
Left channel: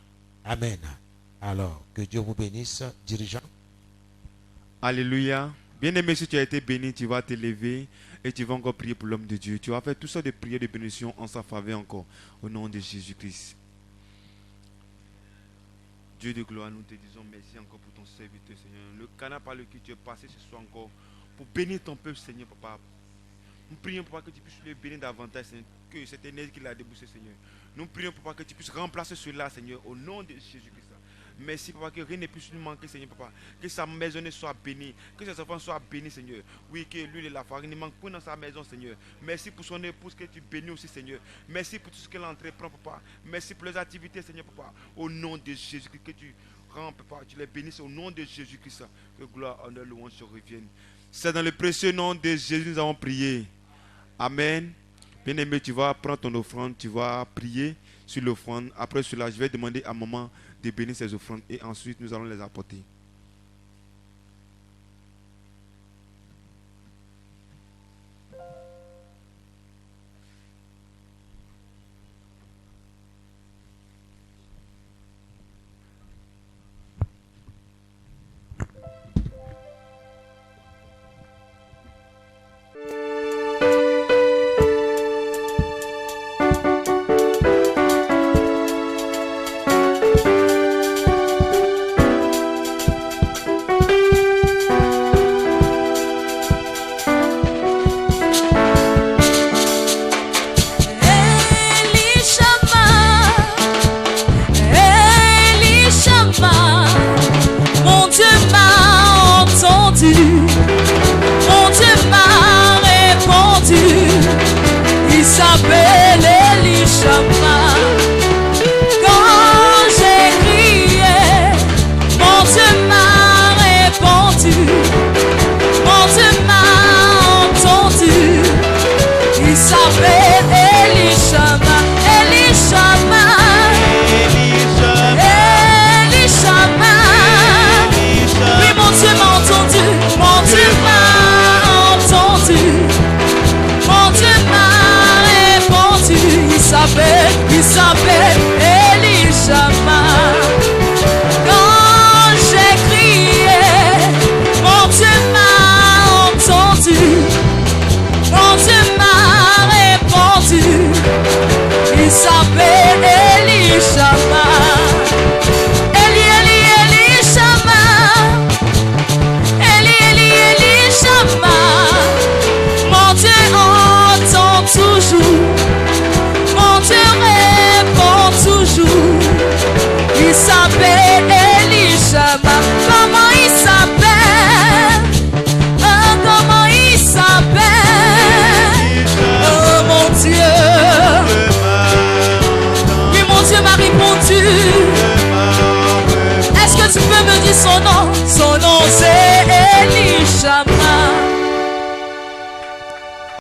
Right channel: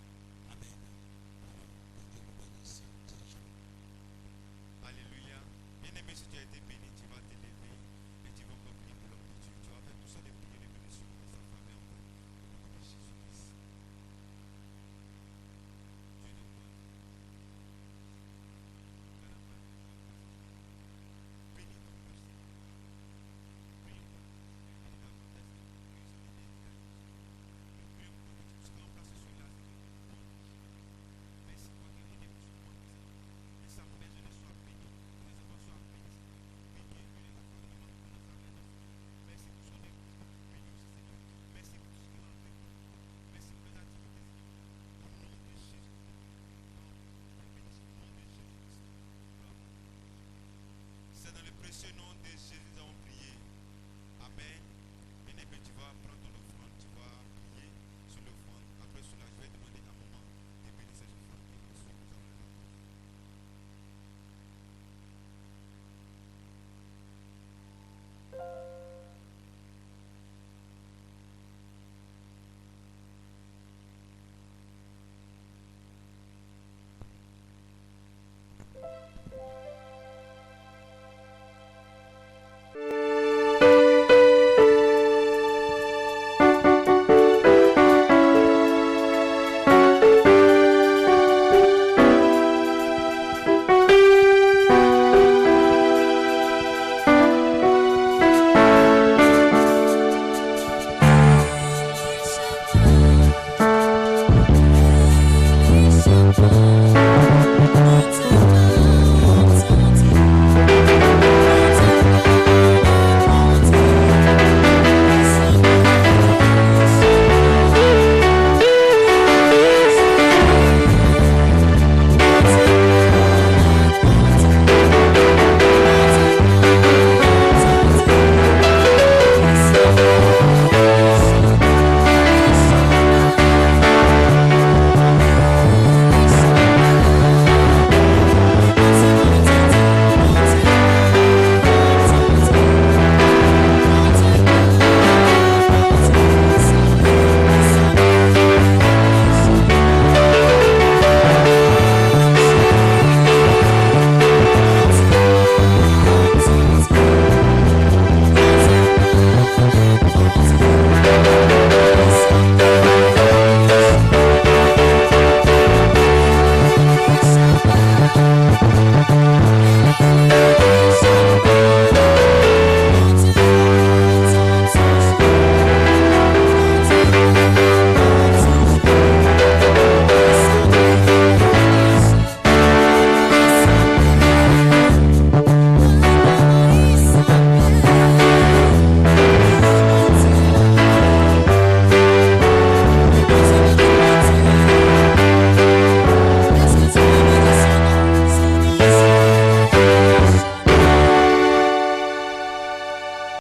Amen. Alors, que Dieu vous bénisse, dirigeants. Alléluia. Bien-aimé, si tu as été béni, tu vas te lever et tu vas encore prier pour l'homme de Dieu. Tu vas faire toutes sortes de prières de bénédiction en sa faveur encore. Au nom de Jésus-Christ. Dieu de gloire, nous te disons merci encore pour ton serviteur, Seigneur. Le canal par lequel tu es passé ce soir encore pour bénir ton peuple, Seigneur, papa. Nous prions, papa, que tu puisses le bénir davantage, Seigneur, que cette énergie qu'il a déboursée, Seigneur. Nous prions, papa, que tu puisses remplacer cela, Seigneur, au nom de Jésus-Christ. Merci, papa, que rien ne puisse nous manquer, Seigneur, papa. Que sa maison soit bénie, que ses enfants soient bénis, Seigneur. Oui, que l'huile et la farine ne manquent pas dans sa maison, Seigneur. Merci pour son épouse que tu bénis aussi, Seigneur. Merci pour tout ce qu'elle entreprend, papa. Merci pour les activités, Seigneur, papa. Au nom de Jésus-Christ, que tu rends, papa, tu les bénisses au nom de Jésus-Christ. Que gloire, honneur, louange se reviennent. C'est dans le précieux nom de Jésus que nous avons prié. Amen. Bien-aimé, tu vas prendre ton offrande, tu vas prier sur l'offrande. Après cela, je vais demander à maman de bénir ses offrandes et ensuite nous allons les apporter.